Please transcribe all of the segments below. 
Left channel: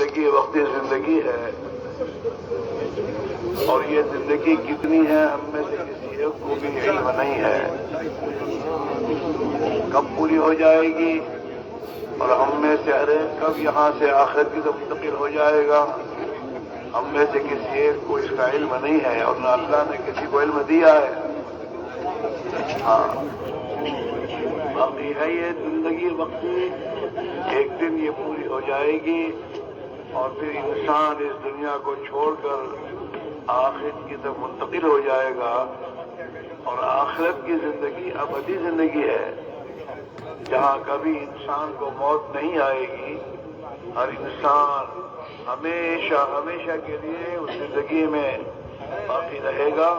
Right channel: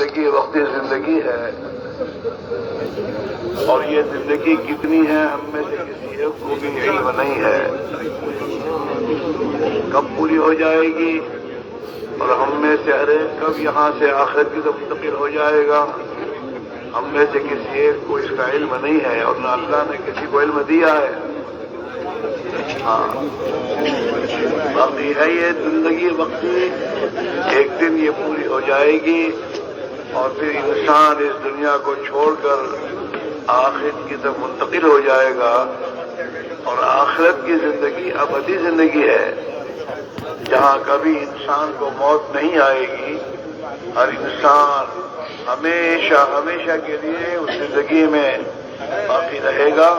زندگی وقتی زندگی ہے، اور یہ زندگی کتنی ہے ہم میں سے کسی ایک کو بھی علم نہیں ہے، کب پوری ہو جائے گی، اور ہم میں سے ہر ایک کب یہاں سے آخرت کی طرف منتقل ہو جائے گا، ہم میں سے کسی ایک کو اس کا علم نہیں ہے، اور نہ اللہ نے کسی کو علم دیا ہے۔ ہاں، باقی ہے یہ زندگی وقتی، ایک دن یہ پوری ہو جائے گی، اور پھر انسان اس دنیا کو چھوڑ کر آخرت کی طرف منتقل ہو جائے گا، اور آخرت کی زندگی ابدی زندگی ہے، جہاں کبھی انسان کو موت نہیں آئے گی، ہر انسان ہمیشہ ہمیشہ کے لیے اس زندگی میں باقی رہے گا،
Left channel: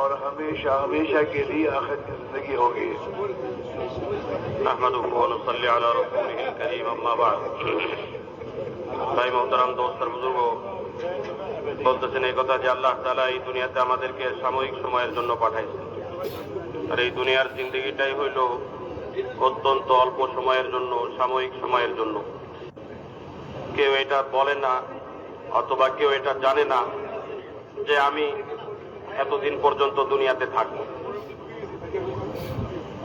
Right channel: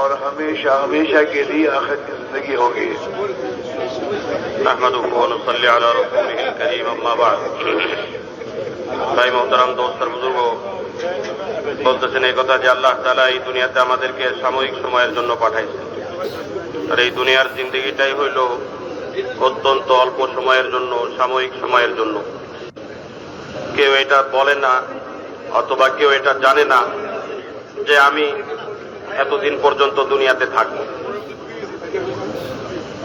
اور ہمیشہ ہمیشہ کے لیے آخرت کی زندگی ہوگی۔ نحمدہ ونصلی علی رسولہ الکریم، اما بعد۔ ভাই মোহতারাম, দোস্ত আর বুজুর্গ, বলতেছেন এই কথা যে আল্লাহ তাআলা এই দুনিয়াতে আমাদেরকে সাময়িক সময়ের জন্য পাঠাইছেন, আর এই দুনিয়ার জিন্দেগিটাই হইল অত্যন্ত অল্প সময়ের জন্য, সাময়িক সময়ের জন্য। কেউ এটা বলে না, অথবা কেউ এটা জানে না যে আমি এতদিন পর্যন্ত দুনিয়াতে থাকব।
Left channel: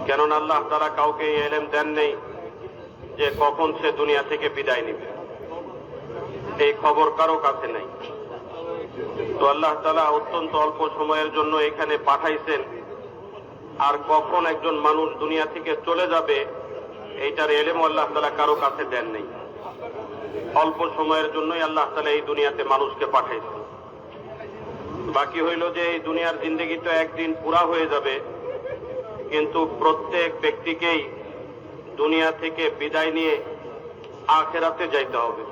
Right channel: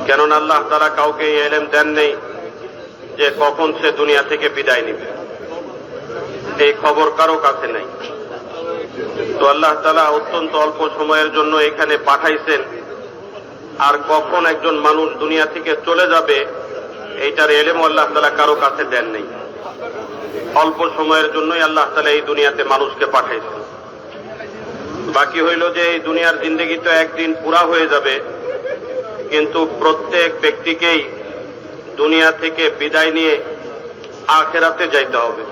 কেননা আল্লাহ তাআলা কাউকে এই ইলম দেন নেই যে কখন সে দুনিয়া থেকে বিদায় নেবে, এই খবর কারো কাছে নাই। তো আল্লাহ তাআলা অত্যন্ত অল্প সময়ের জন্য এখানে পাঠাইছেন, আর কখন একজন মানুষ দুনিয়া থেকে চলে যাবে এইটার ইলম আল্লাহ তাআলা কারো কাছে দেন নেই। অল্প সময়ের জন্যই আল্লাহ তাআলা এই দুনিয়াতে মানুষকে পাঠাইছেন। বাকি হইল যে এই দুনিয়ার জিন্দেগি তো একদিন পুরা হয়ে যাবে, কিন্তু প্রত্যেক ব্যক্তিকেই দুনিয়া থেকে বিদায় নিয়ে আখিরাতে যাইতে হবে।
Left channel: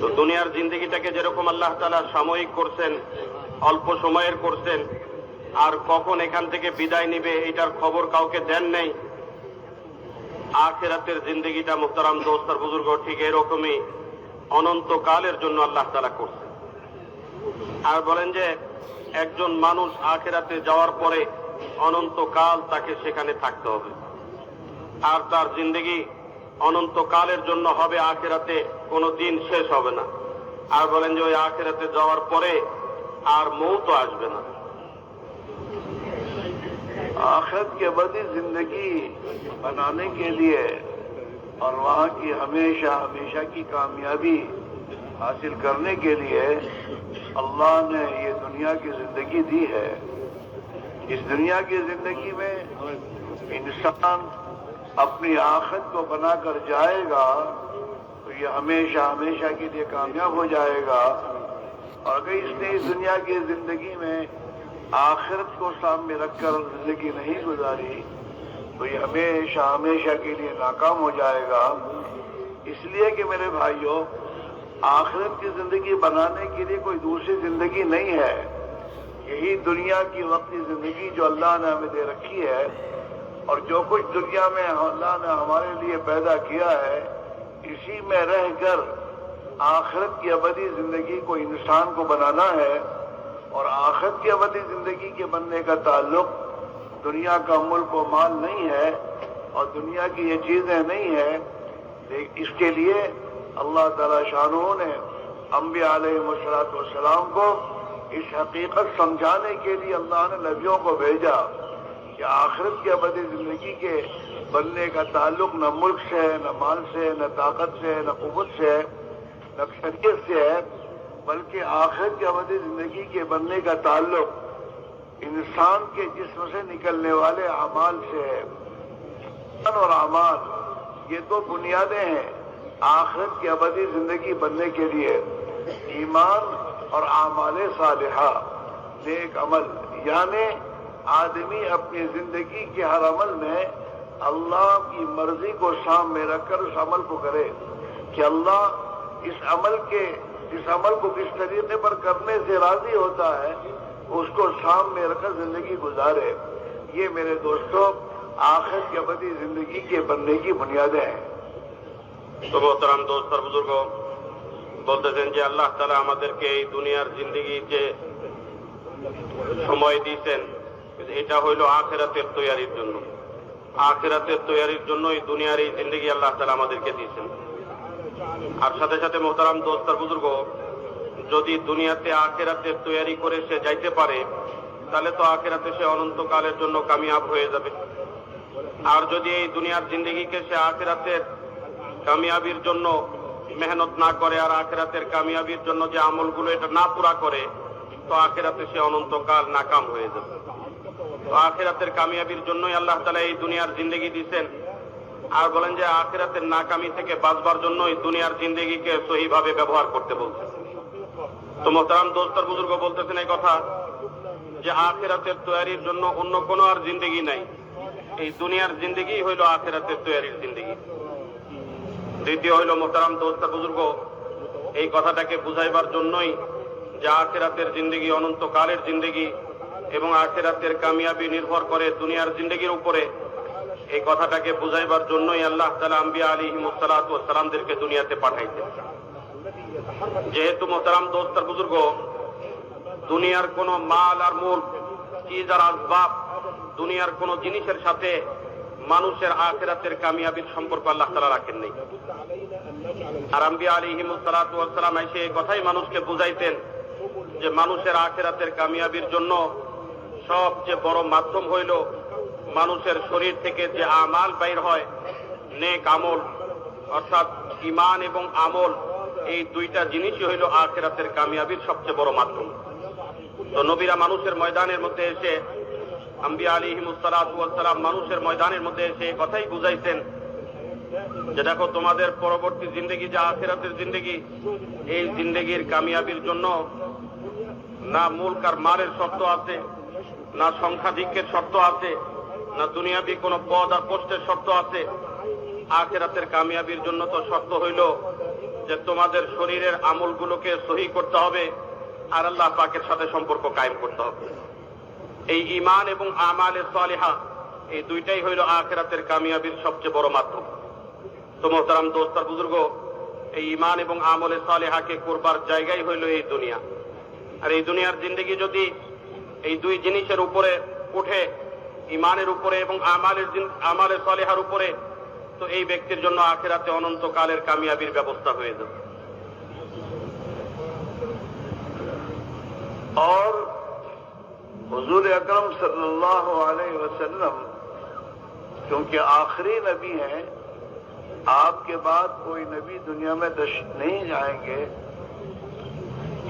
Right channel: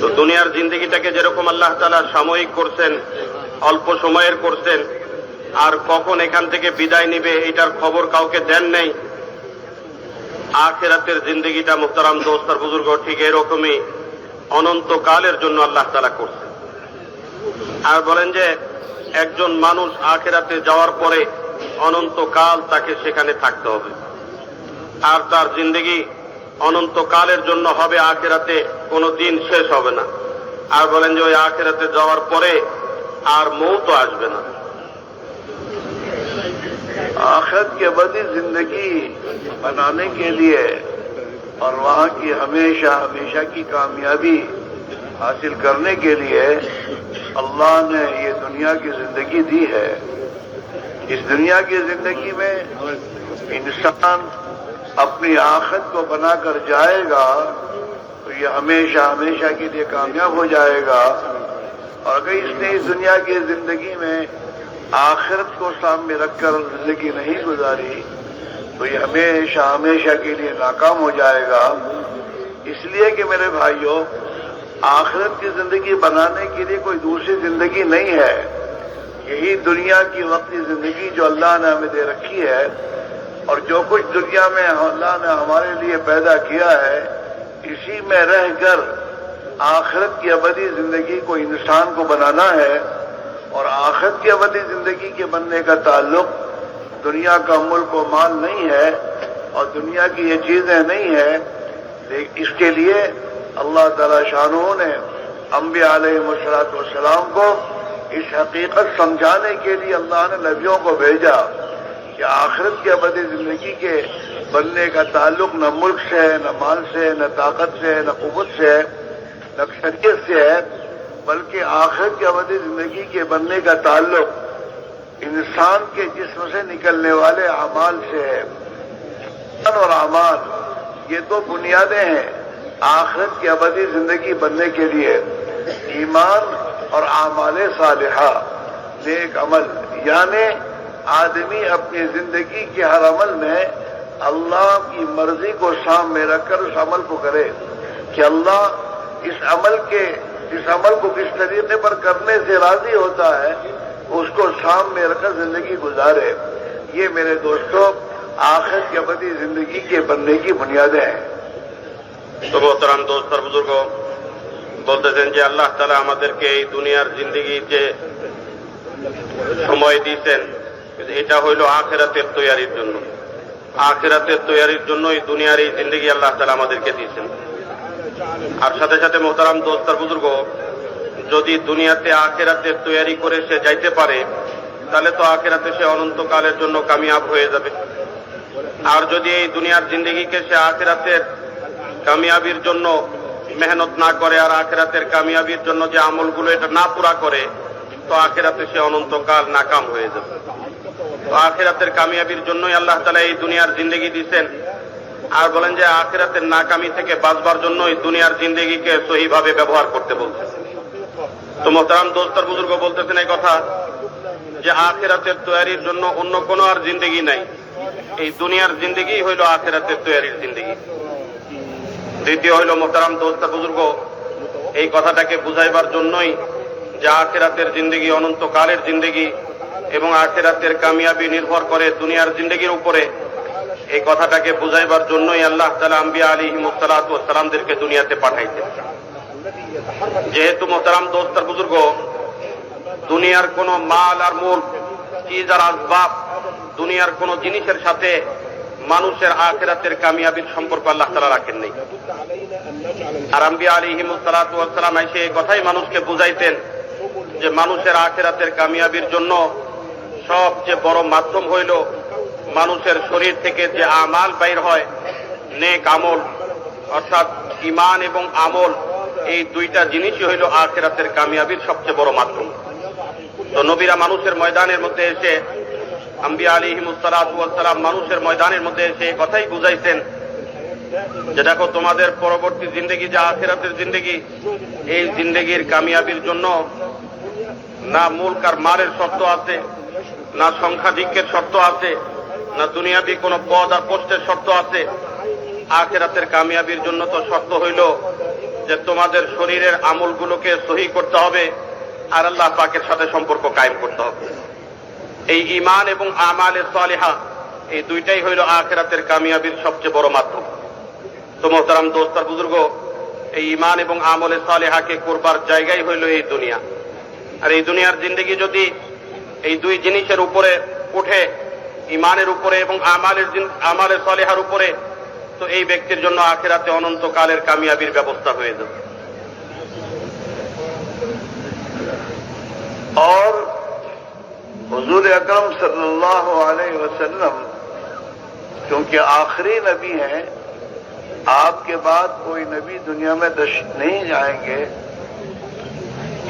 তো দুনিয়ার জিন্দেগিটাকে যেরকম আল্লাহ তাআলা সাময়িক করছেন, অল্প সময়ের করছেন, আর কখন এখান থেকে বিদায় নিবে এটার খবর কাউকে দেন নাই, আখিরাতের জিন্দেগিটা মুহতারাম দোস্ত আর বুজুর্গ ঠিক এরকমই অনন্তকালের জন্য আল্লাহ তাআলা করছেন। আর বলেন যে একজন মানুষ আখিরাতে যাওয়ার পরে অনন্তকাল তাকে সেখানে থাকতে হবে, আর তার জিন্দেগি অনন্তকালের জন্য হবে, আখিরাতে কোনো দিন শেষ হবে না। আর বলেন যে ওই আখিরাতে যাওয়ার পরে আর মৌত আসবে না। آخرت کی ابدی زندگی بنانے کے لیے اور وہاں کی ہمیشہ ہمیشہ کی کامیابی حاصل کرنے کے لیے اللہ نے یہ دنیا کی زندگی دی ہے۔ اس دنیا کی زندگی میں انسان اپنی آخرت کو بنا کر جائے گا تو یہ ہمیشہ ہمیشہ کے لیے کامیاب ہو جائے گا، اور اگر اس نے اس دنیا کی زندگی میں آخرت کو سامنے رکھ کر زندگی نہیں گزاری تو یہ ہمیشہ ہمیشہ کے لیے ناکام ہو جائے گا۔ اس لیے کہ میرے بھائیوں، آخرت کی زندگی بنانے کے لیے کوئی دوسری زندگی نہیں ہے، یہی دنیا کی وقتی زندگی جو اللہ نے ہمیں دے رکھی ہے، اور جو کچھ دنیا میں اللہ نے ہمارے لیے پیدا کیا ہے، اسی میں رہ کر آخرت کی ابدی زندگی کو انسان کو بنانا ہے۔ اور آخرت کی ابدی زندگی کے بننے کا تعلق دنیا کا ملک و مال نہیں ہے، اور دنیا کی یہ چیزیں نہیں ہیں، لیکن اس کے لیے اللہ تعالی شانہ نے انبیاء علیہ السلام کو اس حقیقت سمجھانے کے لیے اللہ نے نبیوں کو بھیجا کہ آخرت کی ابدی زندگی کے بننے کا تعلق نہ ملک سے ہے، نہ مال سے ہے، نہ طاقت سے ہے، نہ قوت سے ہے، نہ شریعت سے ہے، بلکہ آخرت کی ابدی زندگی کے بننے کا تعلق انسان کے جسم سے نکلنے والے اعمال سے ہے۔ ایمان اور اعمال یہ دو بنیادیں ہیں آخرت کی ابدی زندگی بننے کے لیے۔ ایمان اور اعمال صالحہ، نیک عمل، یعنی آدمی اپنی زندگی کے ہر عمل میں اللہ کی مرضی کو سامنے رکھ کر اس عمل کو کرے کہ اللہ اس عمل کو کس طریقے پر کرنے سے راضی ہوتا ہے، اس کو سامنے رکھ کر زندگی گزارے۔ یہ میرے دوستوں آخرت کی ابدی زندگی کے بننے کی بنیادیں ہیں۔ তো মোহতারাম দোস্ত আর বুজুর্গ, বলতেছেন যে আল্লাহ তাআলা আমাদেরকে এই দুনিয়ার জিন্দেগি যে সময় দিয়েছেন এটা হইল আখিরাতের তৈয়ারির জন্য। আখিরাতের তৈয়ারির জন্য এই দুনিয়ার এই জিন্দেগি আল্লাহ তাআলা আমাদেরকে দিয়েছেন। আর সাথে সাথে মোহতারাম দোস্ত আর বুজুর্গ, যদি দুনিয়াতে আখেরাতের তৈরি করে সে যাইতে পারে তাহলে তো আখেরাতে সে অনন্তকালের জন্য কামিয়াব হয়ে যাবে। আর যদি এই দুনিয়ার জিন্দেগিকে সে আখেরাতের কামিয়াবির জন্য মেহনত না করে আর আখেরাতের কামিয়াবির জন্য যে আমলগুলো এটা না পুরা করে, তো আখেরাতে সে অনন্তকাল নাকাম হয়ে যাবে। তো আখেরাতের কামিয়াবির জন্যই আল্লাহ তাআলা এই দুনিয়ার জিন্দেগি দিচ্ছেন। আর বলেন যে আখেরাতের নাকামি থেকে বাঁচবার জন্যই দুনিয়ার জিন্দেগিকে সহিভাবে ব্যবহার করতে বলছেন। তো মোহতারাম দোস্ত আর বুজুর্গ বলতেছেন এই কথা যে আখেরাতের তৈরির জন্য অন্য কোনো আর জিন্দেগি নাই, এই দুনিয়ার জিন্দেগি হইল আখেরাতের তৈরির জিন্দেগি। দ্বিতীয় হইল মোহতারাম দোস্ত আর বুজুর্গ, এই কথাটাকে বুঝাইবার জন্যই যে আখেরাতের জিন্দেগি অনন্তকালের জিন্দেগি এবং আখেরাতের কামিয়াবি নির্ভর করে দুনিয়ার জিন্দেগির উপরে, এই কথাটাকে বুঝাইবার জন্যই আল্লাহ তাআলা আম্বিয়া আলাইহিমুস সালাতু ওয়াস সালামদেরকে দুনিয়াতে পাঠাইছেন। যেহেতু মোহতারাম দোস্ত আর বুজুর্গ, দুনিয়ার কোন মাল আর মূল চিজ আর আসবাব, দুনিয়ার কোন জিনিসের সাথে মানুষের আখিরাতের কামিয়াবির সম্পর্ক আল্লাহ তাআলা রাখেন নাই। আর আম্বিয়া আলাইহিমুস সালাতু ওয়াস সালাম এসে এই কথাই মানুষকে বুঝাইতেন যে মানুষের আখিরাতের কামিয়াবির জন্য সবচেয়ে বড় মাধ্যম হইল মানুষের শরীর থেকে যে আমাল বাইর হয়, নেক আমল, অর্থাৎ ঈমান এবং আমল, এই দুইটা জিনিসই হইল আখিরাতের কামিয়াবির সবচেয়ে বড় মাধ্যম। তো নবীরা মানুষের ময়দানের মধ্যে এসে, আম্বিয়া আলাইহিমুস সালাতু ওয়াস সালাম মানুষের ময়দানের মধ্যে এসে এই কথাই বুঝাইছেন যে দেখো, তোমাদের পরবর্তী জিন্দেগি যে আখিরাতের জিন্দেগি, এই জিন্দেগির কামিয়াবির জন্য না মুলক আর মালের শর্ত আছে, না সংখ্যাধিক্যের শর্ত আছে, না দুনিয়াবি কোন পদ আর পোস্টের শর্ত আছে। আখিরাতের কামিয়াবির জন্য তো শর্ত হইল যে তোমাদের শরীরের আমলগুলোকে সহি করতে হবে আর আল্লাহ পাকের সাথে সম্পর্ক কায়েম করতে হবে। এই ঈমান এবং আমালে সালিহা, এই দুইটাই হইল আখিরাতের কামিয়াবির সবচেয়ে বড় মাধ্যম। তো মোহতারাম দোস্ত আর বুজুর্গ, এই ঈমান এবং আমলে সালিহাকে করবার জায়গাই হইল এই দুনিয়া। আর এই দুনিয়ার জিন্দেগি যদি এই দুই জিনিসের উপরে উঠে, ঈমানের উপরে এবং আমালে সালিহার উপরে, তো এই ব্যক্তির জন্য আখিরাতে অনন্তকালের কামিয়াবির ব্যবস্থা হয়ে যাবে। और हुजूर अकरम सल्लल्लाहु अलैहि वसल्लम क्योंकि आखिरी नबी हैं, आपके बाद कोई नबी दुनिया में नहीं जाएंगे,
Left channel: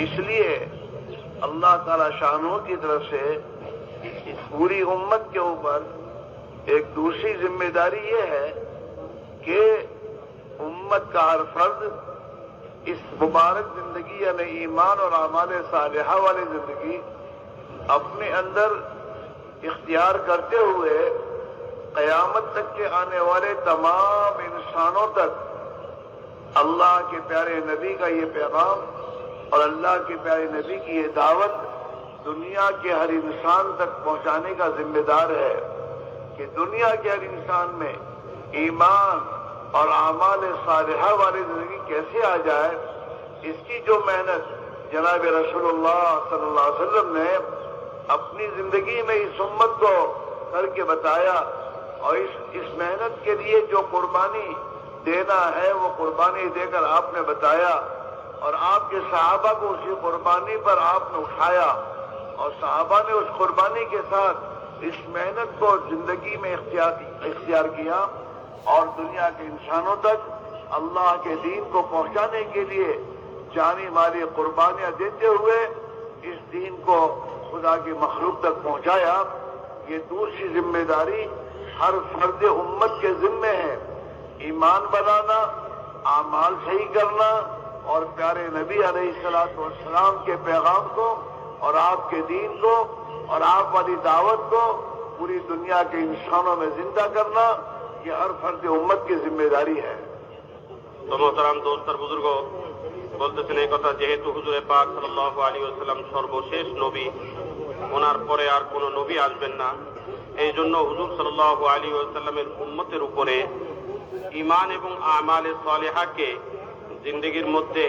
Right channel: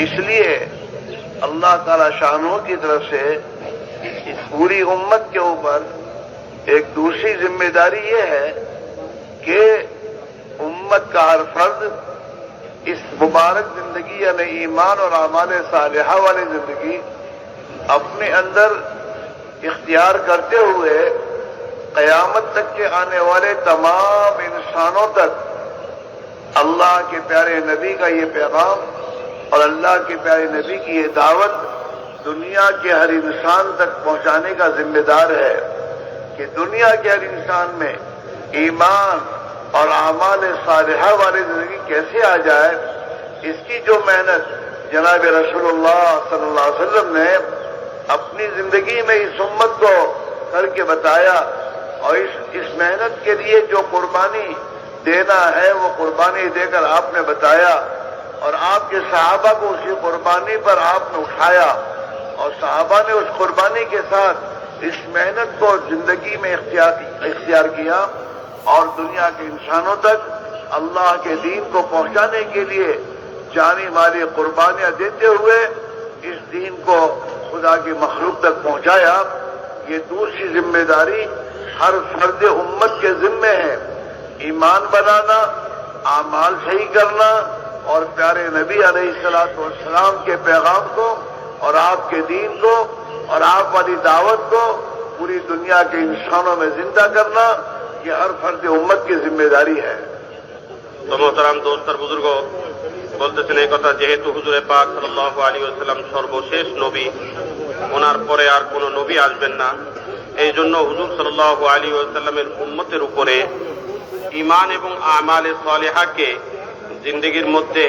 इसलिए अल्लाह ताला शानों की तरफ से इस पूरी उम्मत के ऊपर एक दूसरी जिम्मेदारी ये है कि उम्मत का हर फर्द इस मुबारक जिंदगी यानी ईमान और आमाल सालिहा वाली जिंदगी अपने अंदर इख्तियार करते हुए क़यामत तक के आने वाले तमाम इंसानों तक अल्लाह के प्यारे नबी का ये पैगाम और अल्लाह के प्यारे नबी की ये दावत दुनिया के हर इंसान तक पहुंचाने का जिम्मेदार है कि दुनिया के हर इंसान में ईमान और आमाल सालिहा वाली जिंदगी कैसे आ जाए, इसकी जो मेहनत जनाब रसूलुल्लाह सल्लल्लाहु अलैहि वसल्लम ने अपनी जिंदगी में इस उम्मत को करके बताया और इस मेहनत के लिए जो कुर्बानी देना है वो कुर्बानी देकर आपने बताया और आपके सहाबा को उसी कुर्बानी पर आपने उठाया और सहाबा ने उस कुर्बानी के साथ इस मेहनत को जिंदगी में इख्तियार किया और दुनिया के इंसानों तक अल्लाह के दीन को पहुंचाने के लिए जानी माली कुर्बानियां देते हुए इस दीन को खुदा की मखलूक तक पहुंचाया। ये दूसरी जिम्मेदारी हर फर्द उम्मत के जिम्मे है, ईमान बनाना, आमाल सही करना और प्यारे नबी अलैहिस्सलातु वस्सलाम के पैगाम को और आपके दीन को और आप वाली दावत को पूरी दुनिया के इंसानों में जिंदा करना, ये हर फर्द उम्मत की जिम्मेदारी है। तो मोहतरम दोस्त और बुजुर्ग বলতেছেন এই কথা, যেহেতু হুজুরে পাক সাল্লাল্লাহু আলাইহি ওয়াসাল্লাম সর্বশেষ নবী, ওনার পরে আর কোন নবী আসবেন না, এই জন্য হুজুর সাল্লাল্লাহু আলাইহি ওয়াসাল্লামের উম্মতের উপরে ঈমান এবং আমালে সালিহাকে জিন্দেগির মধ্যে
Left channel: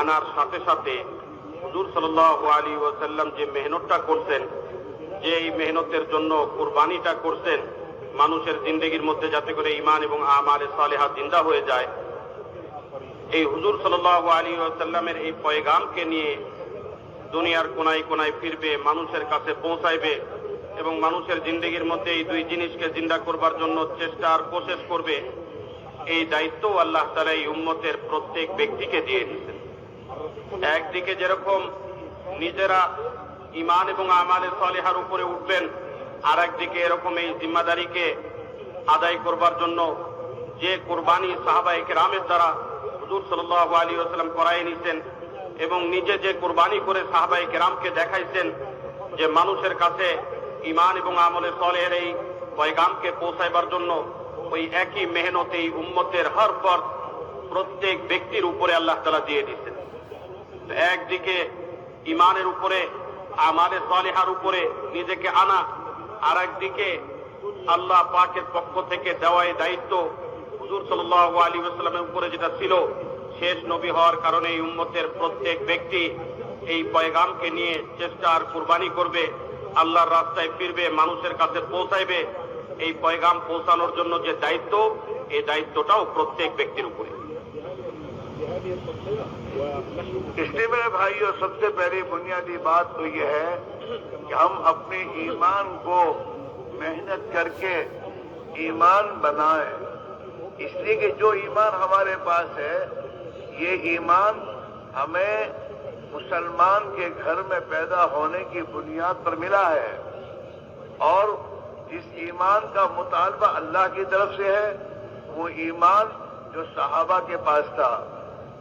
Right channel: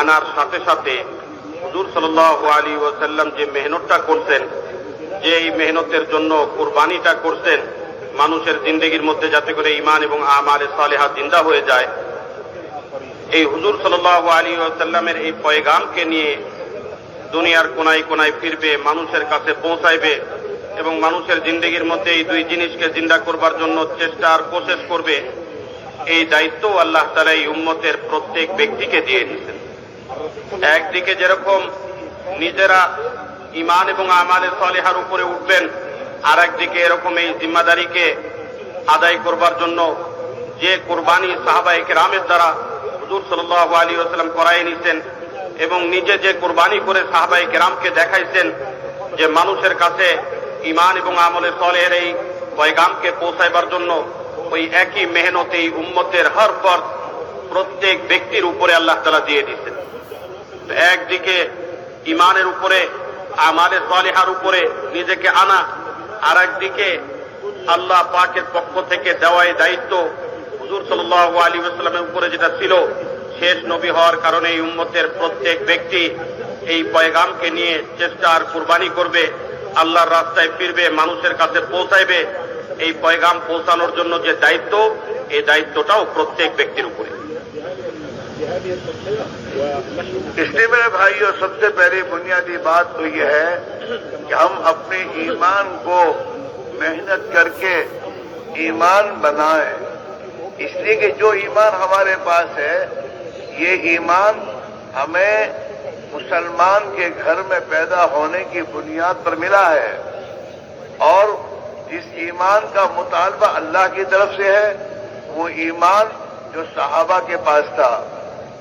আনার সাথে সাথে হুজুর সাল্লাল্লাহু আলাইহি ওয়াসাল্লাম যে মেহনতটা করছেন, যে এই মেহনতের জন্য কুরবানিটা করছেন মানুষের জিন্দেগির মধ্যে যাতে করে ঈমান এবং আমালে সালিহা জিন্দা হয়ে যায়, এই হুজুর সাল্লাল্লাহু আলাইহি ওয়াসাল্লামের এই পয়গামকে নিয়ে দুনিয়ার কোনায় কোনায় ফিরবে, মানুষের কাছে পৌঁছাইবে এবং মানুষের জিন্দেগির মধ্যে এই দুই জিনিসকে জিন্দা করবার জন্য চেষ্টা আর কোশিশ করবে। এই দায়িত্ব আল্লাহ তাআলা এই উম্মতের প্রত্যেক ব্যক্তিকে দিয়ে দিয়েছেন। একদিকে যেরকম নিজেরা ঈমান এবং আমালে সালেহার উপরে উঠবেন, আর একদিকে এরকম এই জিম্মাদারিকে আদায় করবার জন্য যে কুরবানি সাহাবায়ে কেরামের দ্বারা হুজুর সাল্লাল্লাহু আলাইহি ওয়াসাল্লাম করায় নিছেন এবং নিজে যে কুরবানি করে সাহাবায়ে কেরামকে দেখাইছেন যে মানুষের কাছে ঈমান এবং আমলে সালেহের এই পয়গামকে পৌঁছাইবার জন্য ওই একই মেহনত এই উম্মতের হর ফরদ প্রত্যেক ব্যক্তির উপরে আল্লাহ তাআলা দিয়ে দিয়েছেন। একদিকে ঈমানের উপরে আমালে সালেহার উপরে নিজেকে আনা, আর একদিকে আল্লাহ পাকের পক্ষ থেকে দেওয়া এই দায়িত্ব হুজুর সাল্লাল্লাহু আলাইহি ওয়াসাল্লামের উপরে যেটা ছিল, শেষ নবী হওয়ার কারণে এই উম্মতের প্রত্যেক ব্যক্তি এই পয়গামকে নিয়ে চেষ্টা আর কুরবানি করবে, আল্লাহর রাস্তায় ফিরবে, মানুষের কাছে পৌঁছাইবে। এই পয়গাম পৌঁছানোর জন্য যে দায়িত্ব, এই দায়িত্বটাও প্রত্যেক ব্যক্তির উপরে। इसलिए मेरे भाइयों, सबसे पहली बुनियादी बात तो यह है कि हम अपने ईमान को मेहनत करके ईमान बनाएं। इसलिए कि जो ईमान हमारे पास है, ये ईमान हमें मुसलमान के घर में पैदा होने की बुनियाद पर मिला है, और जिस ईमान का मुतालबा अल्लाह की तरफ से है, वो ईमान जो सहाबा के पास था।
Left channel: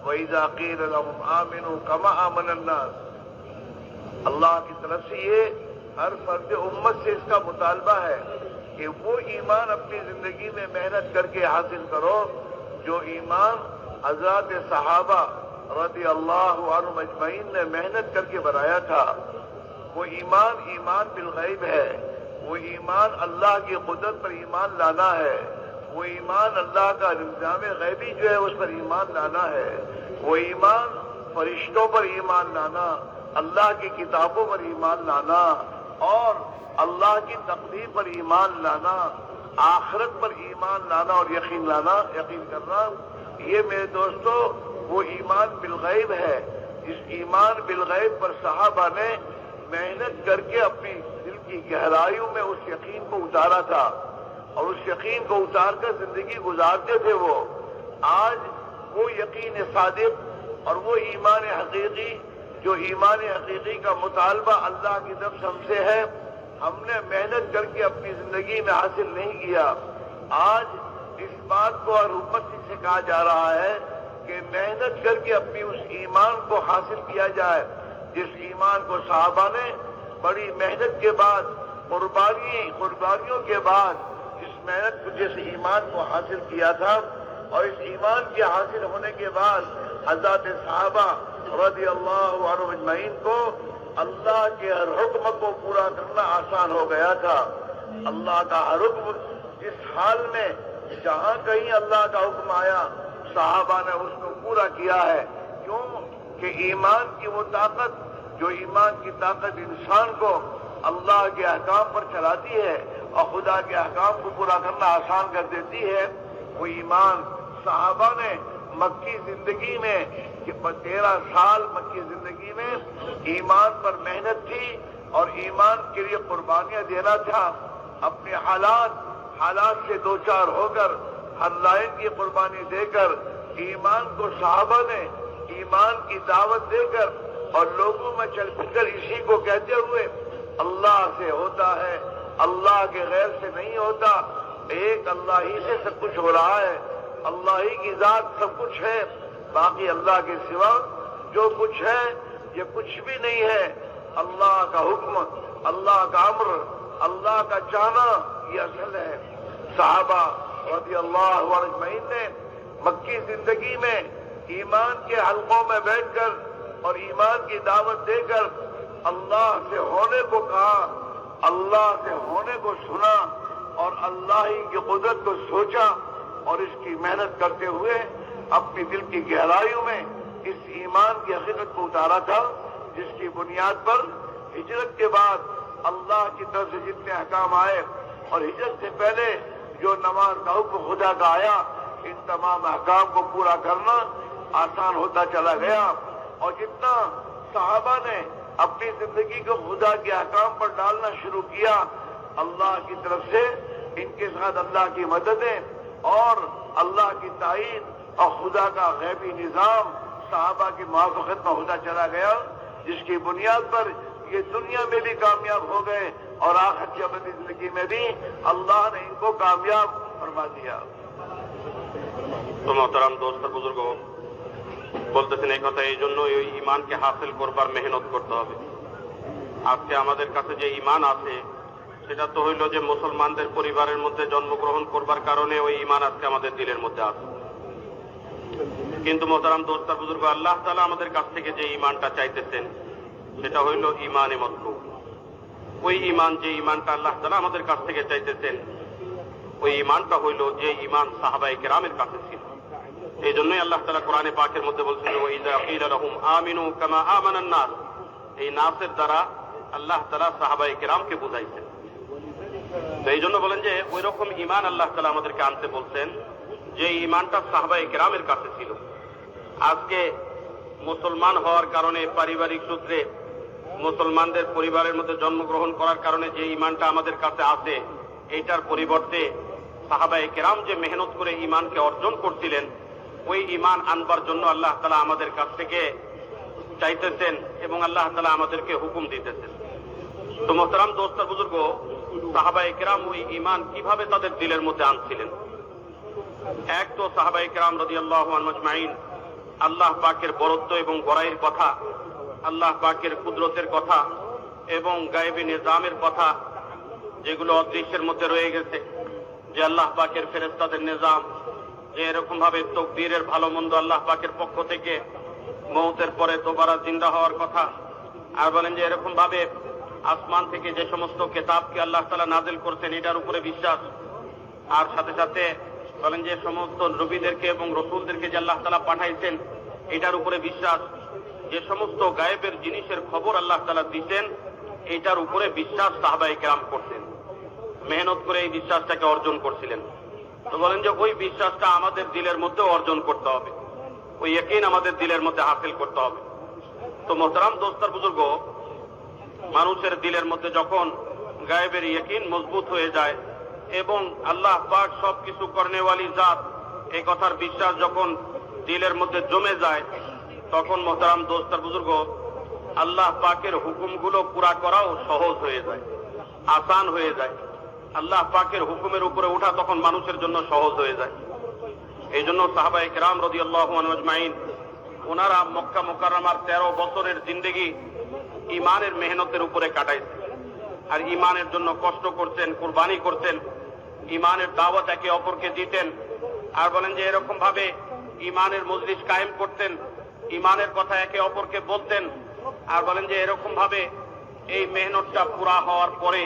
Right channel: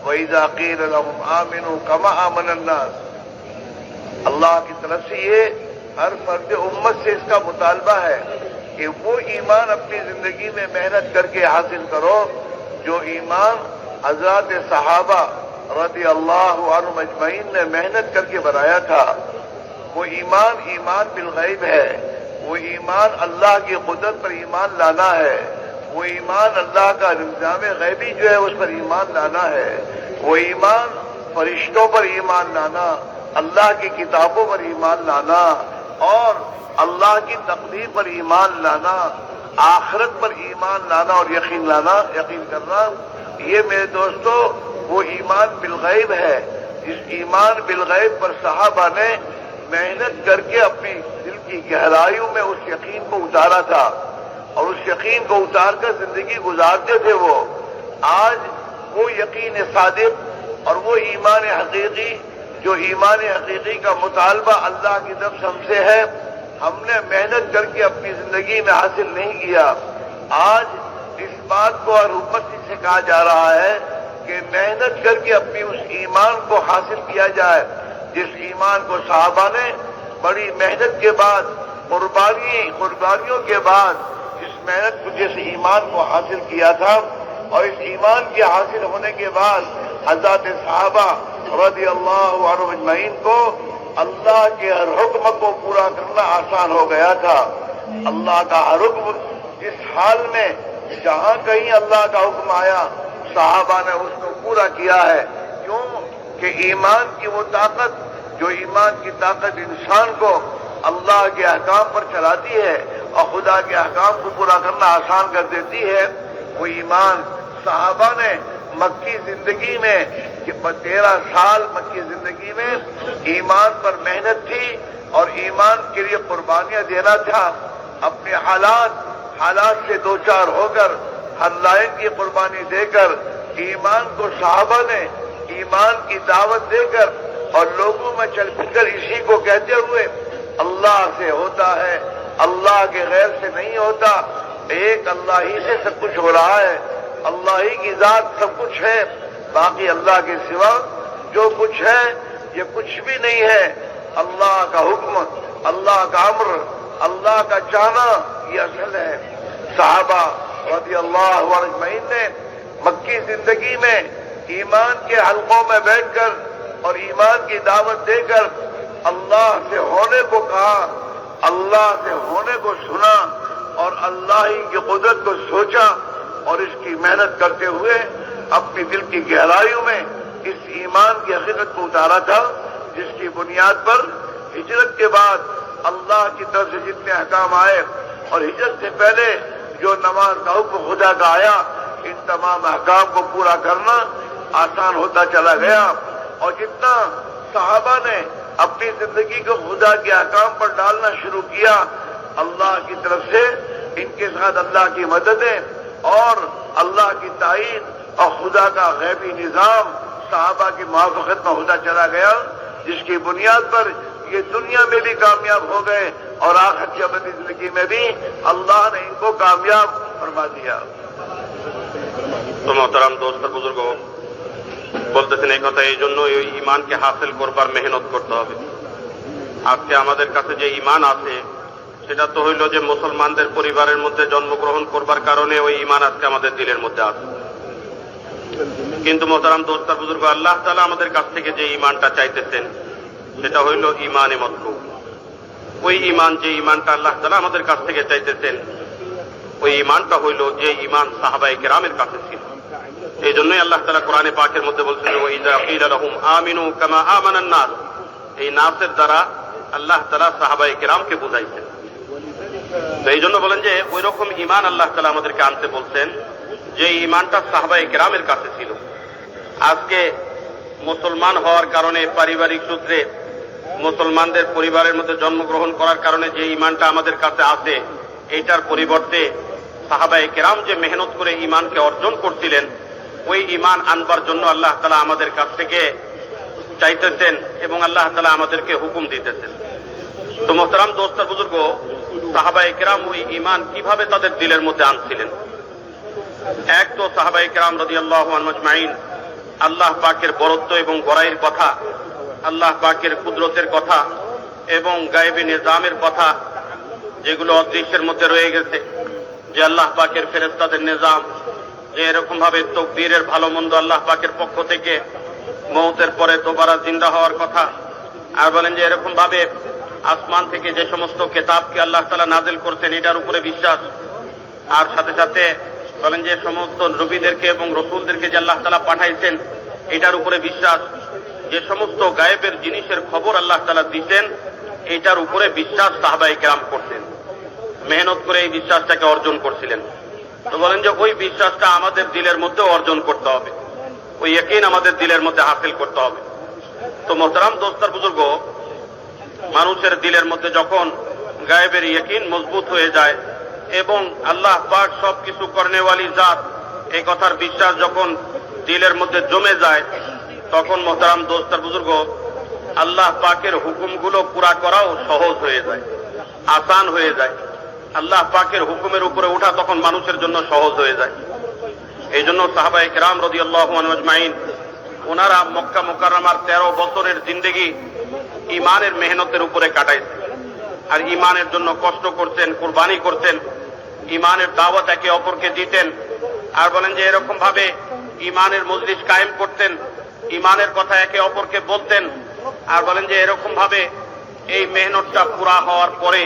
वइज़ा क़ील लहुम आमिनू कमा आमन अन्नास, अल्लाह की तरफ से ये हर फर्द उम्मत से इसका मुतालबा है कि वो ईमान अपनी जिंदगी में मेहनत करके हासिल करो जो ईमान हज़रत सहाबा रज़ी अल्लाहु अन्हुम अजमईन ने मेहनत करके बनाया था। वो ईमान ईमान बिल गैब है, वो ईमान अल्लाह की कुदरत पर ईमान लाना है, वो ईमान अल्लाह का निज़ाम गैबी जो है उस पर ईमान लाना है, वो ईमान फरिश्तों पर ईमान लाना, अल्लाह की किताबों पर ईमान लाना और अल्लाह की तकदीर पर ईमान लाना, आखिरत पर ईमान लाना और यकीन करना। ये मेरे दोस्तों वो ईमान बिलगैब है, जिस ईमान बिलगैब पर सहाबा ने मेहनत करके अपनी दिल की गहराइयों में उस यकीन को उतारा था और उस यकीन को उतार कर जिंदगी गुजारते थे। वो आज वो यकीन सादिक और वो ईमान हकीकी, जो ईमान हकीकी का मुतालबा अल्लाह की तरफ से हमसे है, हमने मेहनत करके अपनी जिंदगी में हासिल नहीं किया। आज इस बात को और उम्मत से कहा जा रहा है कि मेहनत करके अपनी उस ईमान को हासिल किया जाए, जिस ईमान को सहाबा ने बड़ी मेहनत के बाद, कुर्बानियों के बाद इस मेहनत को, जिस ईमान को हासिल किया था, और इस ईमान के हासिल होने के बाद हज़रत सहाबा रज़ी अल्लाहु अन्हुम अजमईन को अल्लाह के हर हुक्म को पूरा करना आसान हो गया था। अल्लाह का हर हुक्म जिस हाल में जहां कहीं अल्लाह का हुक्म आया, सहाबा ने उसको पूरा किया है। क्यों कि ईमान की वो ताकत, जो ईमान की ताकत इंसान को अल्लाह के अहकाम पर चलाती है और खुदा के अहकाम को पूरा करना आसान कर देती है, वो ईमान सहाबा ने मक्की जिंदगी में, कि 13 साल मक्की जिंदगी में ईमान पर मेहनत थी और ईमान के लिए कुर्बानियां देना था। अपने हालात से दो चार होकर, हर लायक की कुर्बानी देकर, ईमान को सहाबा ने ईमान की दावत देकर और लोगों में चल फिर इसी को कहते हुए अल्लाह से होता है, अल्लाह के गैर से नहीं होता, एक अल्लाह ही से सब कुछ हो रहा है, अल्लाह ही की जात सब कुछ है, बाकी अल्लाह के सिवा जो कुछ है ये कुछ भी नहीं है। अल्लाह का हुक्म, अल्लाह का अम्र, अल्लाह का चाहना ये असल है। सहाबा रज़ी अल्लाहु अजमईन ने मक्की जिंदगी में ईमान के हलकों में बैठकर और ईमान की दावत देकर अल्लाह से होने को कहा, अल्लाह से होने को सुना और अल्लाह ही की कुदरत को सोचा और इसकी मेहनत करते हुए अपनी दिल की गहराइयों में इस ईमान की हकीकत को उतारा था, जिसकी बुनियाद पर हिजरत के बाद अल्लाह की तरफ से जितने अहकाम आए और हिजरत से पहले जो नमाज का हुक्म खुदा का आया, इन तमाम अहकाम को पूरा करना, आसान होता चला गया और जितना सहाबा ने अपनी जिंदगी को खुदा के अहकाम पर डालना शुरू किया, अल्लाह की तरफ से इनके साथ अल्लाह की मददें और अल्लाह की ताईद और खुदा का गैबी निजाम सहाबा की मुआफ़क़त में होता चला गया, जिसकी बुनियाद पर ये दुनिया में भी कामयाब हो गए और आखिरत की अपनी जिंदगी में भी अल्लाह ने इनको कामयाब फरमा दिया। तो मोहतरम दोस्त बुजुर्ग বলতেছেন এই কথা এই জন্য এই ঈমানকে হাসিল করবার মেহনত করতে হবে। আজকে আমাদের কাছে যে ঈমান আছে সেটা তো হইল যে মুসলমানদের পরিবারের মধ্যে জন্মগ্রহণ করবার কারণে ওই ঈমান আজকে আমাদের দিলের মধ্যে আছে। কিন্তু মোহতারাম দোস্ত বুজুর্গ, আল্লাহ তাআলা আমাদের কাছ থেকে যে ঈমানটা চাইতেছেন সেটা হইল ঈমানে মতলুব। ওই ঈমান, যে ঈমানটা আল্লাহ তাআলা আমাদের কাছ থেকে চাইতেছেন, ওই ঈমানটা হইল যে ঈমান সাহাবায়ে কেরামের কাছে ছিল। এই জন্যই আল্লাহ তাআলা কোরআনে পাকের মধ্যে বলছেন, ওয়াইযা কিলা লাহুম আমিনু কামা আমানান নাস। এই নাসের দ্বারা আল্লাহ তাআলা সাহাবায়ে কেরামকে বুঝাইছেন। তো এই জন্য বলেন যে ওই রকম ঈমান আল্লাহ তাআলা আমাদেরকে আনতে বলছেন যে ঈমানটা সাহাবায়ে কেরামের কাছে ছিল। আজকে মুসলমান হওয়ার কারণে, পারিবারিক সূত্রে মুসলমানদের পরিবারের মধ্যে জন্মগ্রহণ করার কারণে যে ঈমানটা আমাদের কাছে আছে, এইটার পরিবর্তে সাহাবায়ে কেরাম যে মেহনত করে ঈমানকে অর্জন করছিলেন, ওই ঈমান আনবার জন্য আল্লাহ তাআলা আমাদের কাছ থেকে চাইতেছেন এবং আল্লাহ তাআলা আমাদেরকে হুকুম দিতেছেন। তো মোহতারাম দোস্ত বুজুর্গ, সাহাবায়ে কেরাম ওই ঈমান কিভাবে তাদের দিলের মধ্যে আনছিলেন? এক তো সাহাবায়ে কেরাম রাদিয়াল্লাহু আনহুম আজমাইন আল্লাহ পাকের বরত্ব এবং বড়াইয়ের কথা, আল্লাহ পাকের কুদরতের কথা এবং গায়েবী নিজামের কথা, যেগুলো অদৃশ্যের মধ্যে রয়ে গেছে, যে আল্লাহ পাকের ফেরেশতাদের নিজাম, যে এরকম ভাবে তকদীরের ভালো মন্দ আল্লাহ পাকের পক্ষ থেকে, মওতের পরে দোবারা জিন্দা হওয়ার কথা, আর বলেন যে এরকম ভাবে আসমান থেকে যে সমস্ত কিতাবকে আল্লাহ তাআলা নাযিল করছেন এটার উপরে বিশ্বাস, আর সাথে সাথে বলেন যে সমস্ত নবীদেরকে এবং রাসূলদেরকে যে আল্লাহ তাআলা পাঠাইছেন এটার উপরে বিশ্বাস, যে সমস্ত গায়েবের জিনিসের খবর আল্লাহ তাআলা দিতেন এটার উপরে বিশ্বাস সাহাবায়ে কেরাম করতেন, মেহনত করে এই বিশ্বাসটাকে অর্জন করছিলেন। তো বলেন যে ওই বিশ্বাসটা আমাদের দিলের মধ্যে অর্জন করতে হবে, ওই ইয়াকিন আমাদের দিলের মধ্যে হাসিল করতে হবে। তো মোহতারাম দোস্তার বুজুর্গ, মানুষের দিলের মধ্যে যখন গায়েবের ইয়াকিন মজবুত হয়ে যায় এবং আল্লাহ পাক সবকিছু করনেওয়ালি জাত, এই কথার বিশ্বাস যখন দিলের মধ্যে জমে যায়, তখন মোহতারাম দোস্তার বুজুর্গ, আল্লাহ পাকের হুকুমগুলো পুরা করাও সহজ হয়ে যায়, আসান হয়ে যায়। আল্লাহ পাকের হুকুমের উপরে ওঠা তখন মানুষের জন্য সহজ হয়ে যায়। এই জন্য সাহাবায়ে কেরাম রাদিয়াল্লাহু আনহুম আজমাইন ওনারা মক্কা মুকাররমার 13 বছরের জিন্দেগি ঈমানের মেহনতের উপরে কাটাইছেন, আর ঈমানের জন্য কষ্ট করতেন, কুরবানি করতেন, ঈমানের দাওয়াত একে অপরকে দিতেন, আর বলেন যে এরকম ভাবে ঈমানের মজলিস কায়েম করতেন, ঈমানের কথা একে অপরকে বলতেন, আর বলেন যে এরকম ভাবে এই মেহনতটা পুরা হওয়ার পরে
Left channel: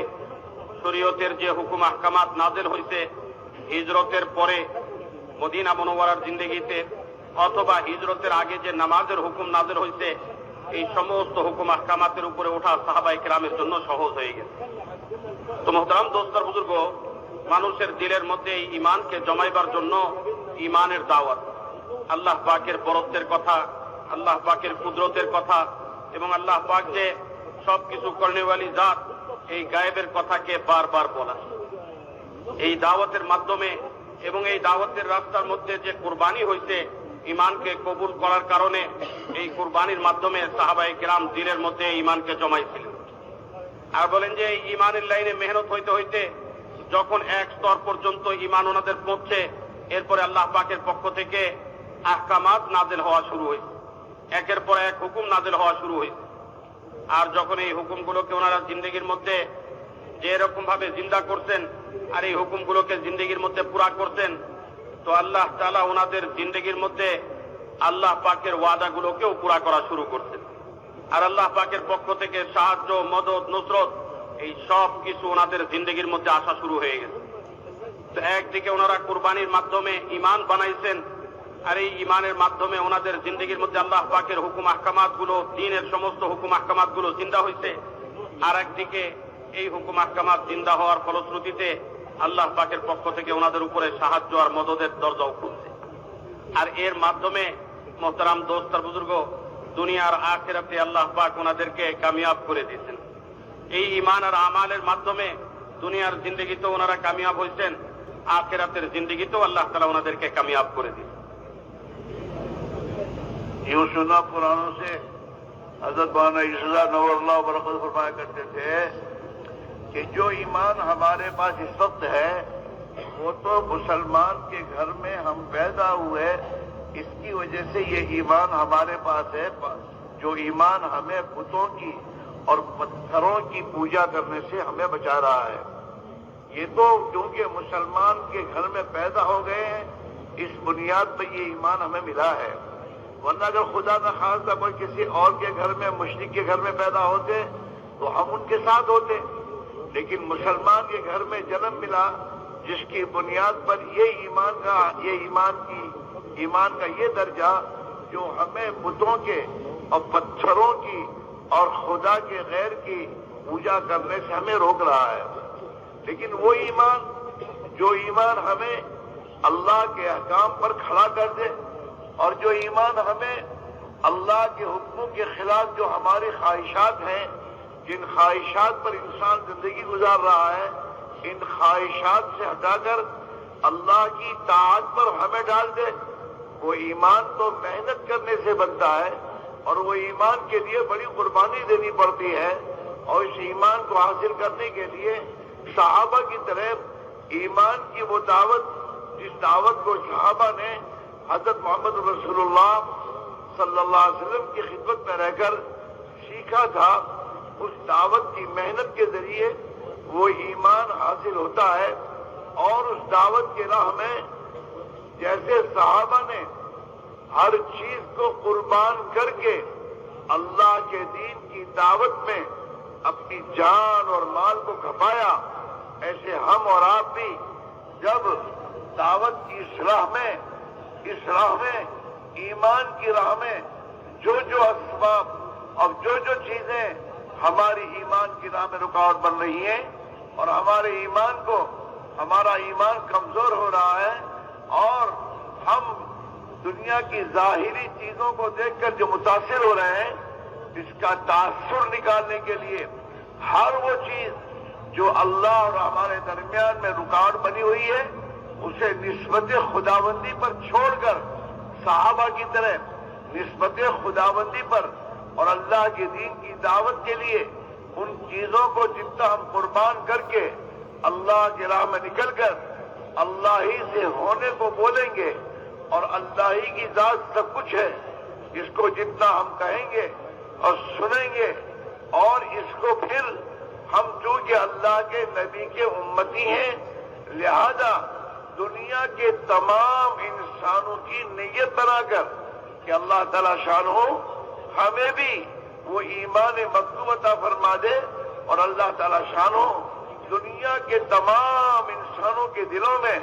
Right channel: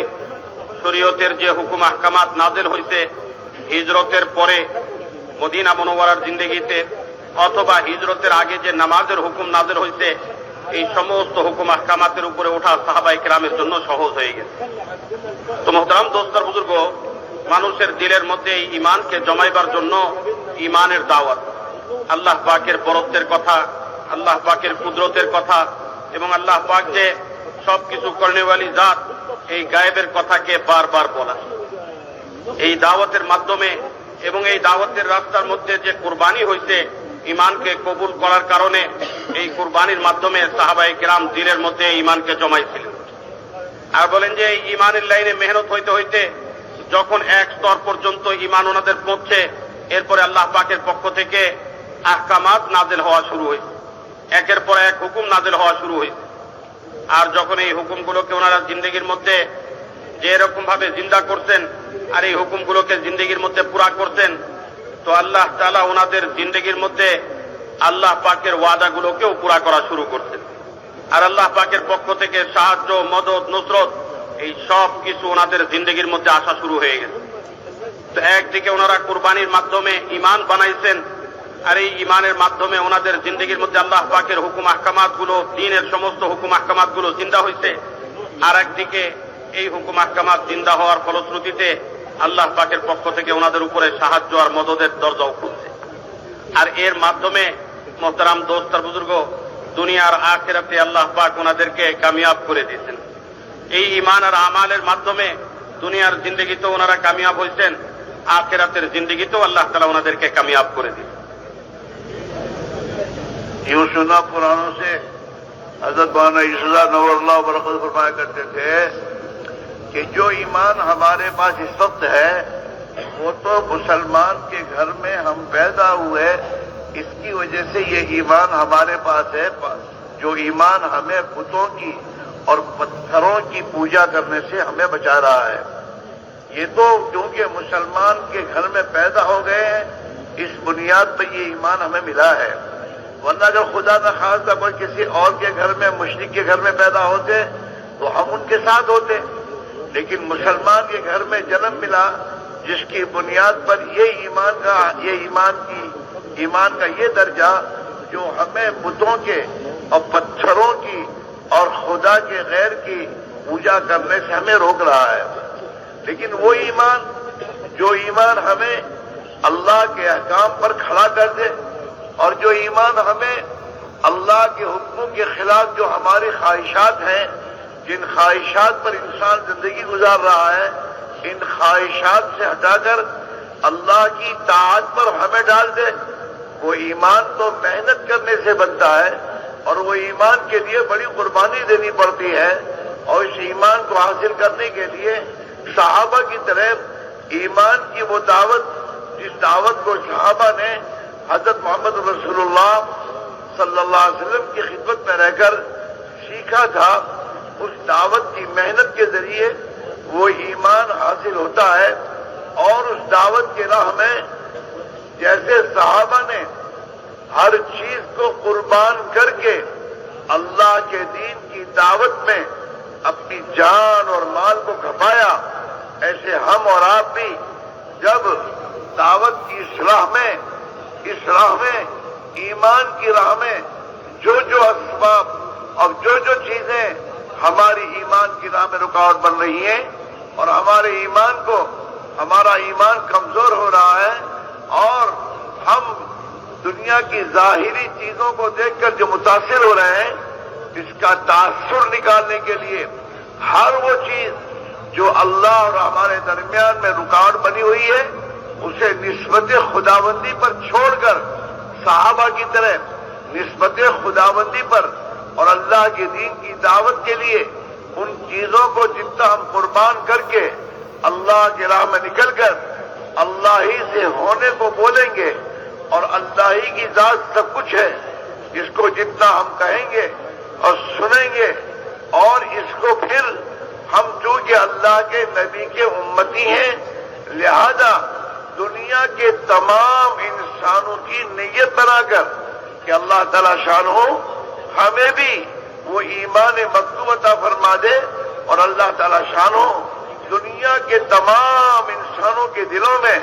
শরীয়তের যে হুকুম আহকামাত নাযিল হয়েছে হিজরতের পরে মদিনা মুনাওয়ারার জিন্দেগিতে, অথবা হিজরতের আগে যে নামাজের হুকুম নাযিল হয়েছে, এই সমস্ত হুকুম আহকামাতের উপরে ওঠা সাহাবায়ে কেরামের জন্য সহজ হয়ে গেছে। তো মোহতারাম দোস্তার বুজুর্গ, মানুষের দিলের মধ্যে এই ঈমানকে জমাইবার জন্য ঈমানের দাওয়াত, আল্লাহ পাকের বরত্বের কথা, আল্লাহ পাকের কুদরতের কথা এবং আল্লাহ পাক যে সবকিছু করনেওয়ালি জাত, এই গায়েবের কথাকে বারবার বলা, এই দাওয়াতের মাধ্যমে এবং এই দাওয়াতের রাস্তার মধ্যে যে কুরবানি হয়েছে ঈমানকে কবুল করার কারণে, এই কুরবানির মাধ্যমে সাহাবায়ে কেরাম দিলের মধ্যে ঈমানকে জমাইছিলেন। আর বলেন যে এই ঈমানের লাইনে মেহনত হইতে হইতে যখন এক স্তর পর্যন্ত ঈমান ওনাদের পৌঁছে, এরপরে আল্লাহ পাকের পক্ষ থেকে আহকামাত নাযিল হওয়া শুরু হয়েছে, একের পর এক হুকুম নাযিল হওয়া শুরু হয়েছে। আর যখন এই হুকুমগুলোকে ওনারা জিন্দেগির মধ্যে যে এরকম ভাবে জিন্দা করতেন আর এই হুকুমগুলোকে জিন্দেগির মধ্যে পুরা করতেন, তো আল্লাহ তাআলা ওনাদের জিন্দেগির মধ্যে আল্লাহ পাকের ওয়াদাগুলোকেও পুরা করা শুরু করতেন, আর আল্লাহ পাকের পক্ষ থেকে সাহায্য, মদদ, নুসরত, এই সব কিছু ওনাদের জিন্দেগির মধ্যে আসা শুরু হয়ে গেছে। তো একদিকে ওনারা কুরবানির মাধ্যমে ঈমান বানাইছেন, আর এই ঈমানের মাধ্যমে ওনাদের জিন্দেগির মধ্যে আল্লাহ পাকের হুকুম আহকামাত গুলো, দ্বীনের সমস্ত হুকুম আহকামাত গুলো জিন্দা হয়েছে, আর একদিকে এই হুকুম আহকামাত জিন্দা হওয়ার ফলশ্রুতিতে আল্লাহ পাকের পক্ষ থেকে ওনাদের উপরে সাহায্য আর মদদের দরজাও খুলছে। আর এর মাধ্যমে মোহতারাম দোস্ত আর বুজুর্গ, দুনিয়ার আখিরাতে আল্লাহ পাক ওনাদেরকে কামিয়াব করে দিয়েছেন। এই ঈমান আর আমালের মাধ্যমে দুনিয়ার জিন্দেগিতেও ওনারা কামিয়াব হয়েছেন, আখিরাতের জিন্দেগিতেও আল্লাহ তাআলা ওনাদেরকে কামিয়াব করে দিয়েছেন। यूं सुना पुराणों से हजरत मौलाना इस्लाम नवरल्लाह बरकत फरमाया करते थे कि जो ईमान हमारे पास इस वक्त है वो तो मुसलमान के घर में हम पैदा हुए, इसकी वजह से ये ईमान हमारे पास है। जो ईमान हमें बुतों की और पत्थरों की पूजा करने से हमें बचा रहा है, ये तो क्योंकि मुसलमान के घर में पैदा हो गए हैं, इस बुनियाद पर ये ईमान हमें मिला है। वरना अगर खुदा न खास्ता कोई किसी और के घर में, मुशरिक के घर में पैदा होते तो हम उनके साथ होते, लेकिन मुसलमान के घर में जन्म मिला जिसकी बुनियाद पर ये ईमान का ये दर्जा जो हमें बुतों के और पत्थरों की और खुदा के गैर की पूजा करने से हमें रोक रहा है। लेकिन वो ईमान जो ईमान हमें अल्लाह के अहकाम पर खड़ा कर दे, और जो ईमान हमें अल्लाह के हुक्मों के खिलाफ जो हमारी ख्वाहिशात हैं, जिन ख्वाहिशात पर इंसान जिंदगी गुजार रहा है, इन ख्वाहिशात से हटाकर अल्लाह की ताअत पर हमें डाल दे, वो ईमान तो मेहनत करने से बनता है और वो ईमान के लिए बड़ी कुर्बानी देनी पड़ती है। और इस ईमान को हासिल करने के लिए सहाबा की तरह ईमान की वो दावत, जिस दावत को सहाबा ने हजरत मोहम्मद रसूलुल्लाह सल्लल्लाहु अलैहि वसल्लम की खिदमत में रहकर सीखा था, उस दावत की मेहनत के जरिए वो ईमान हासिल होता है। और उस दावत के राह में जैसे सहाबा ने हर चीज को कुर्बान करके अल्लाह के दीन की दावत में अपनी जान और माल को खपाया, ऐसे हम और आप भी जब दावत की इस राह में ईमान की राह में जो जो असबाब और जो जो चीजें हमारी ईमान की राह में रुकावट बन रही हैं और हमारा ईमान कमजोर हो रहा है, और हम दुनिया की जाहिरी चीजों को देखकर जो मुतासिर हो रहे हैं, इसका तासुर निकालने के लिए हर वो चीज जो अल्लाह और हमारे दरमियान में रुकावट बनी हुई है, उसे निस्बत खुदाबंदी पर छोड़कर सहाबा की तरह निस्बत खुदाबंदी पर और अल्लाह के दीन की दावत के लिए उन चीजों को जितना हम कुर्बान करके अल्लाह की राह में निकलकर अल्लाह ही से होने को बोलेंगे, और अल्लाह ही की जात सब कुछ है, इसको जितना हम कहेंगे और सुनेंगे, और इसको फिर हम चूंकि अल्लाह के नबी के उम्मती हैं, लिहाजा दुनिया के तमाम इंसानों की नीयत बनाकर कि अल्लाह ताला शान हो हमें भी वो ईमान मकतूब अता फरमा दे, और अल्लाह ताला शान हो दुनिया के तमाम इंसानों के दिलों में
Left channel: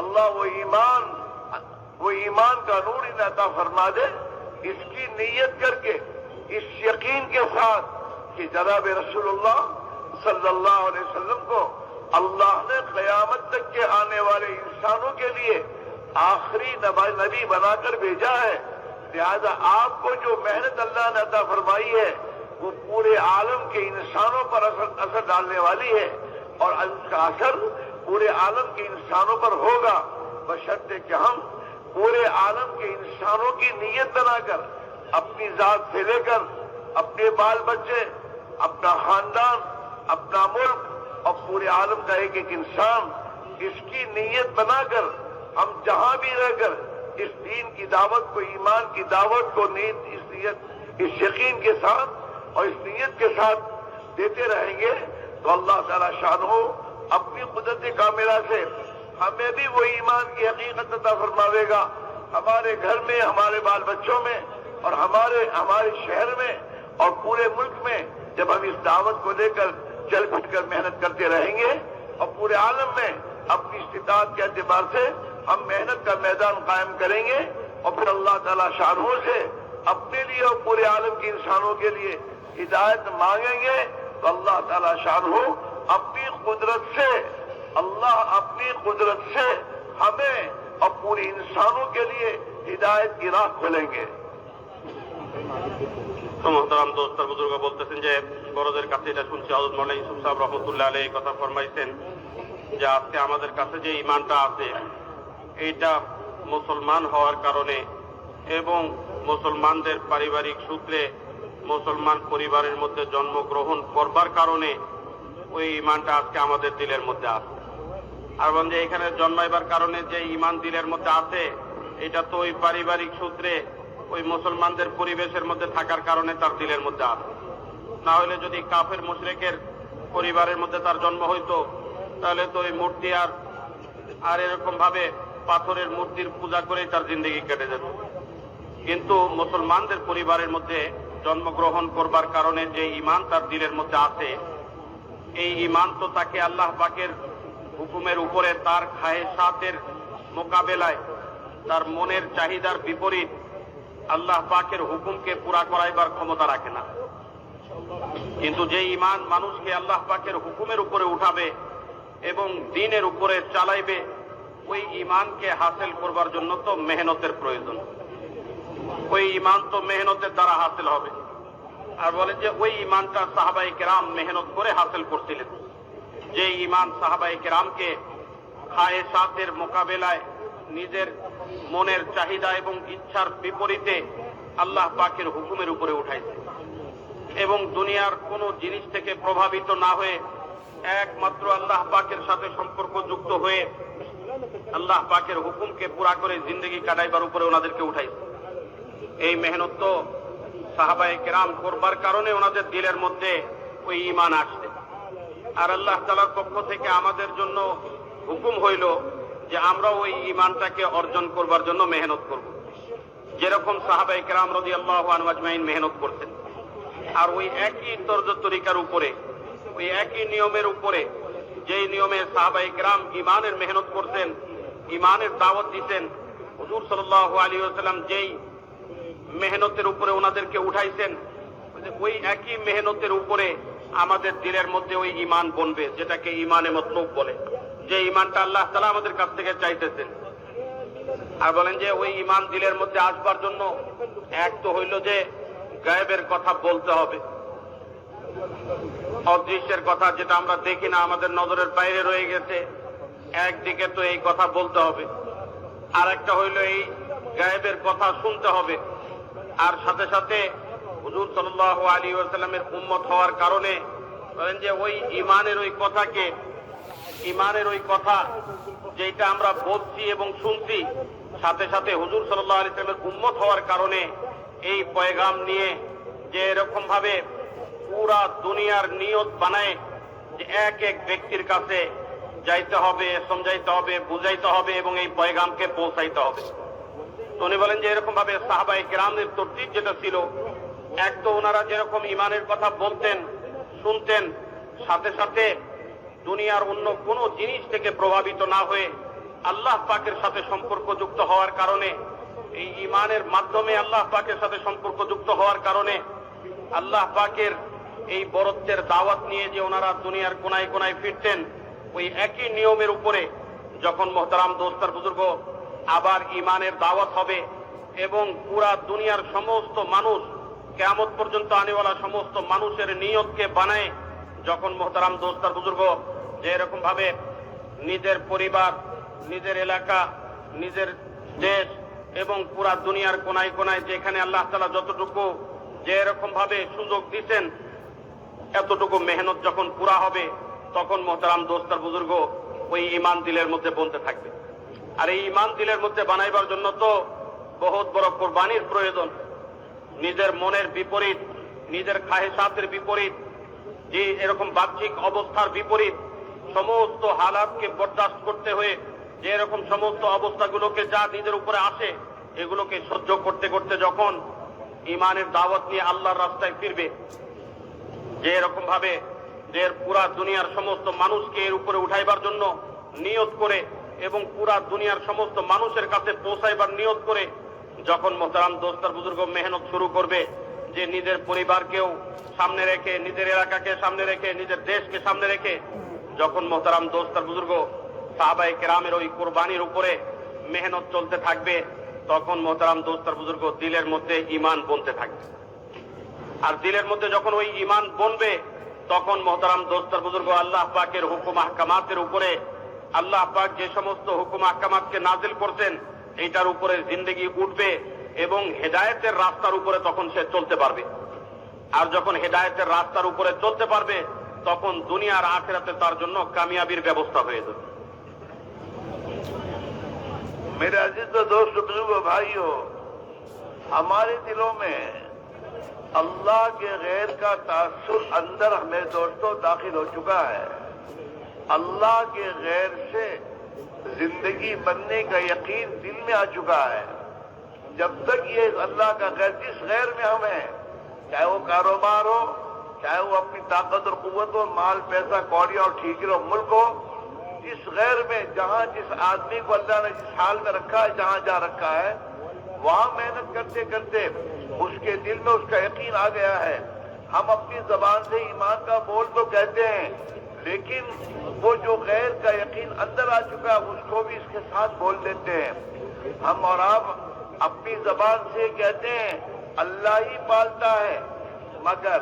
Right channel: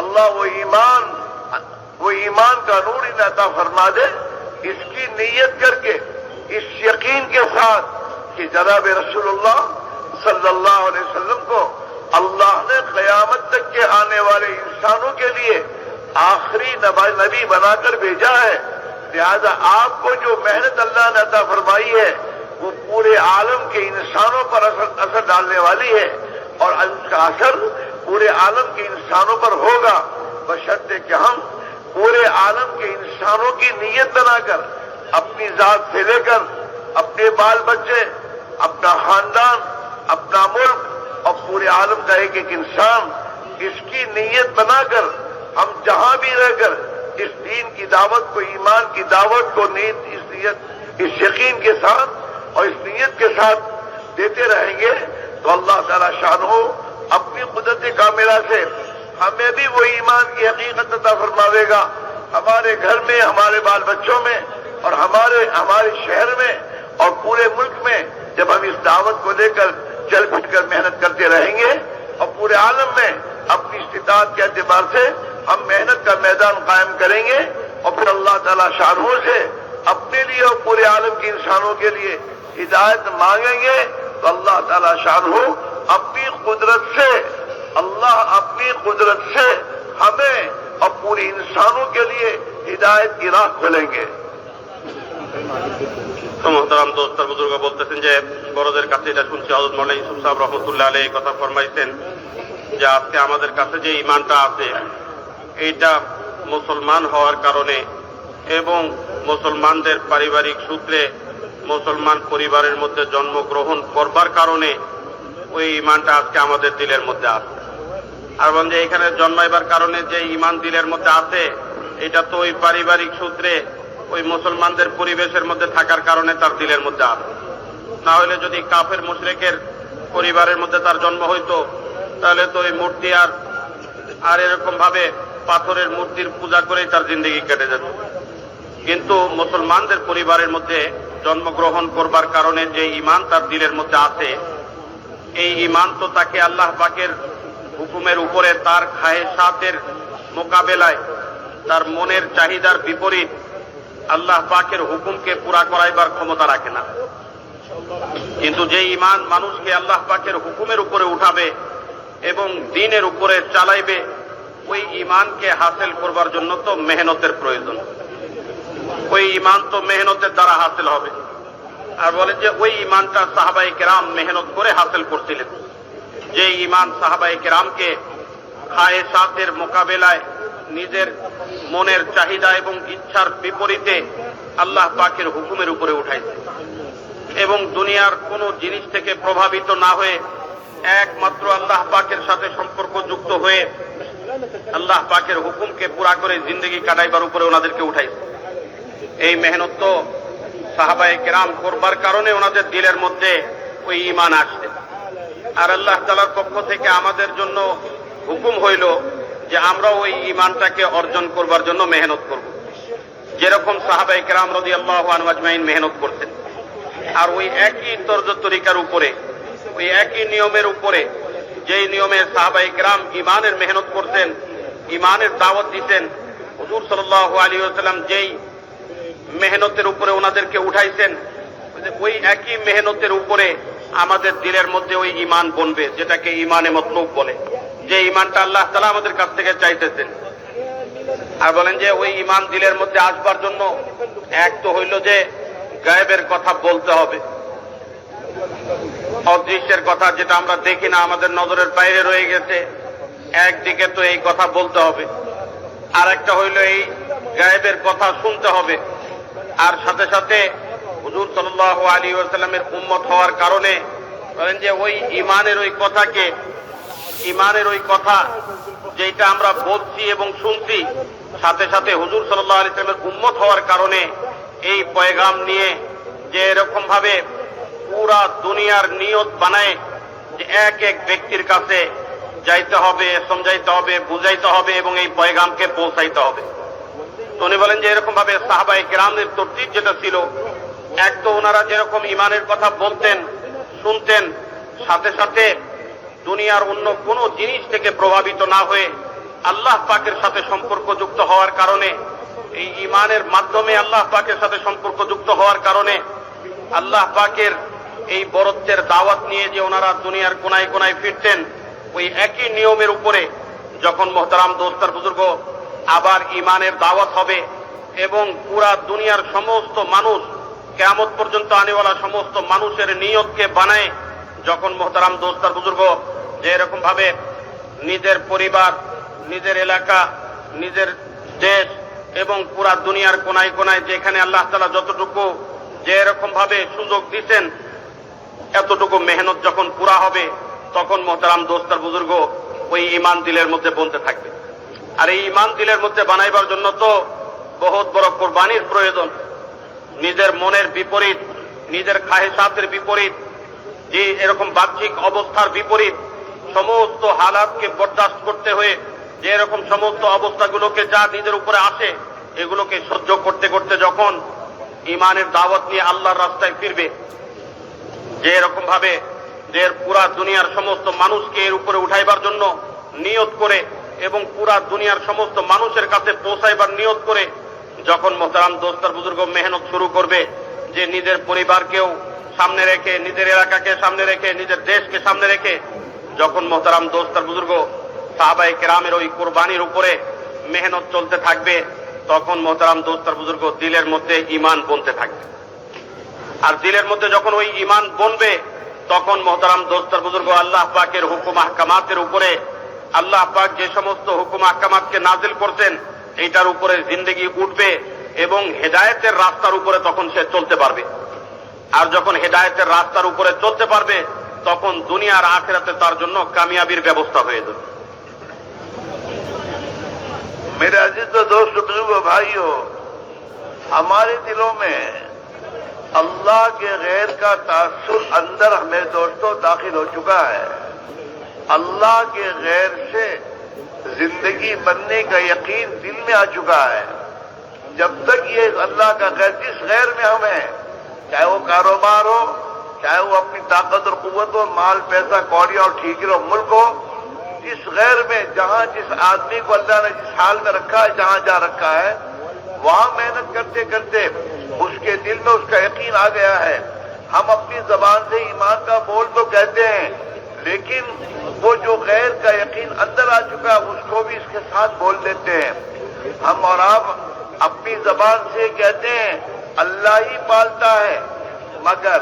अल्लाह वो ईमान का नूर इन्हें अता फरमा दे, इसकी नीयत करके इस यकीन के साथ कि जनाब रसूलुल्लाह सल्लल्लाहु अलैहि वसल्लम को अल्लाह ने क़यामत तक के आने वाले इंसानों के लिए आखिरी नबी बनाकर भेजा है। लिहाजा आपको जो मेहनत अल्लाह ने अता फरमाई है वो पूरे आलम के इंसानों पर असर डालने वाली है, और उसका असर पूरे आलम के इंसानों पर होगा, बशर्ते कि हम पूरे आलम के इंसानों की नीयत बनाकर अपनी जात से लेकर अपने बाल बच्चे, अपना खानदान, अपना मुल्क और पूरे आलम का एक एक इंसान, इसकी नीयत बनाकर हम जहां भी रहकर इस दीन की दावत को, ईमान की दावत को इस यकीन के साथ और इस नीयत के साथ देते रहेंगे, तो अल्लाह ताला शानो अपनी कुदरत कामिला से हमें भी वो ईमान की हकीकत अता फरमावेगा, हमारे घर में, हमारे बाल बच्चों में और हमारे शहर में और पूरे मुल्क में, जब हम इस दावत को लेकर चल फिट कर मेहनत करते रहेंगे और पूरे आलम में अपनी इस्तिताअत के एतबार से हम मेहनत का मैदान कायम करेंगे, और फिर अल्लाह ताला शानों से अपने लिए और पूरे आलम के इंसानों के लिए हिदायत मांगेंगे, तो अल्लाह ताला शानों अपनी कुदरत से हमें और पूरे इंसानों के लिए हिदायत की राह खोलेंगे। তো মোহতারাম দোস্ত আর বুজুর্গ বলতেছেন যে বড়দের কাছে এটা শুনছি হযরত মাওলানা ইউসুফ সাহেব রহমতুল্লাহ আলাইহি কথা ফরমাইছেন যে আজকে আমাদের কাছে যে ঈমানটা আছে এইটা মুসলমান হওয়ার কারণে এবং মুসলমানদের পারিবারিক সূত্রে মুসলমান পরিবারের মধ্যে জন্মগ্রহণ করবার কারণে ওই ঈমানটা আজকে আমাদের দিলের মধ্যে আছে। আর বলেন যে এখানে জন্মাইবার কারণে যে ঈমান দিলের মধ্যে আছে এটা তো ওই পারিবারিক সূত্রে ওই মুসলমানদের পরিবেশের মধ্যে থাকার কারণে তার দিলের মধ্যে আছে। না হলে যদি কাফের মুশরিকের পরিবারের মধ্যে তার জন্ম হইতো তাহলে তো ওই মূর্তি আর এরকম ভাবে পাথরের মূর্তির পূজা করেই তার জিন্দেগি কেটে যেত। কিন্তু মুসলমানদের পরিবারের মধ্যে জন্মগ্রহণ করবার কারণে যে ঈমান তার দিলের মধ্যে আছে এই ঈমান তো তাকে আল্লাহ পাকের হুকুমের উপরে তার খায়েশাতের মোকাবেলায় তার মনের চাহিদার বিপরীত আল্লাহ পাকের হুকুমকে পুরা করাইবার ক্ষমতা রাখে না। কিন্তু যে ঈমান মানুষকে আল্লাহ পাকের হুকুমের উপরে উঠাবে এবং দ্বীনের উপরে চালাইবে ওই ঈমানকে হাসিল করবার জন্য তো মেহনতের প্রয়োজন। ওই ঈমান তো মেহনতের দ্বারা হাসিল হবে। আর বলে যে ওই ঈমানটা সাহাবায়ে কেরাম মেহনত করে হাসিল করছিলেন। যে ঈমান সাহাবায়ে কেরামকে খায়েশাতের মোকাবেলায় নিজের মনের চাহিদা এবং ইচ্ছার বিপরীতে আল্লাহ পাকের হুকুমের উপরে উঠাইছে এবং দুনিয়ার কোন জিনিস থেকে প্রভাবিত না হয়ে একমাত্র আল্লাহ পাকের সাথে সম্পর্ক যুক্ত হয়ে আল্লাহ পাকের হুকুমকে পুরা করে জিন্দেগি কাটাইবার উপরে ওনাদেরকে উঠাইছে। এই মেহনত তো সাহাবায়ে কেরাম করবার কারণে ওনাদের দিলের মধ্যে ওই ঈমান আসছে। আর আল্লাহ তাআলার পক্ষ থেকে আমাদের জন্য হুকুম হইল যে আমরা ওই ঈমানটাকে অর্জন করবার জন্য মেহনত করব, যেরকম সাহাবায়ে কেরাম রাদিয়াল্লাহু আনহুম আজমাইন মেহনত করতেন। আর ওই একই তর্জ তরিকার উপরে ওই একই নিয়মের উপরে যেই নিয়মে সাহাবায়ে কেরাম ঈমানের মেহনত করতেন, ঈমানের দাওয়াত দিতেন, হুজুর সাল্লাল্লাহু আলাইহি ওয়াসাল্লাম যেই মেহনতের উপরে ওনাদেরকে উঠাইছেন ওই একই মেহনতের উপরে আমাদের দিলের মধ্যে ওই ঈমান বনবে, যেটাকে ঈমানে মতলুব বলে, যে ঈমানটা আল্লাহ তাআলা আমাদের কাছ থেকে চাইতেছেন। আর বলেন যে ওই ঈমান দিলের মধ্যে আসবার জন্য এক তো হইল যে গায়েবের কথা বলতে হবে, অদৃশ্যের কথা যেটা আমরা দেখি না, আমাদের নজরের বাইরে রয়ে গেছে, একদিকে তো এই কথা বলতে হবে। আর একটা হইল এই গায়েবের কথা শুনতে হবে। আর সাথে সাথে হুজুর সাল্লাল্লাহু আলাইহি ওয়াসাল্লামের উম্মত হওয়ার কারণে বলেন যে ওই ঈমানের ওই কথাকে, ঈমানের ওই কথা যেটা আমরা বলছি এবং শুনছি, সাথে সাথে হুজুর সাল্লাল্লাহু আলাইহি ওয়াসাল্লামের উম্মত হওয়ার কারণে এই পয়গাম নিয়ে যে এরকম ভাবে পুরা দুনিয়ার নিয়ত বানায় যে এক এক ব্যক্তির কাছে যাইতে হবে, সমঝাইতে হবে, বুঝাইতে হবে এবং এই পয়গামকে পৌঁছাইতে হবে। তো উনি বলেন যে এরকম ভাবে সাহাবায়ে কেরামের তরতিব যেটা ছিল, এক তো ওনারা যেরকম ঈমানের কথা বলতেন শুনতেন, সাথে সাথে দুনিয়ার অন্য কোনো জিনিস থেকে প্রভাবিত না হয়ে আল্লাহ পাকের সাথে সম্পর্কযুক্ত হওয়ার কারণে, এই ঈমানের মাধ্যমে আল্লাহ পাকের সাথে সম্পর্কযুক্ত হওয়ার কারণে আল্লাহ পাকের এই বরত্বের দাওয়াত নিয়ে যে ওনারা দুনিয়ার কোনায় কোনায় ফিরতেন, ওই একই নিয়মের উপরে যখন মোহতারাম দোস্তার বুজুর্গ আবার ঈমানের দাওয়াত হবে এবং পুরা দুনিয়ার সমস্ত মানুষ কিয়ামত পর্যন্ত আনেওয়ালা সমস্ত মানুষের নিয়তকে বানায়, যখন মোহতারাম দোস্তার বুজুর্গ যে এরকম ভাবে নিজের পরিবার, নিজের এলাকা, নিজের দেশ এবং পুরা দুনিয়ার কোনায় কোনায় যেখানে আল্লাহ তাআলা যতটুকু যে এরকম ভাবে সুযোগ দিচ্ছেন, এতটুকু মেহনত যখন পুরা হবে তখন মোহতারাম দোস্তার বুজুর্গ ওই ঈমান দিলের মধ্যে বলতে থাকবে। আর এই ঈমান দিলের মধ্যে বানাইবার জন্য তো বহুত বড় কোরবানির প্রয়োজন। নিজের মনের বিপরীত, নিজের খাহেসাতের বিপরীত, যে এরকম বাহ্যিক অবস্থার বিপরীত সমস্ত হালাতকে বরদাস্ত করতে হয়ে যে এরকম সমস্ত অবস্থাগুলোকে যা নিজের উপরে আসে এগুলোকে সহ্য করতে করতে যখন ঈমানের দাওয়াত নিয়ে আল্লাহর রাস্তায় ফিরবে, যে এরকম ভাবে যে পুরা দুনিয়ার সমস্ত মানুষকে এর উপরে উঠাইবার জন্য নিয়ত করে এবং পুরা দুনিয়ার সমস্ত মানুষের কাছে পৌঁছাইবার নিয়ত করে যখন মোহতারাম দোস্তার বুজুর্গ মেহনত শুরু করবে, যে নিজের পরিবারকেও সামনে রেখে, নিজের এলাকাকে সামনে রেখে, নিজের দেশকে সামনে রেখে যখন মোহতারাম দোস্তার বুজুর্গ সাহাবায়ে কেরামের ওই কোরবানির উপরে মেহনত চলতে থাকবে, তখন মোহতারাম দোস্ত আর বুজুর্গ দিলের মধ্যে ঈমান বনতে থাকবে। আর দিলের মধ্যে যখন ওই ঈমান বনবে তখন মোহতারাম দোস্ত আর বুজুর্গ আল্লাহ পাকের হুকুম আহকামাতের উপরে, আল্লাহ পাক যে সমস্ত হুকুম আহকামাতকে নাজিল করছেন এইটার উপরে জিন্দেগি উঠবে এবং হেদায়েতের রাস্তার উপরে তখন সে চলতে পারবে। আর যখন হেদায়েতের রাস্তার উপরে চলতে পারবে তখন দুনিয়ার আখিরাতে তার জন্য কামিয়াবির ব্যবস্থা হয়ে যাবে। मेरे अजीज दोस्त बुजुर्ग भाइयों, हमारे दिलों में अल्लाह के गैर का तासुर अंदर हमें दोस्तों दाखिल हो चुका है। अल्लाह के गैर से जिंदगी बनने का यकीन दिल में आ चुका है। जब तक ये अल्लाह का गैर, जिस गैर में हम हैं, चाहे वो कारोबार हो, चाहे वो अपनी ताकत और कुव्वत हो, माल पैसा कौड़ी और ठीकरे और मुल्क हो, जिस गैर में जहां जिस आदमी को अल्लाह ने जिस हाल में रखा है, जहां जा रखा है, वहां मेहनत करते करते उसके दिल में उसका यकीन आ गया है। हम अपनी जबान से ईमान का बोल तो कहते हैं, लेकिन वो जो गैर का यकीन अंदर आ चुका है उसको भी इसके साथ बोल देते हैं। हम और आप अपनी जबान से कहते हैं अल्लाह ही पालता है, मगर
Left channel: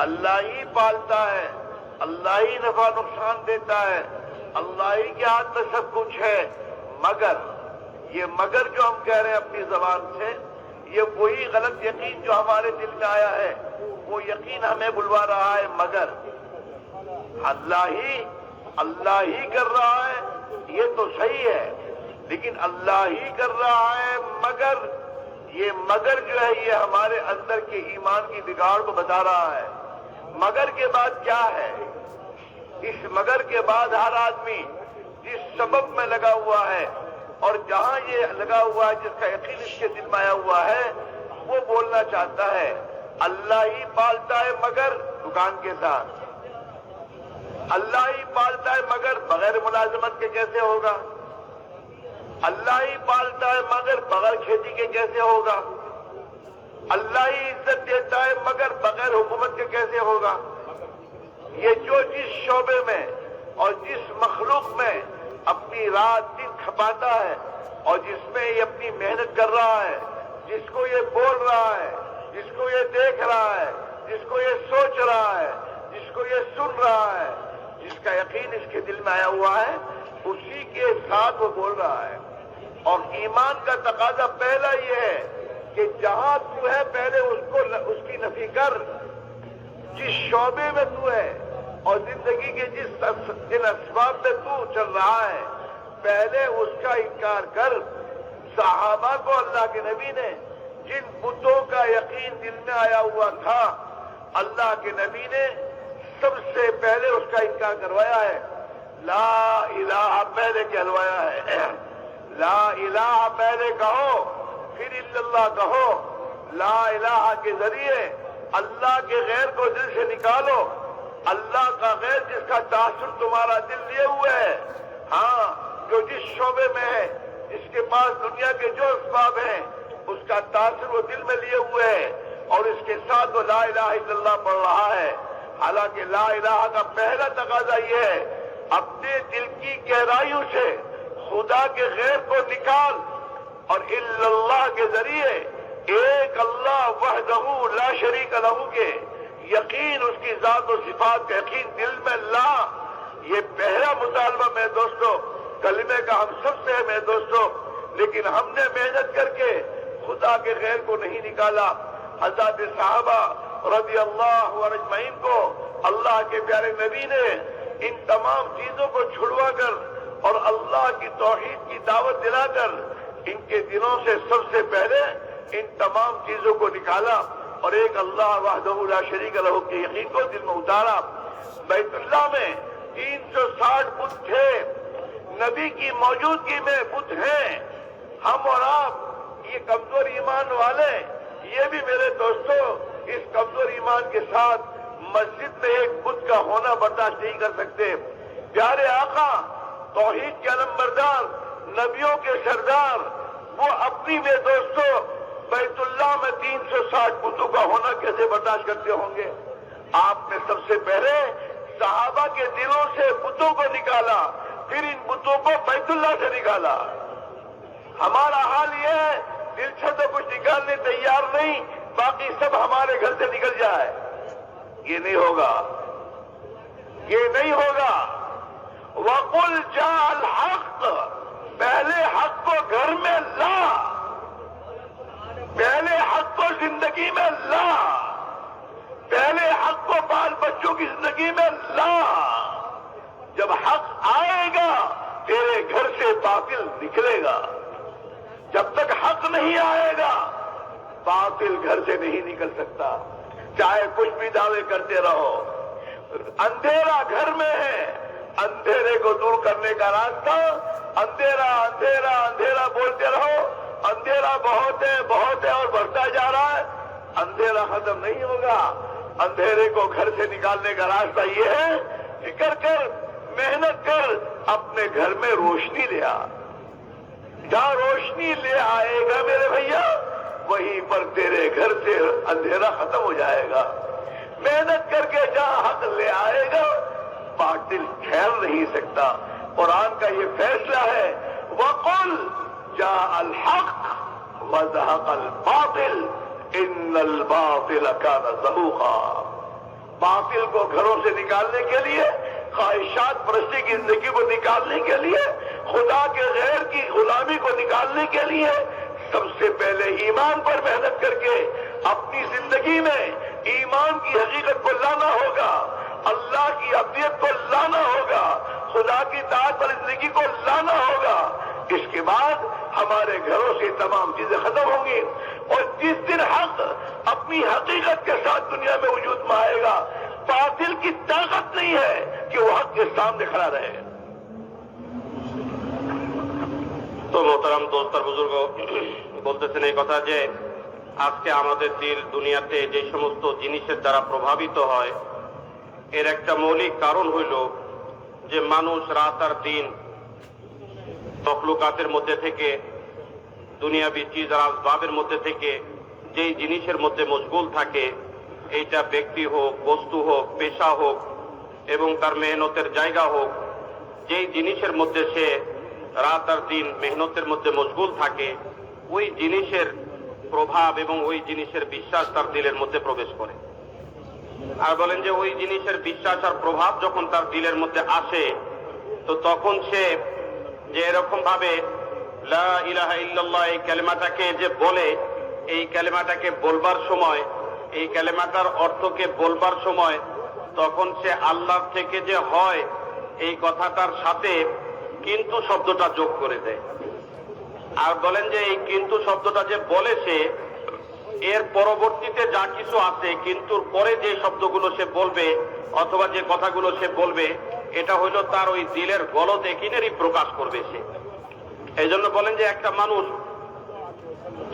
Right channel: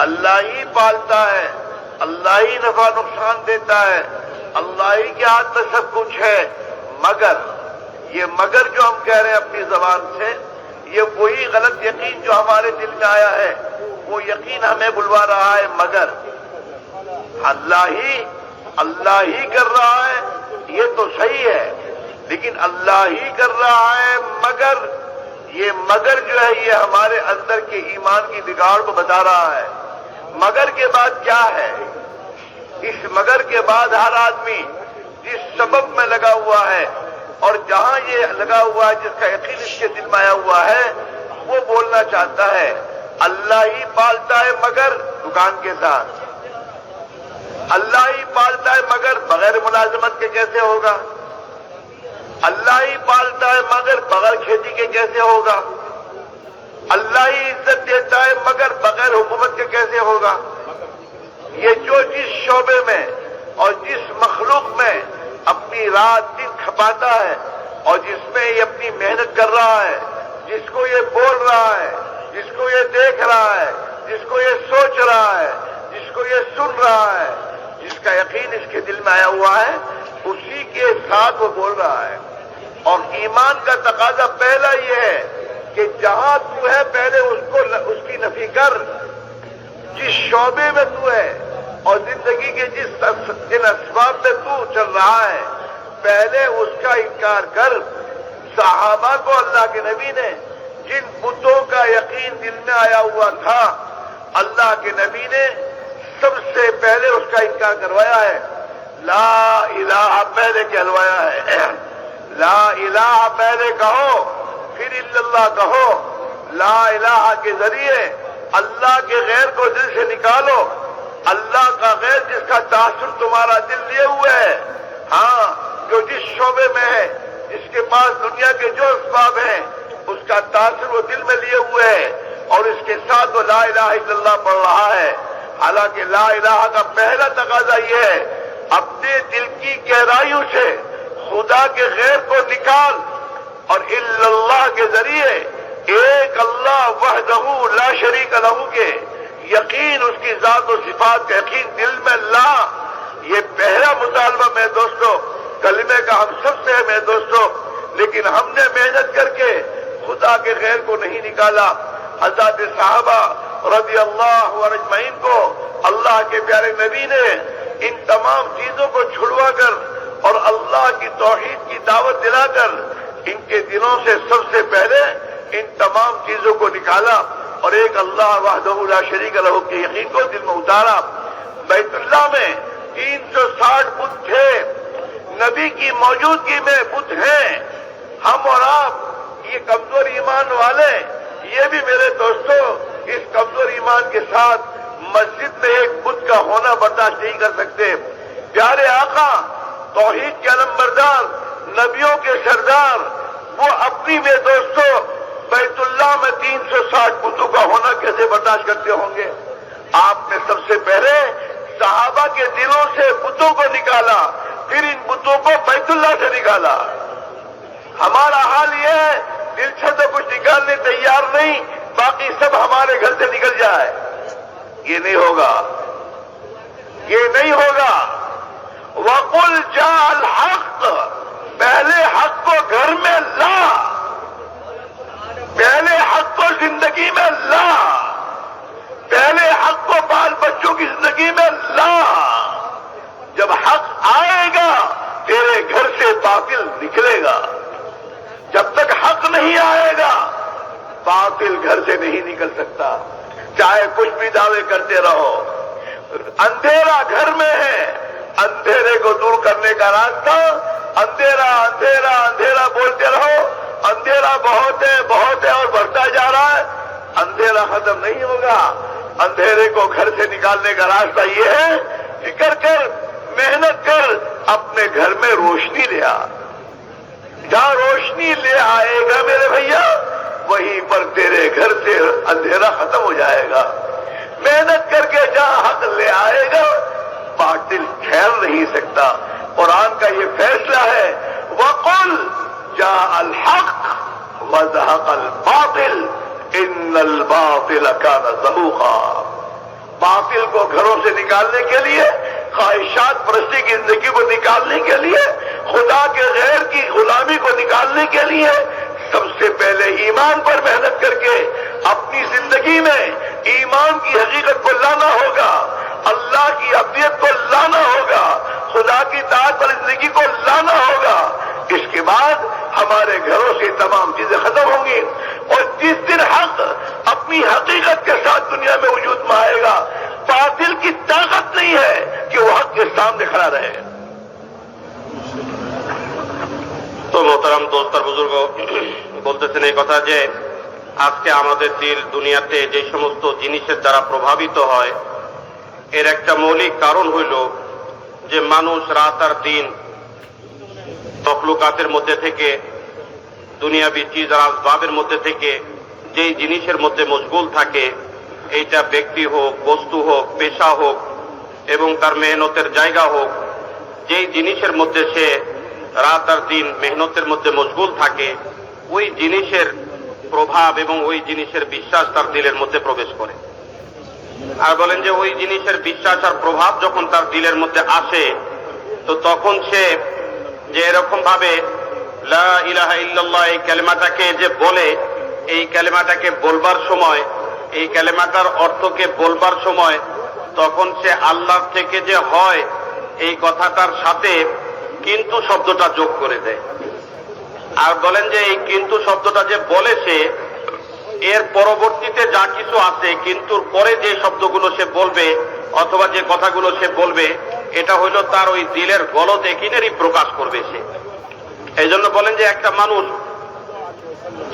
अल्लाह ही पालता है, अल्लाह ही नफा नुकसान देता है, अल्लाह ही के हाथ में सब कुछ है, मगर ये मगर जो हम कह रहे हैं अपनी जबान से, ये वही गलत यकीन जो हमारे दिल में आया है, वो यकीन हमें बुलवा रहा है। मगर अल्लाह ही कर रहा है, ये तो सही है, लेकिन अल्लाह ही कर रहा है, मगर ये मगर जो है ये हमारे अंदर के ईमान की बिगाड़ को बता रहा है। मगर के बाद क्या है? इस मगर के बाद हर आदमी जिस सबब में लगा हुआ है और जहां ये लगा हुआ है, जिसका यकीन इसके दिल में आया हुआ है, वो बोलना चाहता है अल्लाह ही पालता है, मगर दुकान के साथ। अल्लाह ही पालता है मगर बगैर मुलाजमत के कैसे होगा? अल्लाह ही पालता है मगर बगैर खेती के कैसे होगा? अल्लाह ही इज्जत देता है मगर बगैर हुकूमत के कैसे होगा? ये जो जिस शोबे में और जिस मखलूक में अपनी रात दिन खपाता है और जिसमें ये अपनी मेहनत कर रहा है, जिसको ये बोल रहा है, जिसको ये देख रहा है, जिसको ये सोच रहा है, जिसको ये सुन रहा है, जिसका यकीन इसके दिल में आया हुआ है, उसी के साथ वो बोल रहा है। और ईमान का तकाजा पहला ये है कि जहां तू है पहले उसकी नफी कर। जिस शोबे में तू है और जिंदगी के जिन असबाब में तू चल रहा है, पहले उसका इनकार कर। सहाबा को अल्लाह के नबी ने जिन बुतों का यकीन दिल में आया हुआ था, अल्लाह के नबी ने सबसे पहले उसका इनकार करवाया है। ला इलाहा पहले कहलवाया है। ला इलाहा पहले कहो, फिर इल्लल्लाह कहो। ला इलाहा के जरिए अल्लाह के गैर को दिल से निकालो। अल्लाह का गैर जिसका तासुर तुम्हारा दिल लिए हुए है, हाँ, जो जिस शोबे में है, जिसके पास दुनिया के जो असबाब हैं, उसका तासुर वो दिल में लिए हुए है और इसके साथ वो ला इलाहा इल्लल्लाह पढ़ रहा है। हालांकि ला इलाहा का पहला तकाजा ये है, अपने दिल की गहराइयों से खुदा के गैर को निकाल और इल्लल्लाह के जरिए एक अल्लाह वहदहू ला शरीक लहू के यकीन, उसकी जात और सिफात का यकीन दिल में ला। ये पहला मुतालबा मेरे दोस्तों, कलमे का हम सबसे है मेरे दोस्तों, लेकिन हमने मेहनत करके खुदा के गैर को नहीं निकाला। हज़रत साहबा रज़ी अल्लाहु अजमईन को अल्लाह के प्यारे नबी ने इन तमाम चीजों को छुड़वा कर और अल्लाह की तौहीद की दावत दिलाकर इनके दिलों से सबसे पहले इन तमाम चीजों को निकाला और एक अल्लाह वहदहू ला शरीक लहू के यकीन को दिल में उतारा। बैतुल्लाह में 360 बुत थे, नबी की मौजूदगी में बुत हैं। हम और आप ये कमजोर ईमान वाले, ये भी मेरे दोस्तों इस कमजोर ईमान के साथ मस्जिद में एक बुत का होना बर्दाश्त नहीं कर सकते। प्यारे आका, तौहीद के अलमबरदार, नबियों के सरदार, वो अपनी में दोस्तों बैतुल्लाह में 360 बुतों का होना कैसे बर्दाश्त करते होंगे? आपने सबसे पहले सहाबा के दिलों से बुतों को निकाला, फिर इन बुतों को बैतुल्लाह से निकाला। हमारा हाल ये है, दिल से तो कुछ निकालने तैयार नहीं, बाकी सब हमारे घर से निकल जाए। ये नहीं होगा, ये नहीं होगा। वकुल जाल हक, पहले हक को घर में ला, पहले हक को जिंदगी में ला, पहले हक को बाल बच्चों की जिंदगी में ला। जब हक आएगा तेरे घर से बातिल निकलेगा। जब तक हक नहीं आएगा बातिल घर से नहीं निकल सकता, चाहे कुछ भी दावे करते रहो। अंधेरा घर में है, अंधेरे को दूर करने का रास्ता, अंधेरा अंधेरा अंधेरा बोलते रहो। अंधेरा बहुत है और बढ़ता जा रहा है, अंधेरा खत्म नहीं होगा। अंधेरे को घर से निकालने का रास्ता ये है, फिक्र कर, मेहनत कर, अपने घर में रोशनी ले आ। जहां रोशनी ले आएगा मेरे भैया, वहीं पर तेरे घर से अंधेरा खत्म हो जाएगा। मेहनत करके जहां हक ले आएगा बातिल ठहर नहीं सकता। कुरान का ये फैसला है, वकुल जा अल हक व ज़हक़ल बातिल इन्नल बातिल कान ज़हूक़ा। बातिल को घरों से निकालने के लिए, ख्वाहिशात परस्ती की जिंदगी को निकालने के लिए, खुदा के गैर की गुलामी को निकालने के लिए सबसे पहले ईमान पर मेहनत करके अपनी जिंदगी में ईमान की हकीकत को लाना होगा, अल्लाह की अब्दियत को लाना होगा, खुदा की ताअत पर जिंदगी को लाना होगा। इसके बाद हमारे घरों से तमाम चीजें खत्म होंगी और जिस दिन हक अपनी हकीकत के साथ दुनिया में वजूद में आएगा, बातिल की ताकत नहीं है कि वो हक के सामने खड़ा रहे। तो मोहतरम दोस्त और बुजुर्ग বলতেছেন এই কথা যে আজকে আমাদের দিল দুনিয়াতে যে সমস্ত জিনিসের দ্বারা প্রভাবিত হয়, এর একটা মৌলিক কারণ হইল যে মানুষ রাত আর দিন তখলুকাতের মধ্যে থেকে, দুনিয়াবি চিজ আর আসবাবের মধ্যে থেকে যেই জিনিসের মধ্যে মশগুল থাকে, এইটা ব্যক্তি হোক, বস্তু হোক, পেশা হোক এবং তার মেহনতের জায়গা হোক, যেই জিনিসের মধ্যে সে রাত আর দিন মেহনতের মধ্যে মশগুল থাকে, ওই জিনিসের প্রভাব এবং ওই জিনিসের বিশ্বাস তার দিলের মধ্যে প্রবেশ করে। আর বলেন যে ওই জিনিসের বিশ্বাস আর প্রভাব যখন তার দিলের মধ্যে আসে, তো তখন সে যে এরকম ভাবে লা ইলাহা ইল্লাল্লাহ এই কালেমাটাকে যে বলে, এই কালেমাটাকে বলবার সময়, এই কালেমাটার অর্থকে বলবার সময় তখন সে আল্লাহর থেকে যে হয় এই কথাটার সাথে কিন্তু শব্দটা যোগ করে দেয়। আর বলেন যে এই কিন্তু শব্দটা যে বলে সে, এর পরবর্তীতে যা কিছু আছে কিন্তুর পরে যে শব্দগুলো সে বলবে অথবা যে কথাগুলো সে বলবে, এটা হইল তার ওই দিলের গলদ একিনেরই প্রকাশ করবে সে। এই জন্য বলেন যে একটা মানুষ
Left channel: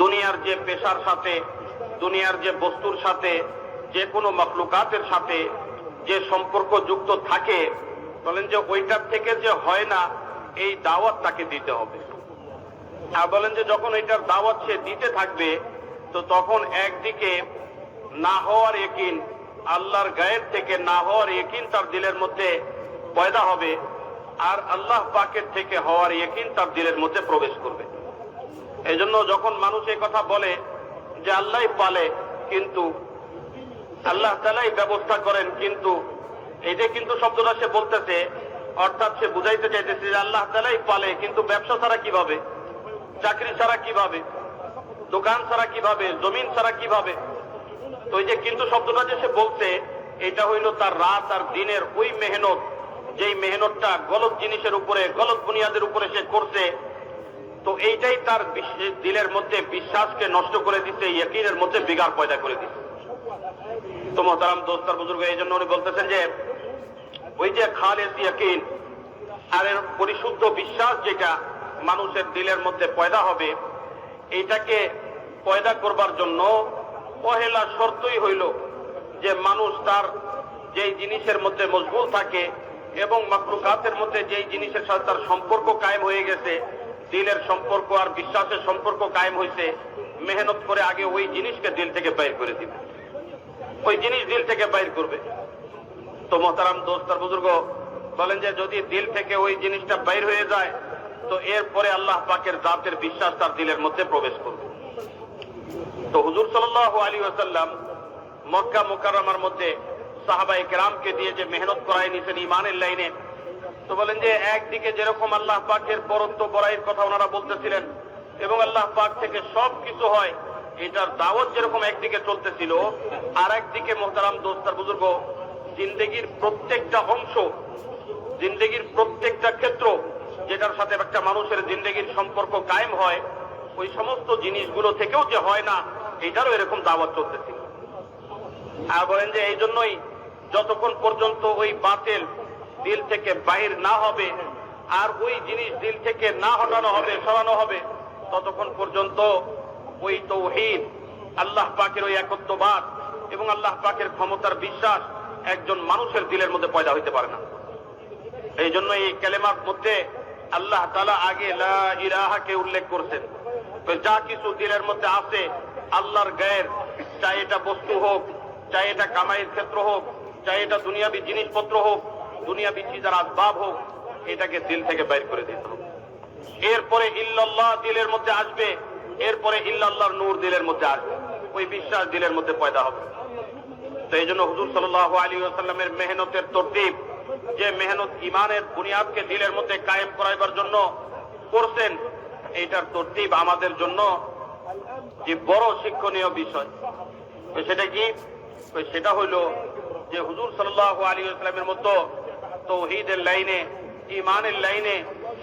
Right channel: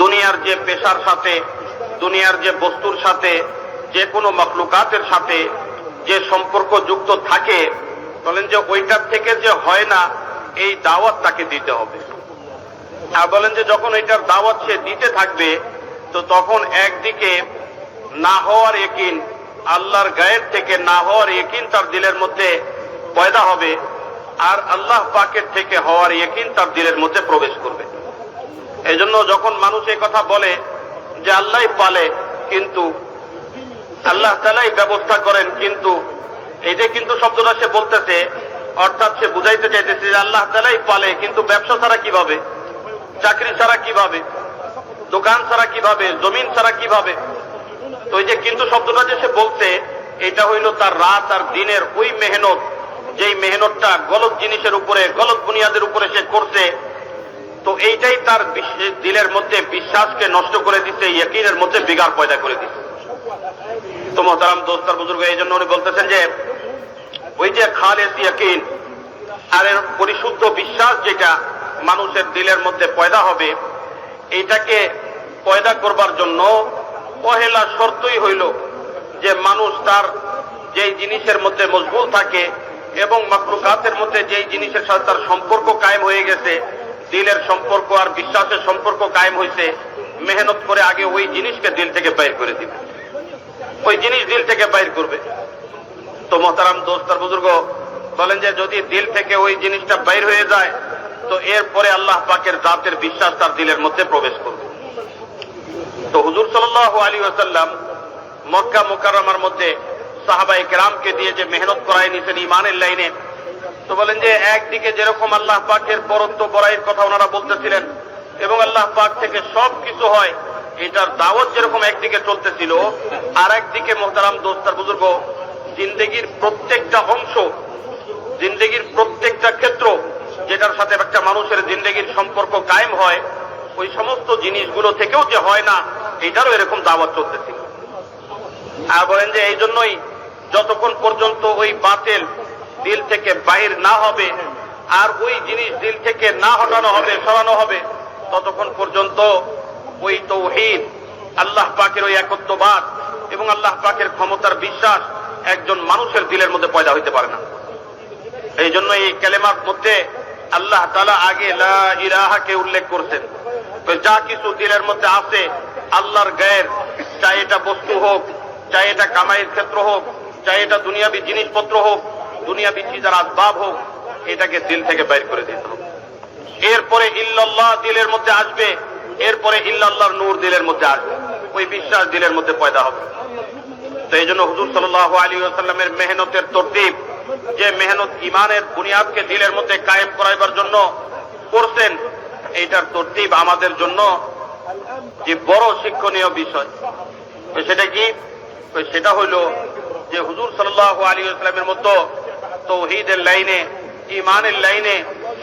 দুনিয়ার যে পেশার সাথে, দুনিয়ার যে বস্তুর সাথে, যে কোনো মখলুকাতের সাথে যে সম্পর্ক যুক্ত থাকে, বলেন যে ওইটার থেকে যে হয় না এই দাওয়াত তাকে দিতে হবে। আর বলেন যে যখন এটার দাওয়াত সে দিতে থাকবে, তো তখন একদিকে না হওয়ার ইকিন, আল্লাহর গায়ের থেকে না হওয়ার ইকিন তার দিলের মধ্যে পয়দা হবে, আর আল্লাহ পাকের থেকে হওয়ার ইকিন তার দিলের মধ্যে প্রবেশ করবে। এই জন্য যখন মানুষ এই কথা বলে যে আল্লাহই পালে, কিন্তু আল্লাহ তাআলাই ব্যবস্থা করেন, কিন্তু এই যে কিন্তু শব্দটা সে বলতেছে, অর্থাৎ সে বুঝাইতে চাইতেছে যে আল্লাহ তাআলাই পালে, কিন্তু ব্যবসা ছাড়া কিভাবে, চাকরি ছাড়া কিভাবে, দোকান ছাড়া কিভাবে, জমিন ছাড়া কিভাবে। তো এই যে কিন্তু শব্দটা যে সে বলছে, এটা হইল তার রাত আর দিনের ওই মেহনত, যেই মেহনতটা গলত জিনিসের উপরে, গলত বুনিয়াদের উপরে সে করছে। তো এইটাই তার দিলের মধ্যে বিশ্বাসকে নষ্ট করে দিচ্ছে, ইয়াকিনের মধ্যে বিগাড় পয়দা করে দিচ্ছে। তো মোহতারাম দোস্ত আর বুজুর্গ, এই জন্য উনি বলতেছেন যে ওই যে খালেস ইয়াকিন আর এর পরিশুদ্ধ বিশ্বাস যেটা মানুষের দিলের মধ্যে পয়দা হবে, এইটাকে পয়দা করবার জন্য পহেলা শর্তই হইল যে মানুষ তার যেই জিনিসের মধ্যে মশগুল থাকে এবং মাখলুকাতের মধ্যে যেই জিনিসের সাথে তার সম্পর্ক কায়েম হয়ে গেছে, দিলের সম্পর্ক আর বিশ্বাসের সম্পর্ক কায়েম হয়েছে, মেহনত করে আগে ওই জিনিসকে দিল থেকে বাইর করে দিবে, ওই জিনিস দিল থেকে বাইর করবে। তো মোহতারাম দোস্ত আর বুজুর্গ বলেন যে যদি দিল থেকে ওই জিনিসটা বাইর হয়ে যায়, তো এরপরে আল্লাহ পাকের জাতের বিশ্বাস তার দিলের মধ্যে প্রবেশ করবে। তো হুজুর সাল্লাল্লাহু আলাইহি ওয়াসাল্লাম মক্কা মুকাররমার মধ্যে সাহাবায়ে কেরামকে দিয়ে যে মেহনত করায় নিছেন ঈমানের লাইনে, তো বলেন যে একদিকে যেরকম আল্লাহ পাকের বরত্ব বড়াইয়ের কথা ওনারা বলতেছিলেন এবং আল্লাহ পাক থেকে সব কিছু হয়, এটার দাওয়াত যেরকম একদিকে চলতেছিল, আর একদিকে মোহতারাম দোস্তার বুজুর্গ, জিন্দেগির প্রত্যেকটা অংশ, জিন্দেগির প্রত্যেকটা ক্ষেত্র যেটার সাথে একটা মানুষের জিন্দেগির সম্পর্ক কায়েম হয়, ওই সমস্ত জিনিসগুলো থেকেও যে হয় না, এটারও এরকম দাওয়াত চলতেছিল। আর বলেন যে এই জন্যই যতক্ষণ পর্যন্ত ওই বাতিল দিল থেকে বাহির না হবে আর ওই জিনিস দিল থেকে না হটানো হবে, সরানো হবে, ততক্ষণ পর্যন্ত ওই তাওহীদ, আল্লাহ পাকের ওই একত্ববাদ এবং আল্লাহ পাকের ক্ষমতার বিশ্বাস একজন মানুষের দিলের মধ্যে পয়দা হইতে পারে না। এই জন্য এই কালেমার মধ্যে আল্লাহ তাআলা আগে লা ইলাহাকে উল্লেখ করছেন। তো যা কিছু দিলের মধ্যে আছে আল্লাহর গায়ের, চাই এটা বস্তু হোক, চাই এটা কামাইয়ের ক্ষেত্র হোক, চাই এটা দুনিয়াবি জিনিসপত্র হোক, দুনিয়াবি চিজার আসবাব হোক, এটাকে দিল থেকে বাইর করে দিতে হবে। এরপরে ইল্লাল্লাহ দিলের মধ্যে আসবে, এরপরে ইল্লাল্লাহর নূর দিলের মধ্যে আসবে, ওই বিশ্বাস দিলের মধ্যে পয়দা হবে। তো এই জন্য হুজুর সাল্লাল্লাহু আলাইহি ওয়াসাল্লামের মেহনতের তরতিব, যে মেহনত ইমানের বুনিয়াদকে দিলের মধ্যে কায়েম করাইবার জন্য করছেন, এইটার তরতিব আমাদের জন্য যে বড় শিক্ষণীয় বিষয়। তো সেটা কি? তো সেটা হইল যে হুজুর সাল্লাল্লাহু আলাইহি ওয়াসাল্লামের মতো তাওহীদের লাইনে, ইমানের লাইনে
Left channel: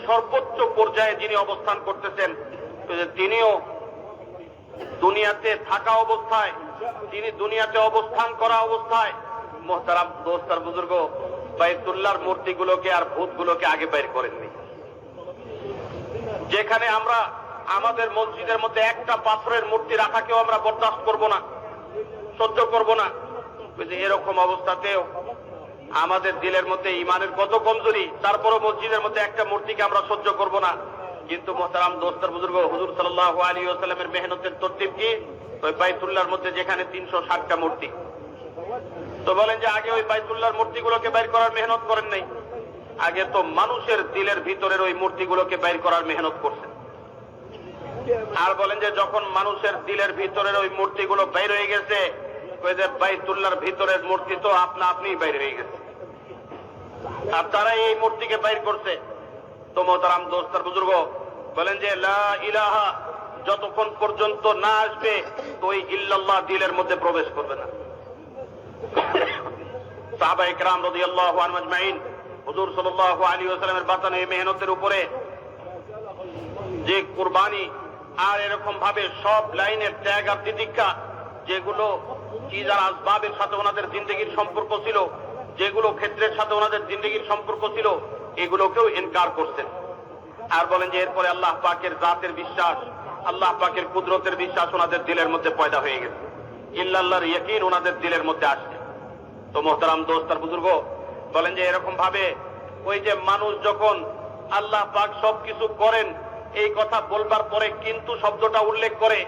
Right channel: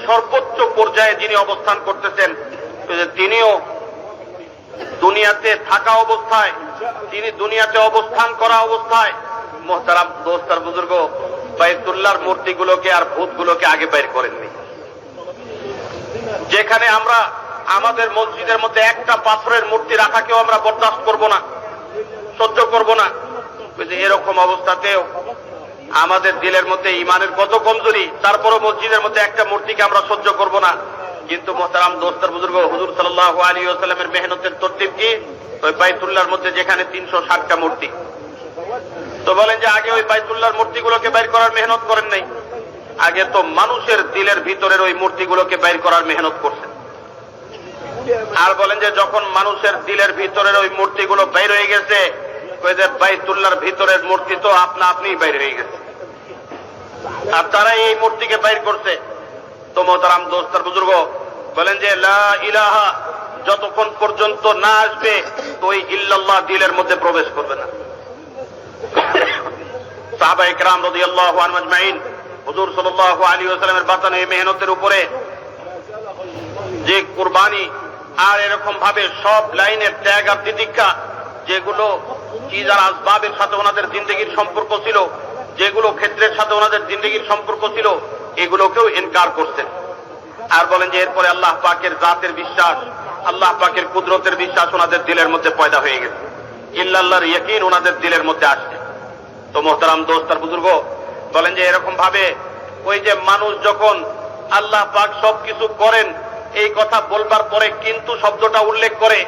সর্বোচ্চ পর্যায়ে যিনি অবস্থান করতেছেন, তিনিও দুনিয়াতে থাকা অবস্থায়, তিনি দুনিয়াতে অবস্থান করা অবস্থায় মোহতারাম দোস্তার বুজুর্গ বাইতুল্লাহর মূর্তিগুলোকে আর ভূতগুলোকে আগে বাইর করেননি। যেখানে আমরা আমাদের মসজিদের মধ্যে একটা পাথরের মূর্তি রাখাকেও আমরা বরদাস্ত করব না, সহ্য করব না, এরকম অবস্থাতেও আমাদের দিলের মধ্যে ইমানের কত কমজোরি, তারপরও মসজিদের মধ্যে একটা মূর্তিকে আমরা সহ্য করব না। কিন্তু মোহতারাম দোস্তার বুজুর্গ, হুজুর সাল্লাল্লাহু আলাইহি ওয়াসাল্লামের মেহনতের তরতিব কি? ওই বাইতুল্লাহর মধ্যে যেখানে 360টা মূর্তি, তো বলেন যে আগে ওই বাইতুল্লাহর মূর্তিগুলোকে বাইর করার মেহনত করেন নাই, আগে তো মানুষের দিলের ভিতরের ওই মূর্তিগুলোকে বাইর করার মেহনত করছেন। আর বলেন যে যখন মানুষের দিলের ভিতরের ওই মূর্তিগুলো বাইর হয়ে গেছে, ওই যে বাইতুল্লাহর ভিতরের মূর্তি তো আপনা আপনি বাইর হয়ে গেছে, আর তারা এই মূর্তিকে বাইর করছে। তো মোহতারাম দোস্তার বুজুর্গ বলেন যে লা ইলাহা যতক্ষণ পর্যন্ত না আসবে, তো ওই ইল্লাল্লাহ দিলের মধ্যে প্রবেশ করবে না। সাহাবায়ে কেরাম রাদিয়াল্লাহু আনহুম আজমাইন হুজুর সাল্লাল্লাহু আলাইহি ওয়াসাল্লামের বাতানো এই মেহনতের উপরে যে কুরবানি আর এরকম ভাবে সব লাইনের ত্যাগ আর তিতিক্ষা, যেগুলো চিজার আসবাবের সাথে ওনাদের জিন্দেগির সম্পর্ক ছিল, যেগুলো ক্ষেত্রের সাথে ওনাদের জিন্দেগির সম্পর্ক ছিল, এগুলোকেও ইনকার করছেন। আর বলেন যে এরপরে আল্লাহ পাকের জাতের বিশ্বাস, আল্লাহ পাকের কুদরতের বিশ্বাস ওনাদের দিলের মধ্যে পয়দা হয়ে গেছে, ইল্লাল্লাহর ইয়াকিন ওনাদের দিলের মধ্যে আসছে। তো মোহতারাম দোস্তার বুজুর্গ বলেন যে এরকম ভাবে ওই যে মানুষ যখন আল্লাহ পাক সবকিছু করেন এই কথা বলবার পরে কিন্তু শব্দটা উল্লেখ করে,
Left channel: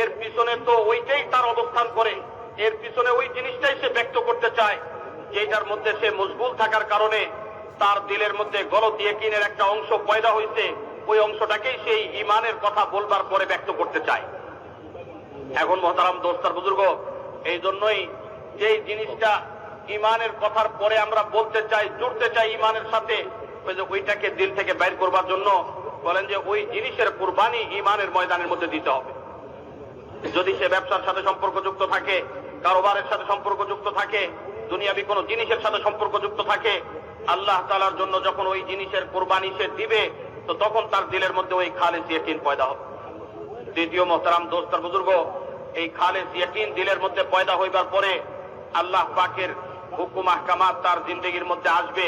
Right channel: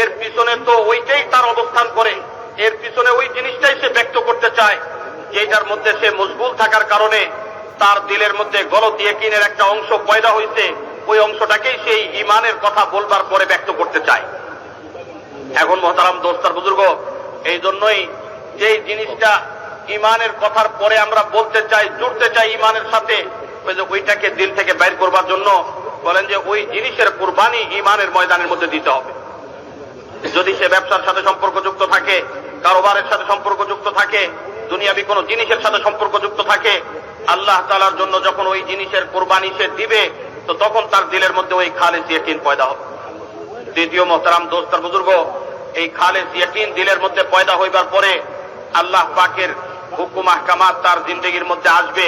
এর পিছনে তো ওইটাই তার অবস্থান করে, এর পিছনে ওই জিনিসটাই সে ব্যক্ত করতে চায়, যেটার মধ্যে সে মশগুল থাকার কারণে তার দিলের মধ্যে গলত ইয়াকিনের একটা অংশ পয়দা হয়েছে, ওই অংশটাকেই সেই ইমানের কথা বলবার পরে ব্যক্ত করতে চায়। এখন মোহতারাম দোস্তার বুজুর্গ, এই জন্যই যেই জিনিসটা ইমানের কথার পরে আমরা বলতে চাই, জুড়তে চাই ইমানের সাথে, ওইটাকে দিল থেকে বাইর করবার জন্য বলেন যে ওই জিনিসের কুরবানি ইমানের ময়দানের মধ্যে দিতে হবে। যদি সে ব্যবসার সাথে সম্পর্কযুক্ত থাকে, কারোবারের সাথে সম্পর্কযুক্ত থাকে, দুনিয়াবি কোনো জিনিসের সাথে সম্পর্কযুক্ত থাকে, আল্লাহ তাআলার জন্য যখন ওই জিনিসের কুরবানি সে দিবে, তো তখন তার দিলের মধ্যে ওই খালেস ইয়াকিন পয়দা হবে। দ্বিতীয় মোহতারাম দোস্তার বুজুর্গ, এই খালেস ইয়াকিন দিলের মধ্যে পয়দা হইবার পরে আল্লাহ পাকের হুকুম আহকামাত তার জিন্দেগির মধ্যে আসবে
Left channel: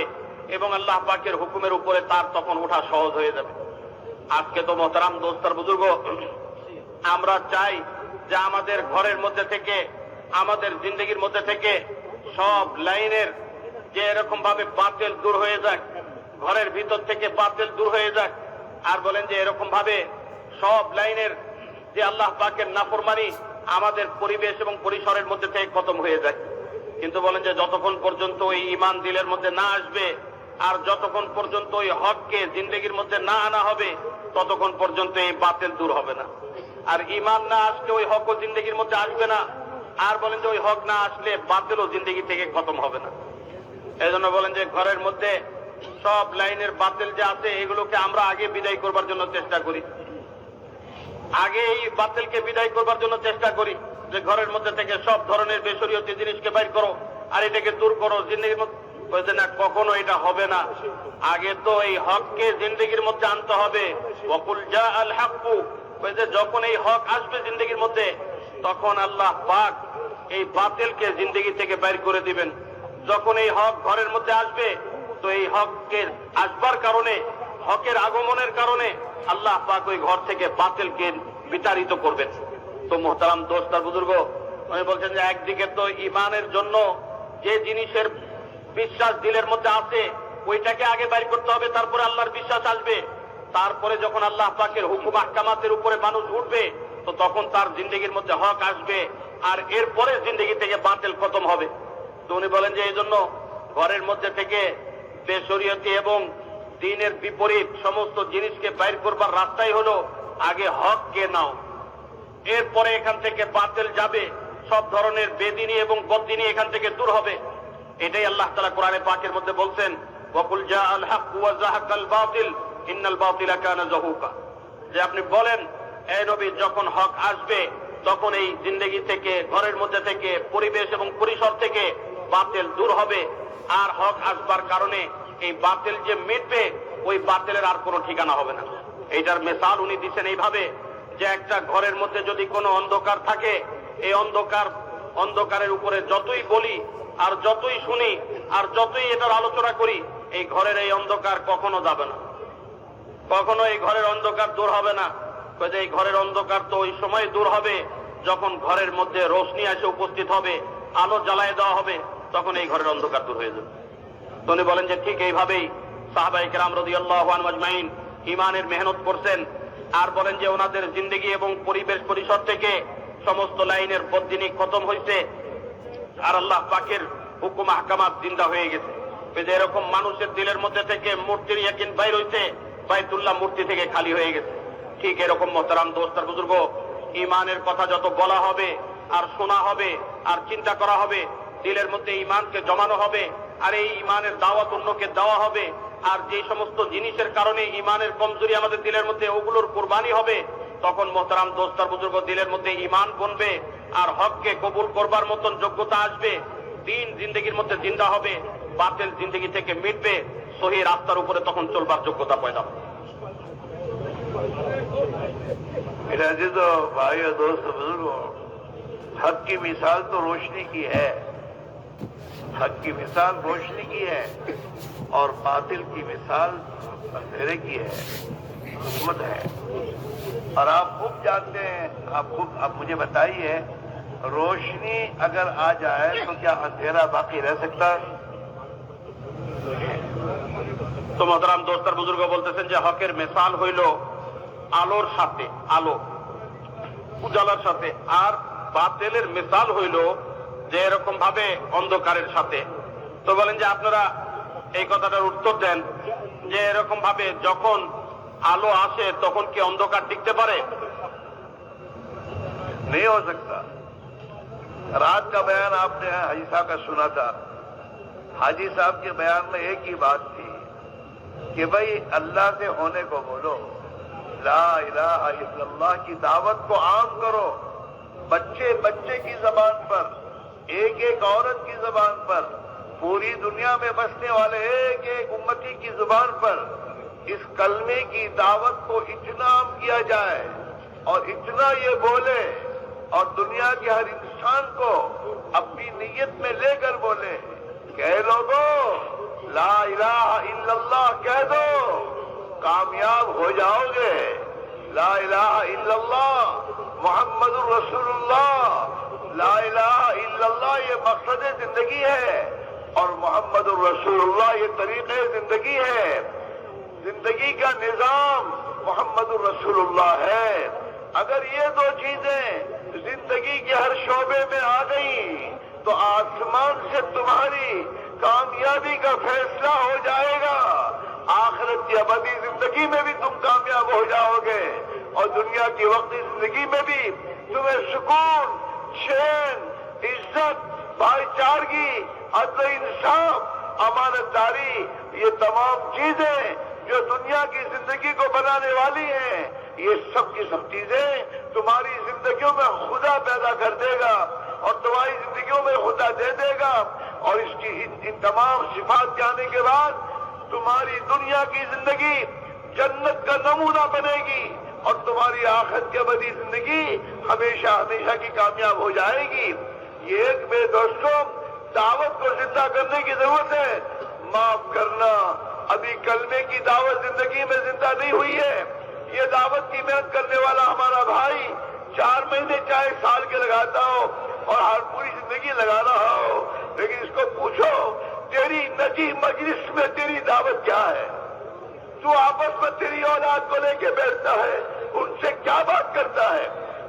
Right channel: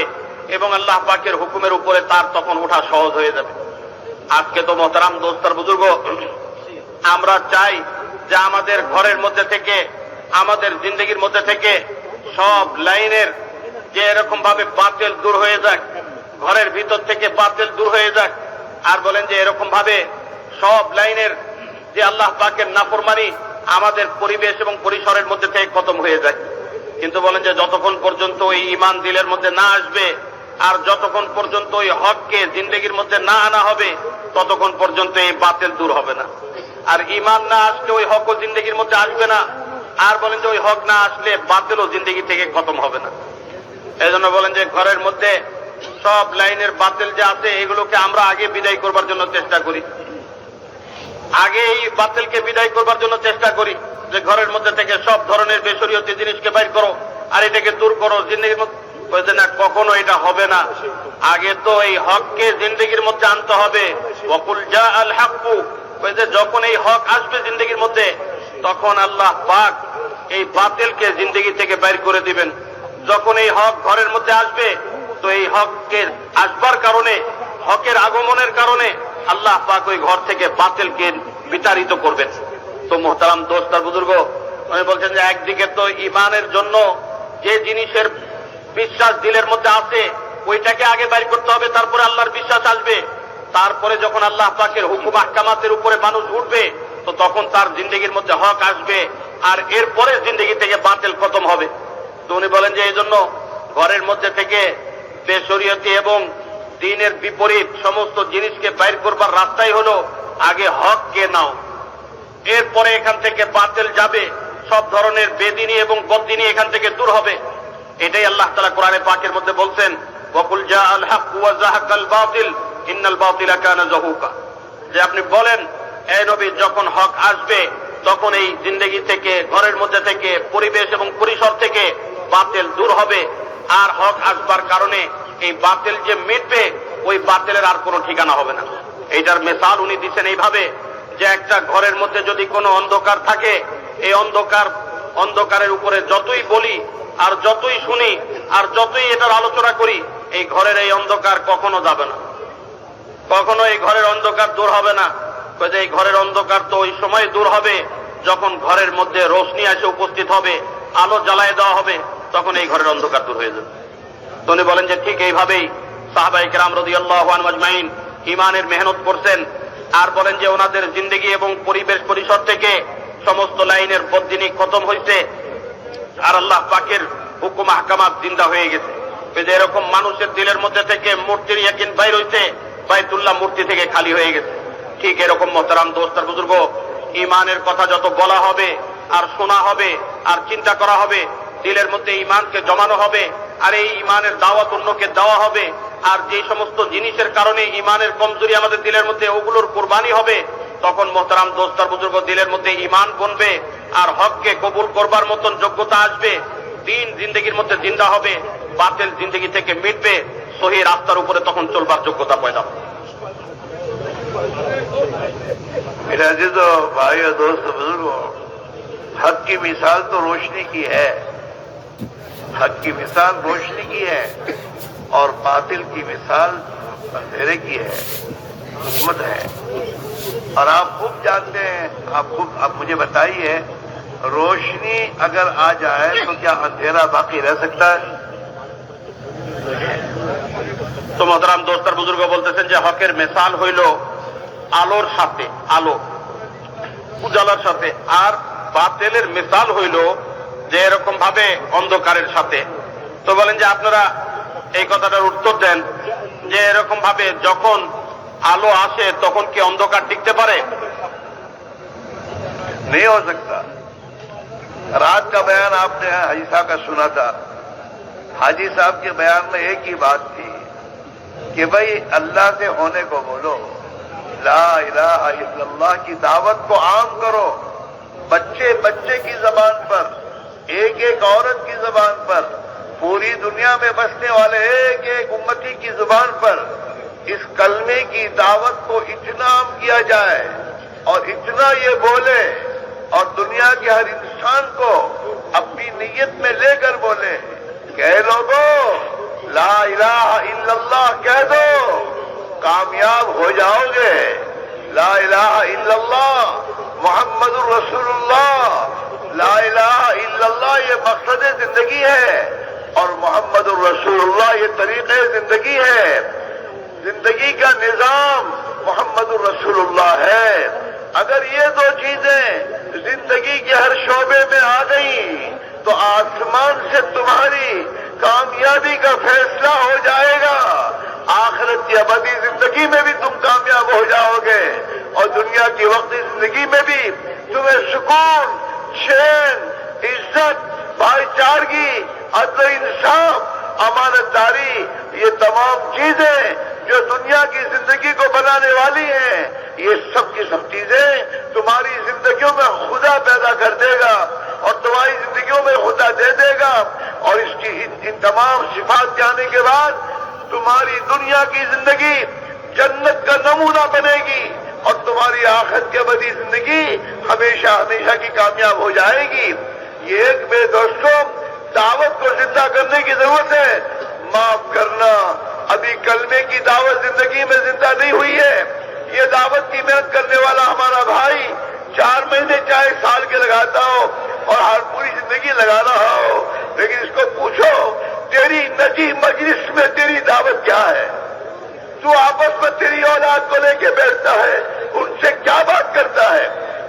এবং আল্লাহ পাকের হুকুমের উপরে তার তখন ওঠা সহজ হয়ে যাবে। আজকে তো মোহতারাম দোস্তার বুজুর্গ, আমরা চাই যে আমাদের ঘরের মধ্যে থেকে, আমাদের জিন্দেগির মধ্যে থেকে সব লাইনের যে এরকম ভাবে বাতিল দূর হয়ে যাক, ঘরের ভিতর থেকে বাতিল দূর হয়ে যাক। আর বলেন যে এরকম ভাবে সব লাইনের যে আল্লাহ পাকের নাফরমানি আমাদের পরিবেশ এবং পরিসরের মধ্যে থেকে খতম হয়ে যায়। কিন্তু বলেন যে যতক্ষণ পর্যন্ত এই ঈমান দিলের মধ্যে না আসবে, আর যতক্ষণ পর্যন্ত ওই হককে জিন্দেগির মধ্যে না আনা হবে ততক্ষণ পর্যন্ত এই বাতিল দূর হবে না। আর ঈমান না আসলে ওই হকও জিন্দেগির মধ্যে আসবে না। আর বলেন যে ওই হক না আসলে বাতিলও জিন্দেগি থেকে খতম হবে না। এই জন্য বলেন যে ঘরের মধ্যে সব লাইনের বাতিল যে আছে এগুলোকে আমরা আগে বিদায় করবার জন্য চেষ্টা করি, আগে এই বাতিলকে বিদায় করবার জন্য চেষ্টা করি যে ঘরের মধ্যে থেকে সব ধরনের বেশরীয়তি জিনিসকে বাইর করো আর এটাকে দূর করো জিন্দেগির মধ্যে। বলছে না, কখনো এটা হবে না। আগে তো এই হককে জিন্দেগির মধ্যে আনতে হবে। ওয়াকুল জা আল হাক্কু, বলছে যখন এই হক আসবে জিন্দেগির মধ্যে তখন আল্লাহ পাক এই বাতিলকে জিন্দেগি থেকে বাইর করে দিবেন। যখন এই হক ঘরের মধ্যে আসবে তো এই হককে আসবার কারণে, হকের আগমনের কারণে আল্লাহ পাক ওই ঘর থেকে বাতিলকে বিতাড়িত করবেন। তো মোহতারাম দোস্ত আর বুজুর্গ, উনি বলছেন যে একদিকে তো ঈমানের জন্য যে জিনিসের বিশ্বাস দিলের মধ্যে আছে ওইটাকে আগে বাইর করতে হবে, তারপরে আল্লাহর বিশ্বাস আসবে। তারপরে যখন আল্লাহ পাকের হুকুম আহকামাতের উপরে মানুষ উঠবে তো তখন তার জিন্দেগির মধ্যে হক আসবে আর এরপরে জিন্দেগি থেকে বাতিল খতম হবে। তো উনি বলেন যে এই জন্য ঘরের মধ্যে থেকে বেশরীয়তি এবং দ্বীনের বিপরীত সমস্ত জিনিসকে বাইর করবার রাস্তাই হলো আগে হককে নাও, এরপরে এখান থেকে বাতিল যাবে, সব ধরনের বেদিনী এবং বদ্দিনী এখান থেকে দূর হবে। এটাই আল্লাহ তাআলা কোরআনে পাকের মধ্যে বলছেন, ওয়াকুল জা আল হাক্কু ওয়া যাহাকাল বাতিল ইন্নাল বাতিলা কানা যাহুকা, যে আপনি বলেন এই নবী যখন হক আসবে তখন এই জিন্দেগি থেকে, ঘরের মধ্যে থেকে, পরিবেশ এবং পরিসর থেকে বাতিল দূর হবে আর হক আসবার কারণে এই বাতিল যে মিটবে ওই বাতিলের আর কোনো ঠিকানা হবে না। এইটার মিসাল উনি দিচ্ছেন এইভাবে যে একটা ঘরের মধ্যে যদি কোনো অন্ধকার থাকে, এই অন্ধকারের উপরে যতই বলি আর যতই শুনি আর যতই এটার আলোচনা করি, এই ঘরের এই অন্ধকার কখনো যাবে না, কখনো এই ঘরের অন্ধকার দূর হবে না। এই ঘরের অন্ধকার তো ওই সময় দূর হবে যখন ঘরের মধ্যে রোশনি এসে উপস্থিত হবে, আলো জ্বালায় দেওয়া হবে, তখন এই ঘরের অন্ধকার দূর হয়ে যাবে। তো উনি বলেন যে ঠিক এইভাবেই সাহাবায়ে কেরাম রাদিয়াল্লাহু আনহুম আজমাইন ঈমানের মেহনত করছেন। আর বলেন যে ওনাদের জিন্দেগি এবং পরিবেশ পরিসর থেকে সমস্ত লাইনের বদ্দিনী খতম হয়েছে আর আল্লাহ পাকের হুকুম আহকামাত জিন্দা হয়ে গেছে। এরকম মানুষের দিলের মধ্যে থেকে মূর্তির ইয়াকিন বাইর হইছে, বাইতুল্লাহ মূর্তি থেকে খালি হয়ে গেছে। ঠিক এরকম মোহতারাম দোস্ত আর বুজুর্গ, ঈমানের কথা যত বলা হবে আর শোনা হবে আর চিন্তা করা হবে, দিলের মধ্যে ঈমানকে জমানো হবে আর এই ঈমানের দাওয়াত অন্যকে দেওয়া হবে। আর যে সমস্ত জিনিসের কারণে ঈমানের কমজোরি আমাদের দিলের মধ্যে, ওগুলোর কুরবানি হবে। তখন মোহতারাম দোস্ত আর বুজুর্গ, দিলের মধ্যে ঈমান বনবে আর হককে কবুল করবার মতন যোগ্যতা আসবে। দিন জিন্দেগির মধ্যে জিন্দা হবে, বাতিল জিন্দেগি থেকে মিটবে, সহি রাস্তার উপরে তখন চলবার যোগ্যতা পয়দা হবে। मेरा अजीज भाई और दोस्त बुजुर्गों, हक की मिसाल तो रोशनी की है, हक की मिसाल रोशनी की है और बातिल की मिसाल अंधेरे की है, हुकूमत है। और आप खूब जानते हैं, आप मुझे बताइए, रोशनी अगर आ जाए तो क्या अंधेरा बाकी रह सकता है? তো মোহতারাম দোস্ত আর বুজুর্গ বলতেছেন যে হকের মিসাল হইল আলোর সাথে, আলো উজালার সাথে, আর বাতিলের মিসাল হইল যে এরকম ভাবে অন্ধকারের সাথে। তো বলেন যে আপনারা এই কথাটার উত্তর দেন যে এরকম ভাবে যখন আলো আসে তখন কি অন্ধকার টিকতে পারে? नहीं हो सकता। रात का बयान आपने हाजी साहब का सुना था, हाजी साहब के बयान में एक ही बात थी कि भाई अल्लाह से होने को बोलो, ला इलाहा इल्लल्लाह की दावत को आम करो, बच्चे बच्चे की जबान पर, एक एक औरत की जबान पर, पूरी दुनिया में बसने वाले एक एक उम्मती की जुबान पर इस कलमे की दावत को इतना आम किया जाए और इतना ये बोले और दुनिया के हर इंसान को अपनी नीयत में लेकर बोले कि ऐ लोगों, ला इलाहा इल्लल्लाह कह दो, कामयाब हो जाओगे। ला इलाहा इल्लल्लाह मुहम्मदुर रसूलुल्लाह, ला इलाहा इल्लल्लाह ये मकसद जिंदगी है और मुहम्मदुर रसूलुल्लाह ये तरीक़े जिंदगी है। जिंदगी का निजाम मुहम्मदुर रसूलुल्लाह है। अगर ये दो चीजें जिंदगी के हर शोबे में आ गई तो आसमान से तुम्हारी कामयाबी का फैसला हो जाएगा। आखिरत की अबदी जिंदगी में भी तुम कामयाब हो जाओगे और दुनिया की वक्ती जिंदगी में भी तुम्हें सुकून, चैन, इज्जत, भाईचारगी, अदल इंसाफ, अमानतदारी, ये तमाम चीजें जो दुनिया की जिंदगी को बनाने वाली हैं, ये सब की सब चीजें तुम्हारी जिंदगियों में खुदा पैदा कर देगा और तुम्हारी जिंदगियों में खुदा दे देगा। और इसकी इन तमाम सिफात जाने के बाद तुम्हारी दुनिया की जिंदगी जन्नत का नमूना बनेगी और तुम्हारी आखिरत की अबदी जिंदगी हमेशा हमेशा की कामयाब हो जाएगी। ये एक मेरे दोस्तों दावत को जिंदा करने की जरूरत है। माफ करना, अभी कलमे की दावत जिंदगी में जिंदा नहीं हुई है। ये दावत की मेहनत करने वाला हमारा भाई 4 महीने चाहे साल के लगाता हो और हर पूरी जिंदगी लगा रहा हो, लेकिन इसको पूछो तेरी नजी मजलिस में तेरी दावत क्या है? तू आपस में तेरी औलाद को लेके बैठता है, उनसे क्या बात करता है?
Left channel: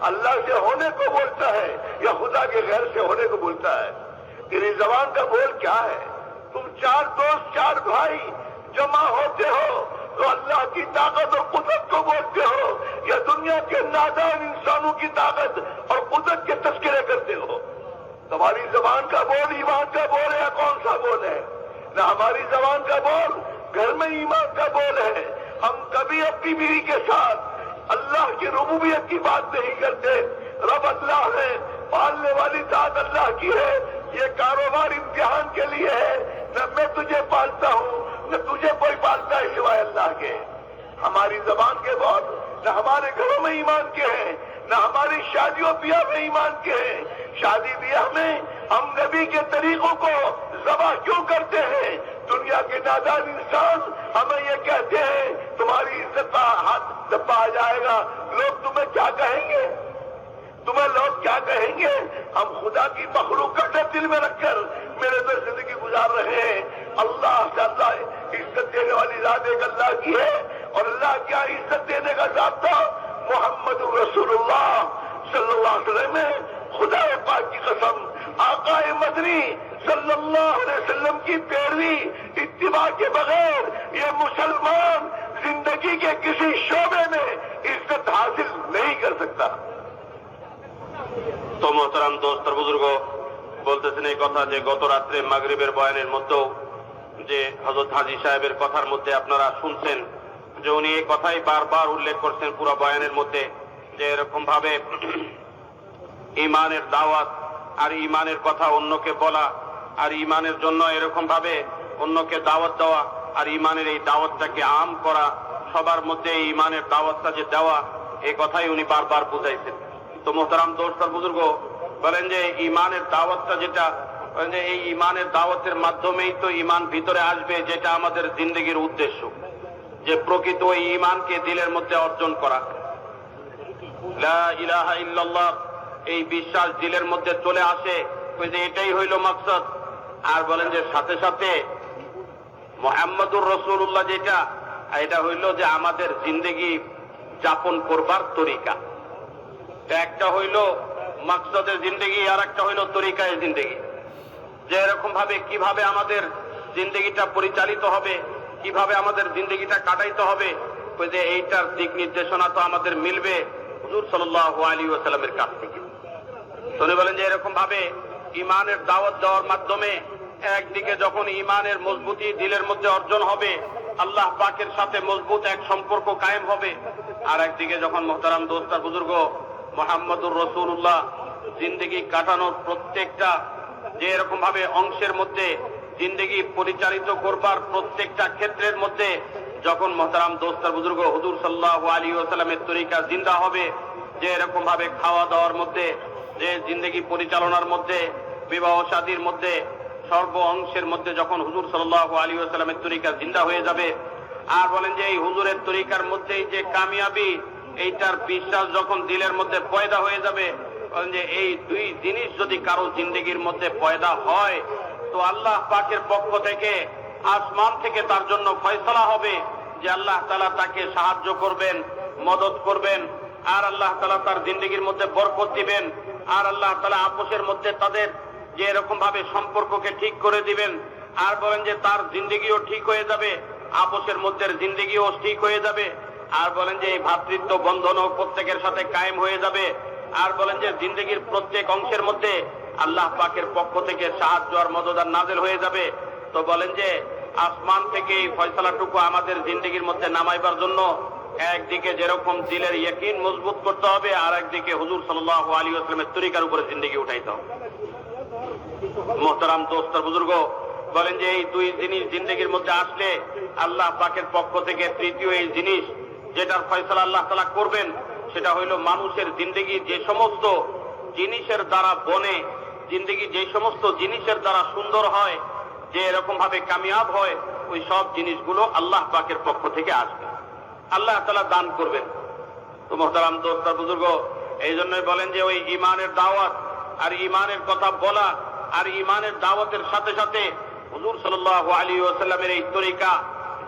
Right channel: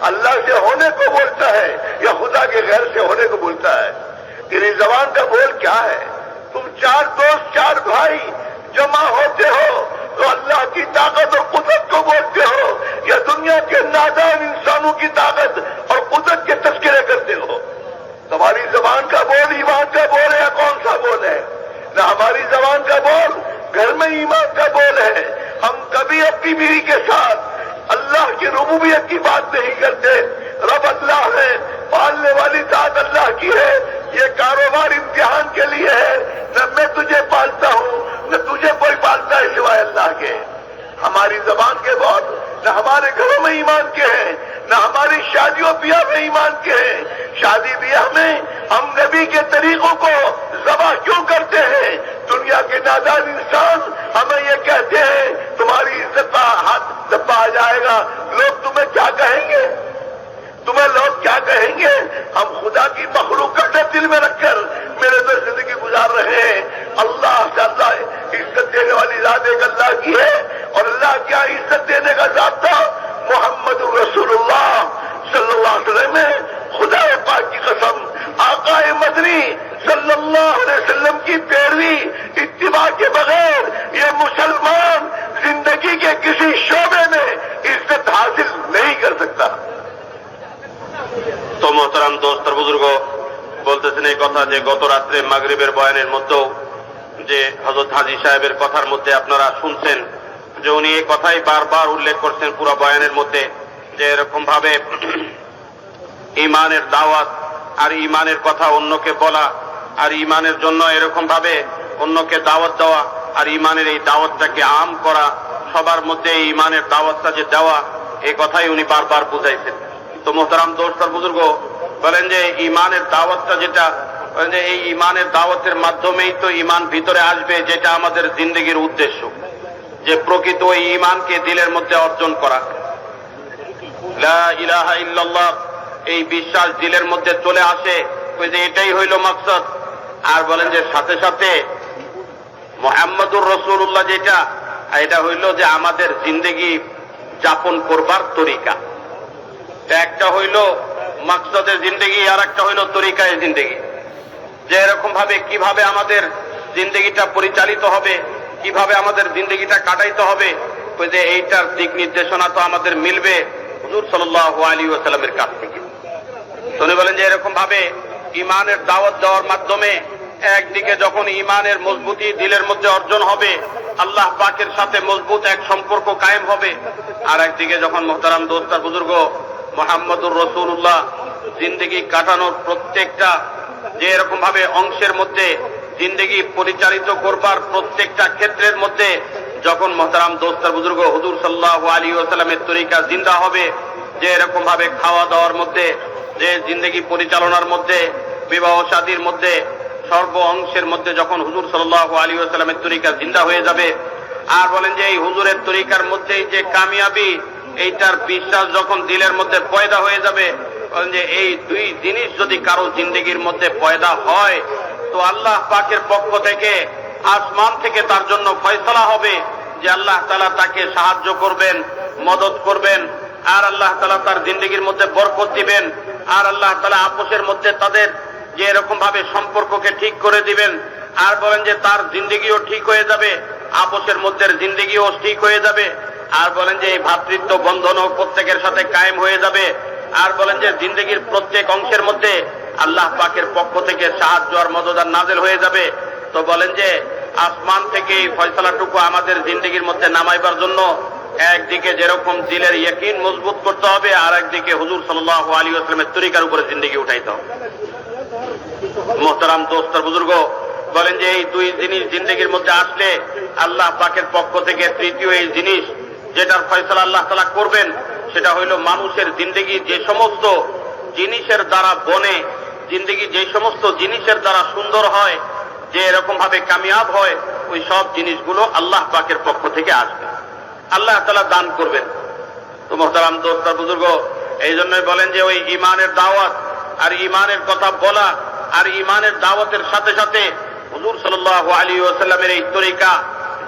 अल्लाह से होने को बोलता है या खुदा के गैर से होने को बोलता है? तेरी जबान का बोल क्या है? तुम 4 दोस्त 4 भाई जमा होते हो तो अल्लाह की ताकत और कुदरत को बोलते हो या दुनिया के नादान इंसानों की ताकत और कुदरत के तस्करे करते हो? तुम्हारी जबान का बोल ईमान का बोल है या कौन सा बोल है? न हमारी जबान का बोल घर में ईमान का बोल है। हम कभी अपनी बीवी के साथ अल्लाह की रुबूबियत की बात नहीं करते। रब अल्लाह है, पालने वाली जात अल्लाह की है, ये कारोबार इम्तिहान के लिए है। न मैं तुझे पालता हूँ न तुझे कोई पालता है सिवाय अल्लाह के। हमारी जबान के बोल न हमारे घरों में ईमान के हैं, न हमारी शादियों ब्याह में ईमान के हैं। शादी ब्याह में हम नबी के तरीकों को ज़बह क्यों करते हैं? दुनिया के नादान इंसान हमें ये कहते हैं तुम्हारी इज्जत का हाथ दबा आ जाएगा। लोग तुम्हें क्या कहेंगे? तुम्हें लोग क्या कहेंगे? हम खुदा की मखलूक का डर दिल में रखकर मेरे तो जिंदगी गुजार रहे हैं। अल्लाह से अल्लाह इज्जत देने वाली जात एक अल्लाह की है और अल्लाह क्या इज्जत देने का ज़ाब्ता मोहम्मद रसूलुल्लाह सल्लल्लाहु अलैहि वसल्लम में। खुदा पाक की कसम, आकाए मदनी सल्लल्लाहु अलैहि वसल्लम की पैरवी इत्तिबा के बगैर ये मुसलमान जिंदगी के किसी शोबे में इज्जत हासिल नहीं कर सकता। তো মোহতারাম দোস্ত বুজুর্গ বলতেছেন এই কথা যে গত রাত্রে মাগরিবের বয়ানের মধ্যেও যে হযরত হাজী সাহেবের কথার মধ্যে আপনারা শুনছেন যে উনি এই কথাই বারবার উল্লেখ করছেন পুরো বয়ানের মধ্যে যে এরকম ভাবে ঈমানের দাওয়াত আর ঈমানের কথা অন্যকে বলা আর ঈমানের জন্য এরকম ভাবে অন্যকে দাওয়াত দেওয়া আর ঈমানের এই দাওয়াতটাকে আম করা, সবার মধ্যে এই ঈমানের দাওয়াতটা যে দেওয়া, এই কথাই উনি বারবার বুঝাইছেন। তো মোহতারাম দোস্ত আর বুজুর্গ বলেন যে ঈমানের দাওয়াতটা যেটা, যে এই ঈমানের দাওয়াতের মাধ্যমেই তো ঈমান ভিতরে আসবে, যেটা আমাদের জিন্দেগির উদ্দেশ্য, যে প্রকৃত ওই ঈমানকে দিলের মধ্যে অর্জন করা। লা ইলাহা ইল্লাল্লাহ এই বিশ্বাস দিলের মধ্যে চলে আসে, ওই যে এটাই হইল মাকসাদ। আর বলেন যে সাথে সাথে মুহাম্মদুর রাসূলুল্লাহ যেটা, এটা হইল যে আমাদের জিন্দেগি যাপন করবার তরিকা। একটা হইল মাকসাদের জিন্দেগি আর একটা হইল তরিকায় জিন্দেগি, যে এরকম ভাবে কিভাবে আমাদের জিন্দেগিটা পরিচালিত হবে, কিভাবে আমাদের জিন্দেগিটা কাটাইতে হবে, ওই যে এইটার দিক নির্দেশনা তো আমাদের মিলবে হুজুর সাল্লাল্লাহু আলাইহি ওয়াসাল্লামের কাছ থেকে। তো উনি বলেন যে এরকম ভাবে ঈমানের দাওয়াত দেওয়ার মাধ্যমে একদিকে যখন ঈমানের মজবুতি দিলের মধ্যে অর্জন হবে, আল্লাহ পাকের সাথে মজবুত এক সম্পর্ক কায়েম হবে, আর একদিকে যখন মোহতারাম দোস্ত আর বুজুর্গ মুহাম্মদুর রাসূলুল্লাহ জিন্দেগি কাটানোর প্রত্যেকটা যে এরকম ভাবে অংশের মধ্যে জিন্দেগি পরিচালিত করবার প্রত্যেকটা ক্ষেত্রের মধ্যে যখন মোহতারাম দোস্ত আর বুজুর্গ হুজুর সাল্লাল্লাহু আলাইহি ওয়াসাল্লামের তরিকা জিন্দা হবে, যে এরকম ভাবে খাওয়া দাওয়ার মধ্যে, যে জিন্দেগি পরিচালনার মধ্যে, বিবাহ শাদীর মধ্যে, সর্ব অংশের মধ্যে যখন হুজুর সাল্লাল্লাহু আলাইহি ওয়াসাল্লামের তরিকা জিন্দা হয়ে যাবে, আর বলেন যে এই হুজুরের তরিকার মধ্যেই যে কামিয়াবি, এইটার বিশ্বাস যখন দিলের মধ্যে পয়দা হয়ে যাবে, যে এই দুই জিনিস যদি কারো জিন্দেগির মধ্যে পয়দা হয় তো আল্লাহ পাকের পক্ষ থেকে আসমান থেকে তার জন্য ফয়সালা হবে যে আল্লাহ তাআলা তাকে সাহায্য করবেন, মদত করবেন, আর আল্লাহ তাআলা তার জিন্দেগির মধ্যে বরকত দিবেন, আর আল্লাহ তাআলা আপোষের মধ্যে তাদের যে এরকম ভাবে সম্পর্ককে ঠিক করে দিবেন, আর বলেন যে তার জিন্দেগিও ঠিক হয়ে যাবে, আপোষের মধ্যে জিন্দেগিও ঠিক হয়ে যাবে। আর বলেন যে এই ভ্রাতৃত্ব বন্ধনও প্রত্যেকের সাথে কায়েম হয়ে যাবে। আর বলেন যে জিন্দেগির প্রত্যেক অংশের মধ্যে আল্লাহ পাকের পক্ষ থেকে সাহায্য আর মদদ আর নাযিল হয়ে যাবে। তো বলেন যে আসমান থেকে এই ফয়সালাটুকু আমাদের জিন্দেগির মধ্যে নামাইবার জন্য একদিকে যেরকম দিলের ইয়াকিন মজবুত করতে হবে, আর একদিকে হুজুর সাল্লাল্লাহু আলাইহি ওয়াসাল্লামের তরিকার উপরে জিন্দেগি উঠাইতে হবে। মোহতারাম দোস্ত আর বুজুর্গ, বলেন যে এই দুই জিনিস জিন্দেগির মধ্যে আসলে আল্লাহ পাকের পক্ষ থেকে তৃতীয় এই জিনিস যেটার ফয়সালা আল্লাহ তাআলা করবেন, সেটা হইল মানুষের জিন্দেগি যে সমস্ত জিনিসের দ্বারা বনে, জিন্দেগি যে সমস্ত জিনিসের দ্বারা সুন্দর হয়, যে এরকম ভাবে কামিয়াব হয়, ওই সব জিনিসগুলো আল্লাহ পাকের পক্ষ থেকে আসবে, আল্লাহ তাআলা দান করবেন। তো মোহতারাম দোস্ত আর বুজুর্গ, এই জন্যই বলেন যে ওই ইমানের দাওয়াত আর ইমানের কথা বলা আর ইমানের দাওয়াতের সাথে সাথে হুজুর সাল্লাল্লাহু আলাইহি ওয়াসাল্লামের এই তরিকা,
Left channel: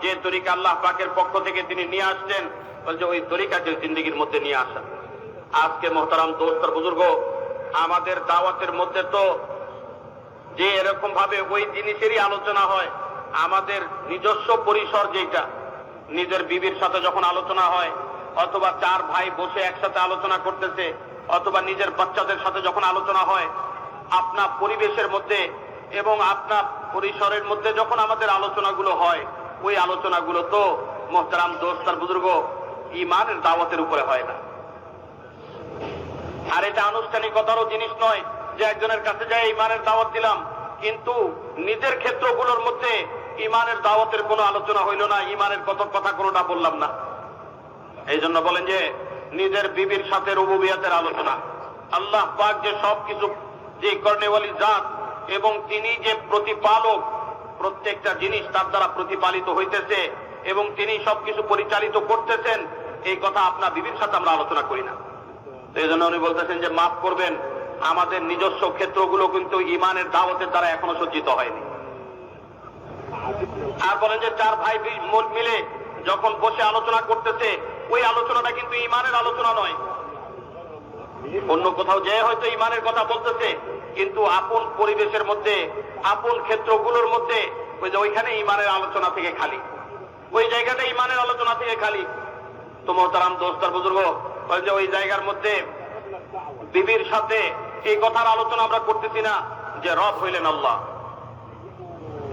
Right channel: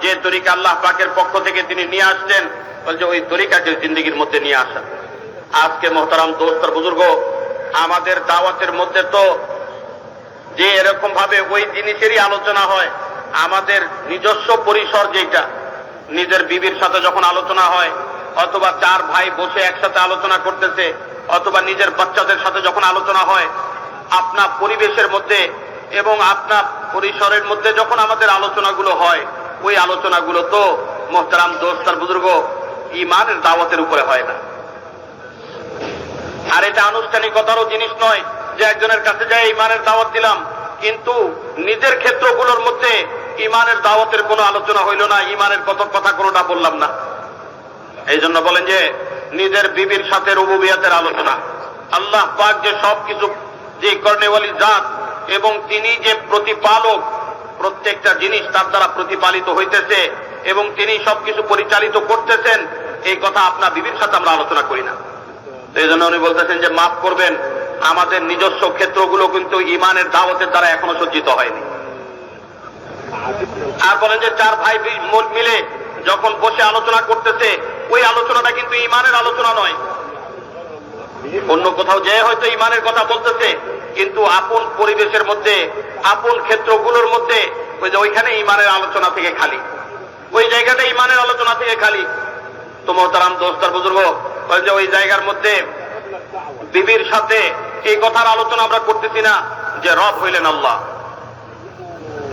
যে তরিকা আল্লাহ পাকের পক্ষ থেকে তিনি নিয়ে আসছেন, বলছে ওই তরিকাকে জিন্দেগির মধ্যে নিয়ে আসা। আজকে মোহতারাম দোস্ত আর বুজুর্গ, আমাদের দাওয়াতের মধ্যে তো যে এরকম ভাবে ওই জিনিসেরই আলোচনা হয়, আমাদের নিজস্ব পরিসর যেটা, নিজের বিবির সাথে যখন আলোচনা হয়, অথবা চার ভাই বসে একসাথে আলোচনা করতেছে, অথবা নিজের বাচ্চাদের সাথে যখন আলোচনা হয়, আপনার পরিবেশের মধ্যে এবং আপনার পরিসরের মধ্যে যখন আমাদের আলোচনাগুলো হয়, ওই আলোচনাগুলো তো মোহতারাম দোস্ত আর বুজুর্গ ইমানের দাওয়াতের উপরে হয় না। আর এটা আনুষ্ঠানিকতারও জিনিস নয় যে একজনের কাছে যাই ইমানের দাওয়াত দিলাম, কিন্তু নিজের ক্ষেত্রগুলোর মধ্যে ইমানের দাওয়াতের কোনো আলোচনা হইল না, ইমানের কত কথা কোনোটা বললাম না। এই জন্য বলেন যে নিজের বিবির সাথে রুবুবিয়াতের আলোচনা, আল্লাহ পাক যে সবকিছু, যে কর্নেওয়ালি জাত এবং তিনি যে প্রতিপালক, প্রত্যেকটা জিনিস তার দ্বারা প্রতিপালিত হইতেছে এবং তিনি সবকিছু পরিচালিত করতেছেন, এই কথা আপনার বিবির সাথে আমরা আলোচনা করি না। এই জন্য উনি বলতেছেন যে মাফ করবেন, আমাদের নিজস্ব ক্ষেত্রগুলো কিন্তু ইমানের দাওয়াতের দ্বারা এখনো সজ্জিত হয়নি। আর বলেন যে চার ভাই মিলে যখন বসে আলোচনা করতেছে, ওই আলোচনাটা কিন্তু ইমানের আলোচনা নয়। অন্য কোথাও যে হয়তো ইমানের কথা বলতেছে, কিন্তু আপন পরিবেশের মধ্যে, আপন ক্ষেত্রগুলোর মধ্যে ওই যে ওইখানে ইমানের আলোচনা থেকে খালি, ওই জায়গাটা ইমানের আলোচনা থেকে খালি। তো মোহতারাম দোস্ত আর বুজুর্গ, যে ওই জায়গার মধ্যে বিবির সাথে এই কথার আলোচনা আমরা করতেছি না যে রব হইলেন আল্লাহ,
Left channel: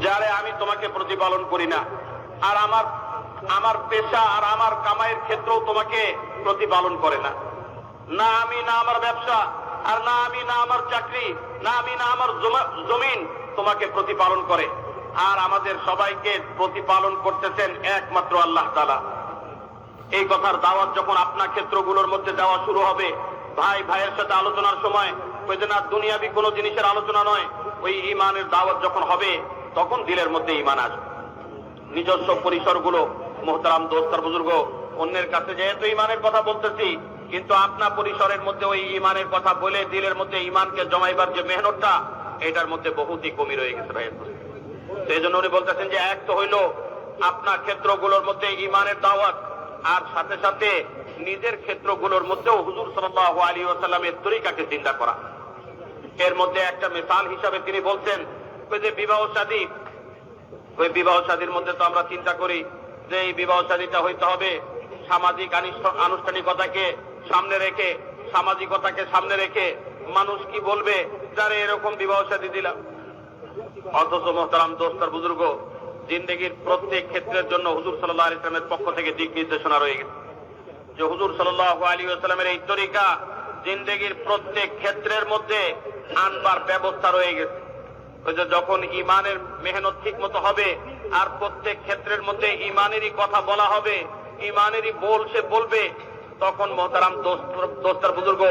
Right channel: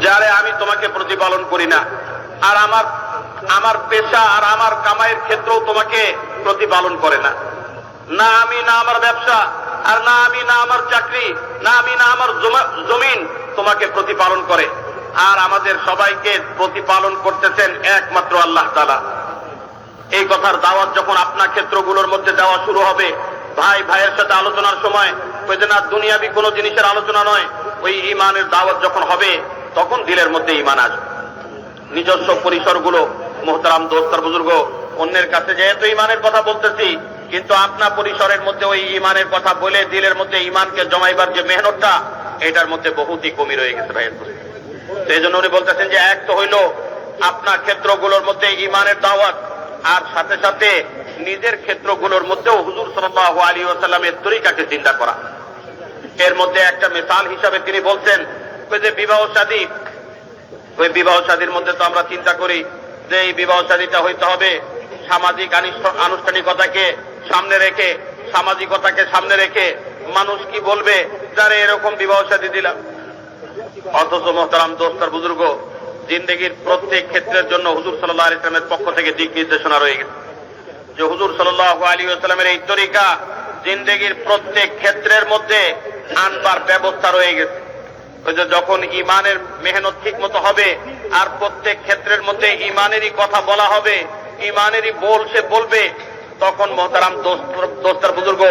যারে আমি তোমাকে প্রতিপালন করি না, আর আমার পেশা আর আমার কামাইয়ের ক্ষেত্রেও তোমাকে প্রতিপালন করে না, না আমি না আমার ব্যবসা, আর না আমি না আমার চাকরি, না আমি না আমার জমিন তোমাকে প্রতিপালন করে, আর আমাদের সবাইকে প্রতিপালন করতেছেন একমাত্র আল্লাহ তাআলা। এই কথার দাওয়াত যখন আপনার ক্ষেত্রগুলোর মধ্যে দেওয়া শুরু হবে, ভাই ভাইয়ের সাথে আলোচনার সময় ওই যে না দুনিয়াবি কোনো জিনিসের আলোচনা নয়, ওই ইমানের দাওয়াত যখন হবে, তখন দিলের মধ্যে ইমান আসবে। নিজস্ব পরিসরগুলো মোহতারাম দোস্ত আর বুজুর্গ, অন্যের কাছে যেহেতু ইমানের কথা বলতেছি, কিন্তু আপনার পরিসরের মধ্যে ওই ইমানের কথা বলে দিলের মধ্যে ইমানকে জমাইবার যে মেহনতটা, এটার মধ্যে বহুতই কমই রয়ে গেছে ভাইয়ের। সেই জন্য উনি বলতেছেন যে এক তো হইল আপনার ক্ষেত্রগুলোর মধ্যে ইমানের দাওয়াত, আর সাথে সাথে নিজের ক্ষেত্রগুলোর মধ্যেও হুজুর সাল্লাল্লাহু আলাইহি ওয়াসাল্লামের তরিকাকে চিন্তা করা। এর মধ্যে একটা মিসাল হিসাবে তিনি বলছেন ওই যে বিবাহ শাদী, ওই বিবাহ শাদীর মধ্যে তো আমরা চিন্তা করি যে এই বিবাহ শাদীটা হইতে হবে সামাজিক আনুষ্ঠানিকতাকে সামনে রেখে, সামাজিকতাকে সামনে রেখে, মানুষ কি বলবে যারা এরকম বিবাহ শাদী দিলাম। অথচ মোহতারাম দোস্ত আর বুজুর্গ, জিন্দেগির প্রত্যেক ক্ষেত্রের জন্য হুজুর সাল্লাল্লাহু আলাইহি ওয়াসাল্লামের পক্ষ থেকে দিক নির্দেশনা রয়ে গেছে, যে হুজুর সাল্লাল্লাহু আলাইহি ওয়াসাল্লামের এই তরিকা জিন্দেগির প্রত্যেক ক্ষেত্রের মধ্যে আনবার ব্যবস্থা রয়ে গেছে। ওই যে যখন ইমানের মেহনত ঠিক মতো হবে, আর প্রত্যেক ক্ষেত্রের মধ্যে ইমানেরই কথা বলা হবে, ইমানেরই সে বলবে, তখন মোহতারাম দোস্ত আর বুজুর্গ,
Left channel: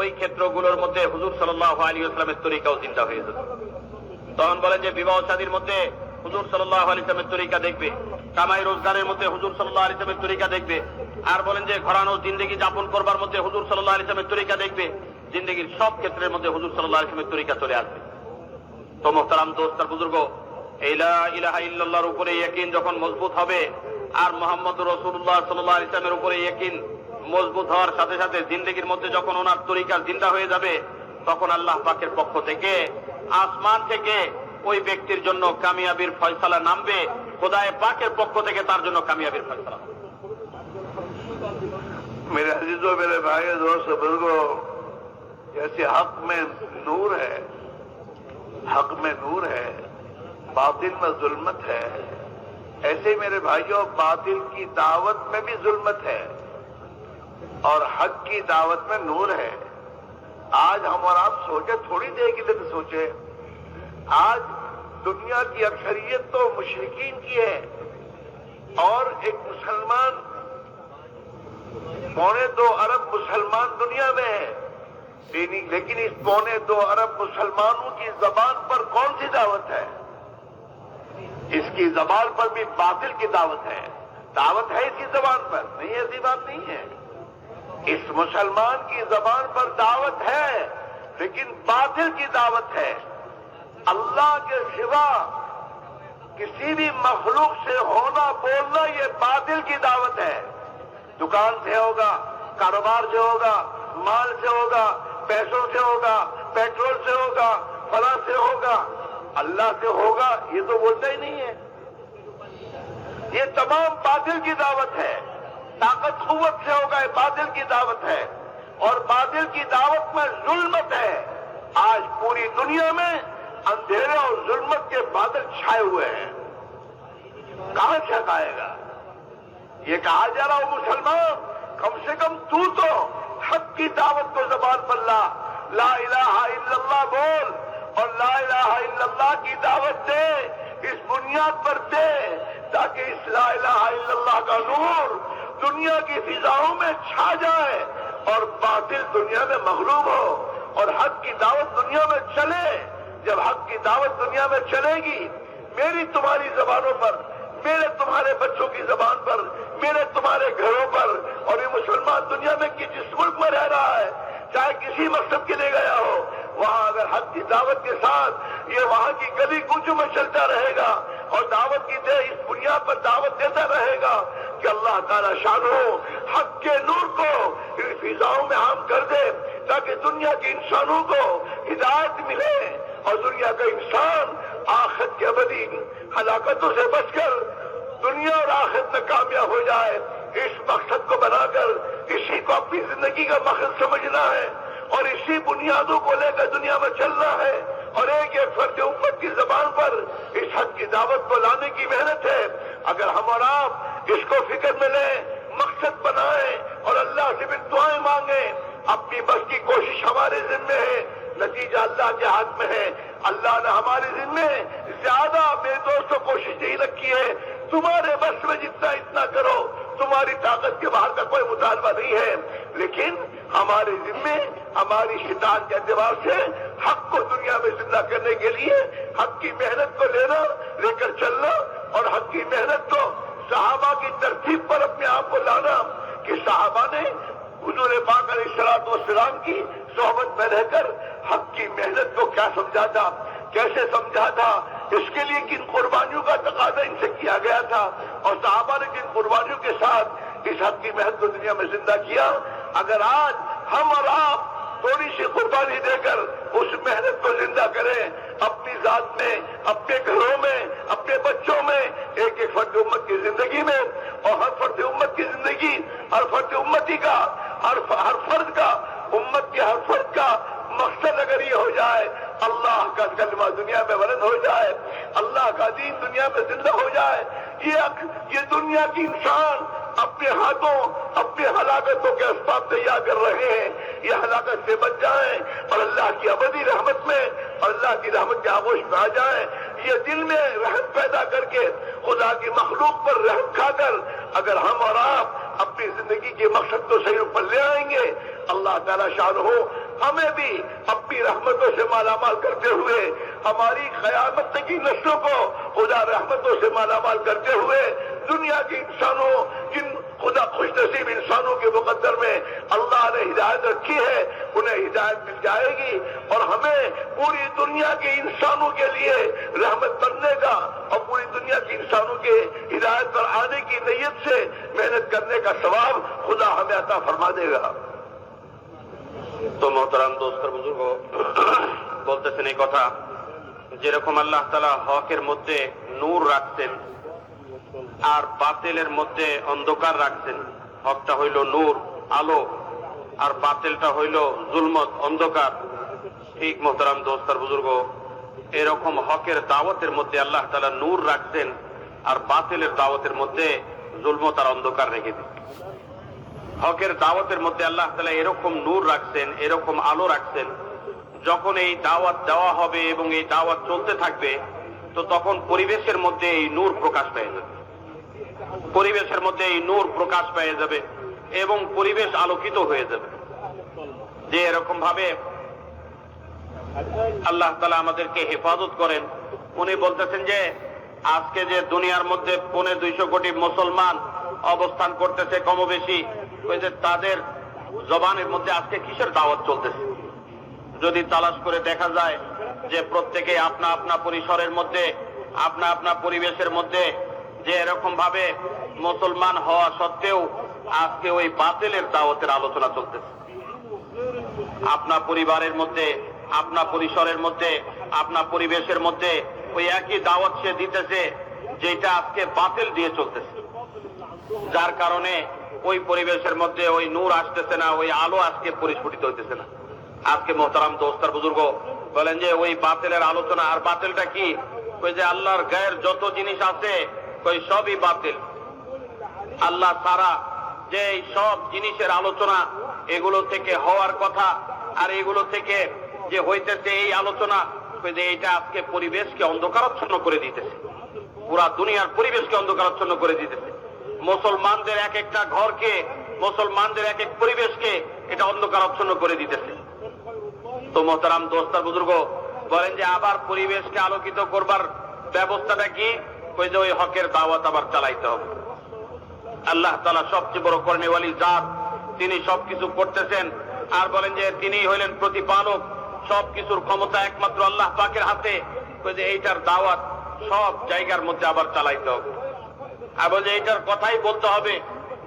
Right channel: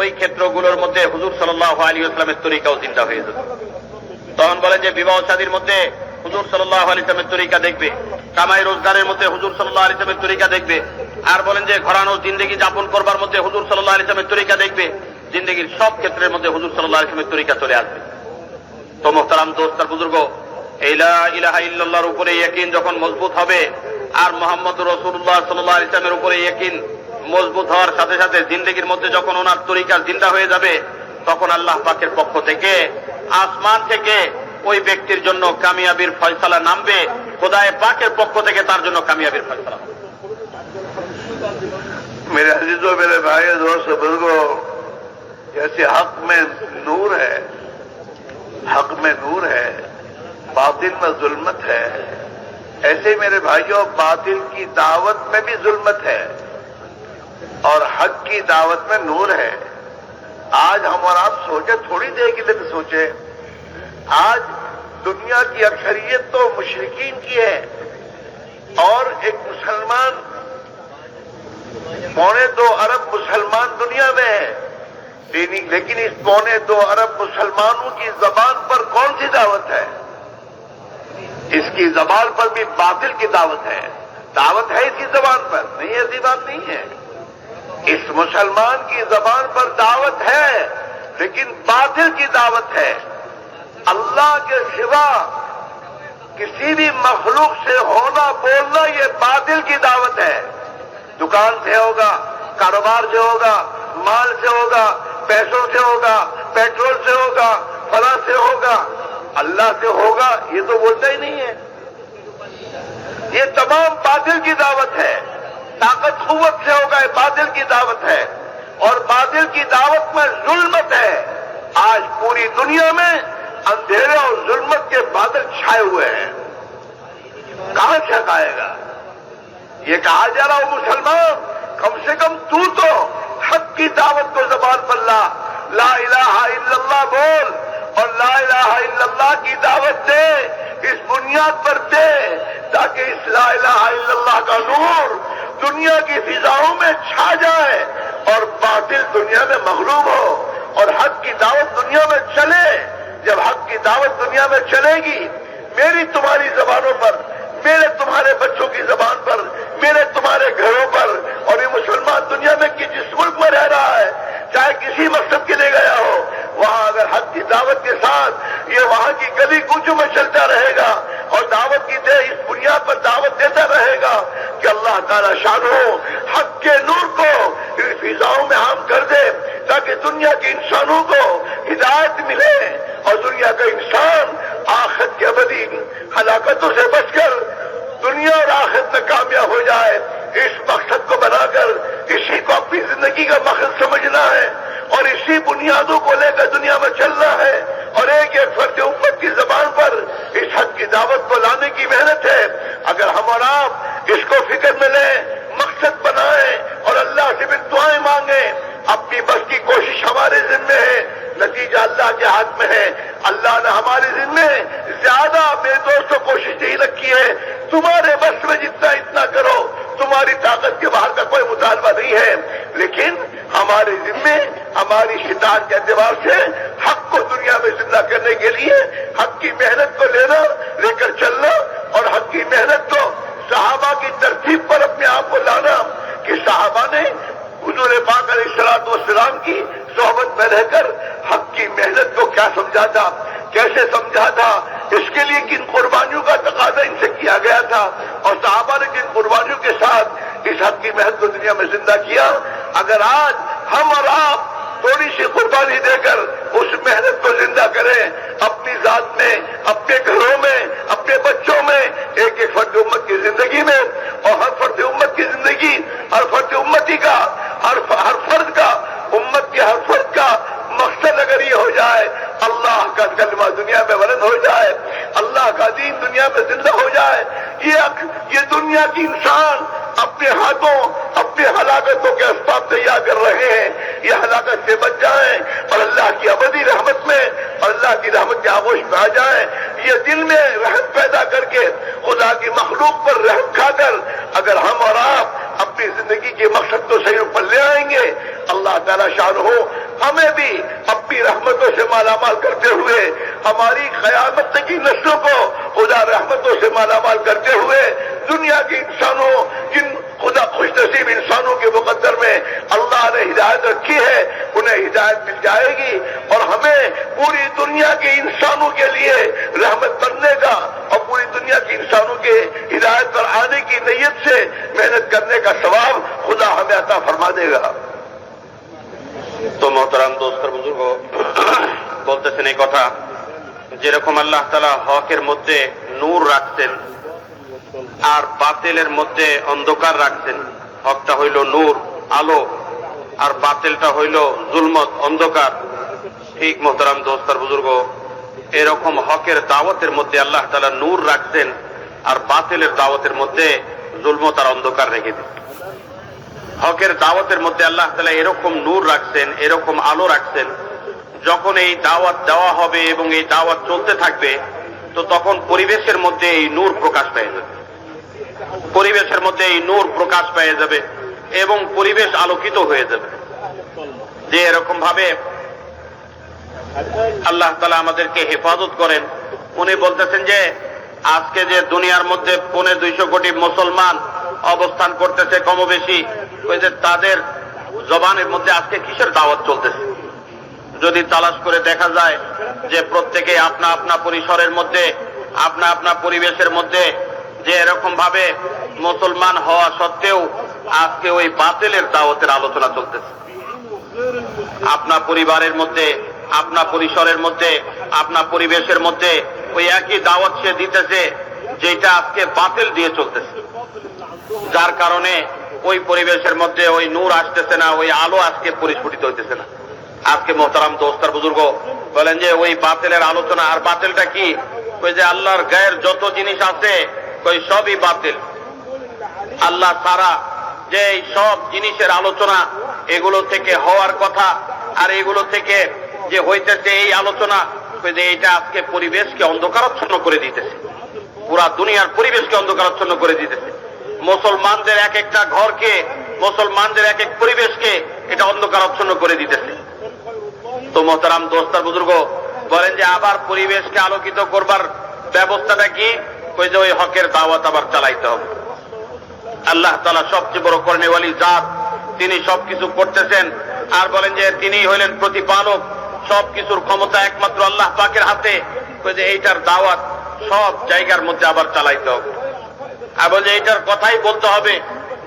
ওই ক্ষেত্রগুলোর মধ্যে হুজুর সাল্লাল্লাহু আলাইহি ওয়াসাল্লামের তরিকাও চিন্তা হয়ে যাবে। তখন বলে যে বিবাহ শাদীর মধ্যে হুজুর সাল্লাল্লাহু আলাইহি ওয়াসাল্লামের তরিকা দেখবে, কামাই রোজগারের মধ্যে হুজুর সাল্লাল্লাহু আলাইহি ওয়াসাল্লামের তরিকা দেখবে, আর বলেন যে ঘরানো জিন্দেগি যাপন করবার মধ্যে হুজুর সাল্লাল্লাহু আলাইহি ওয়াসাল্লামের তরিকা দেখবে। জিন্দেগির সব ক্ষেত্রের মধ্যে হুজুর সাল্লাল্লাহু আলাইহি ওয়াসাল্লামের তরিকা চলে আসবে। তো মোহতারাম দোস্ত আর বুজুর্গ, এই লা ইলাহা ইল্লাল্লাহর উপরে ইয়াকিন যখন মজবুত হবে, আর মুহাম্মদুর রাসূলুল্লাহ সাল্লাল্লাহু আলাইহি ওয়াসাল্লামের উপরে ইয়াকিন মজবুত হওয়ার সাথে সাথে জিন্দেগির মধ্যে যখন ওনার তরিকা জিন্দা হয়ে যাবে, তখন আল্লাহ পাকের পক্ষ থেকে আসমান থেকে ওই ব্যক্তির জন্য কামিয়াবির ফয়সালা নামবে, খোদায়ে পাকের পক্ষ থেকে তার জন্য কামিয়াবির ফয়সালা হবে। मेरे अजीजों, मेरे भाई दोस्त बुजुर्गों, जैसे हक में नूर है, हक में नूर है, बातिल में जुल्मत है, ऐसे मेरे भाइयों बातिल की दावत में भी जुल्मत है और हक की दावत में नूर है। आज हम और आप सोचे, थोड़ी देर के लिए भी सोचे, आज दुनिया की अक्सरियत तो मुशरिकीन की है और एक मुसलमान, 2.25 अरब मुसलमान दुनिया में है, लेकिन इस 2.25 अरब मुसलमानों की जबान पर कौन सी दावत है? इसकी जबान पर भी बातिल की दावत है। दावत है इसकी जबान पर? नहीं, ऐसी बात नहीं है। इस मुसलमान की जबान पर दावत है, लेकिन बातिल की दावत है। अल्लाह के सिवा किसी भी मखलूक से होना बोलना ये बातिल की दावत है। दुकान से होगा, कारोबार से होगा, माल से होगा, पैसों से होगा, पेट्रोल से होगा, फला से होगा, अल्लाह से होगा, ये तो बोलता ही नहीं है। ये तमाम बातिल की दावत है। ताकत कुव्वत से होगा, ये बातिल की दावत है और बातिल की दावत में जुल्मत है। आज पूरी दुनिया में अंधेरे और जुल्मत के बादल छाए हुए हैं। कहां से हटाएगा? ये कहा जा रहा हो मुसलमान, कम से कम तू तो हक की दावत को ज़बान पर ला इलाहा इल्लल्लाह बोल और ला इलाहा इल्लल्लाह की दावत दे, इस बुनियाद पर दे ताकि इस ला इलाहा इल्लल्लाह का नूर दुनिया की फिजाओं में छा जाए और बातिल दुनिया में मगलूब हो और हक की दावत दुनिया में चले। जब हक की दावत दुनिया में चलेगी, मेरी तुम्हारी जबानों पर, मेरे तुम्हारे बच्चों की जबान पर, मेरे तुम्हारे घरों पर, और ये मुसलमान दुनिया में कि जिस मुल्क में रह रहा है, चाहे किसी मकसद के लिए गया हो, वहां अगर हक की दावत के साथ ये वहां की गली कूचों में चलता रहेगा और दावत की दे इस बुनियाद पर दावत देता रहेगा कि अल्लाह ताला शानो हक के नूर को इन फिजाओं में आम कर दे ताकि दुनिया के इंसानों को हिदायत मिले और दुनिया का इंसान आखिरत की अबदी हलाकतों से बचकर दुनिया और आखिरत में कामयाब हो जाए। इस मकसद को बनाकर इसी को अपनी जिंदगी का मकसद समझना है और इसी बुनियादों को लेकर दुनिया में चलना है और एक एक फर्द उम्मत की जबान पर इस हक की दावत को लाने की मेहनत है। अगर हम और आप इसको फिक्र में लें, मकसद बनाएं और अल्लाह से भी दुआएं मांगे, अपनी बस की कोशिश हमारे जिम्मे है, नतीजा अल्लाह के हाथ में है। अल्लाह ने हमारे जिम्मे ज्यादा मेरे दोस्तों कोशिश नहीं रखी है। तुम्हारे बस में जितना इतना करो, तुम्हारी ताकत के बाहर का कोई मुतालबा नहीं है, लेकिन हमारे जिम्मे हमारी शितार के एतबार से हक को दुनिया में जिंदा करने के लिए हक की मेहनत को लेना, लेकर चलना और हक की मेहनत को सहाबा की तरतीब पर अपने आप को लाना कि सहाबा ने हुजूर पाक अलैहिस्सलाम की सोहबत में रहकर हक की मेहनत को क्या समझा था, कैसे समझा था, इसके लिए किन कुर्बानियों का तकाजा इनसे किया गया था और सहाबा ने किन कुर्बानियों के साथ इस हक की मेहनत को दुनिया में जिंदा किया। अगर आज हम और आप थोड़ी सी कुर्बानी देकर उस मेहनत को जिंदा करें, अपनी जात में, अपने घरों में, अपने बच्चों में, एक एक फर्द उम्मत की जिंदगी में, और हर फर्द उम्मत की जिंदगी, हर फर्द उम्मती का, हर फर्द का, उम्मत के हर फर्द का मकसद अगर ये हो जाए, अल्लाह का कलमा दुनिया में बुलंद हो जाए, अल्लाह का दीन दुनिया में जिंदा हो जाए, ये दुनिया की इंसान अपने हाथों अपने हलाकतों के असबाब तैयार कर रहे हैं, ये हलाकत से बच जाएं और अल्लाह की अबदी रहमत में और अल्लाह की रहमत के आगोश में आ जाएं। ये दिल में रहम पैदा करके खुदा की मखलूक पर रहम खाकर अगर हम और आप अपनी जिंदगी के मकसद को सही पर ले आएंगे, अल्लाह ताला शान हो हमें भी अपनी रहमतों से मालामाल करते हुए, हमारी क़यामत तक की नस्लों को खुदा रहमतों से मालामाल करते हुए दुनिया के इंसानों, जिन खुदा खुशनसीब इंसानों के मुकद्दर में अल्लाह ने हिदायत रखी है, उन्हें हिदायत मिल जाएगी और हमें पूरी दुनिया के इंसानों के लिए रहमत बनने का और पूरी दुनिया के इंसानों के हिदायत पर आने की नीयत से मेहनत करने का सवाब खुदा हमें अता फरमा देगा। तो मोहतरम दोस्त बुजुर्गो, বলতেছেন এই কথা যেরকম আল্লাহ তাআলা হকের মধ্যে নূর রাখছেন আর বাতিলের মধ্যে অন্ধকার রাখছেন। হকটা হইল নূর, আলো, আর বাতিলটা হইল জুলমত, অন্ধকার। ঠিক মোহতারাম দোস্তার বুজুর্গ, এরকম হকের দাওয়াতের মধ্যে আল্লাহ তাআলা নূর রাখছেন আর বাতিলের দাওয়াতের মধ্যে জুলমত আর অন্ধকার রেখে দিন। হকের দাওয়াতের মধ্যে আল্লাহ তাআলা এরকম নূর রাখছেন, এরকম আলো রাখছেন, যখন এই দাওয়াত দেওয়া হবে এবং এই দাওয়াত চলতে থাকবে তো তখন পরিবেশের মধ্যে এই নূর প্রকাশ পেয়ে যাবে, পরিবেশের মধ্যে এই নূর প্রকাশ পেয়ে যাবে এবং পরিবেশ আলোকিত হয়ে যাবে। যে এরকম ভাবে আল্লাহ তাআলা আমাদেরকে হেফাজত করেন। উনি বলতেছেন যে আজকে যে দুনিয়ার মধ্যে 250 কোটি মুসলমান অবস্থান করতেছে কমবেশি, ওই যে তাদের জবানের মধ্যে আজকে কিসের দাওয়াত চলতেছে? যদি তালাশ করে দেখা যায় যে প্রত্যেকে আপনা আপনা পরিসরের মধ্যে, আপনা আপনা পরিবেশের মধ্যে যে এরকম ভাবে মুসলমান হওয়া সত্ত্বেও আজকে ওই বাতিলের দাওয়াতের আলোচনা চলতেছে। আপনা পরিবারের মধ্যে, আপনা পরিসরের মধ্যে, আপনা পরিবেশের মধ্যে ওই একই দাওয়াত সে দিতেছে যেটা আজকে বাতিল দিয়ে চলতেছে, যার কারণে ওই পরিবেশের মধ্যে ওই নূর আসতেছে না, ওই আলো আজকে পরিস্ফুটিত হইতেছে না। আজকে মোহতারাম দোস্তার বুজুর্গ বলেন যে ওই বাতিলের আলোচনা, আর বাতিলটা কি? ওই যে আল্লাহর গায়ের যত জিনিস আছে ওই সবই বাতিল। আল্লাহ ছাড়া যে সব জিনিসের আলোচনা, এগুলো থেকে হওয়ার কথা আর এগুলো থেকে যে হইতেছে এই আলোচনা, ওই যে এটা আজকে পরিবেশকে অন্ধকারাচ্ছন্ন করে দিতেছে, পুরা দুনিয়ার পরিবেশকে অন্ধকারাচ্ছন্ন করে দিতেছে। মুসলমানদের এক একটা ঘরকে, মুসলমানদের এক এক পরিবেশকে এটা অন্ধকারাচ্ছন্ন করে দিতেছে। তো মোহতারাম দোস্তার বুজুর্গ বলেন যে আবার পরিবেশকে আলোকিত করবার ব্যবস্থাটা কি? ওই যে ওই হকের দাওয়াত আবার চালাইতে হবে। আল্লাহ তাআলা সবচেয়ে বড় করনেওয়ালি জাত, তিনি সবকিছু করতেছেন আর বলেন যে তিনি হইলেন প্রতিপালক, সবকিছুর ক্ষমতা একমাত্র আল্লাহ পাকের হাতে। ওই যে এইটার দাওয়াত সব জায়গার মধ্যে আবার চালাইতে হবে। এবং যে এইটার কথাই বলতে হবে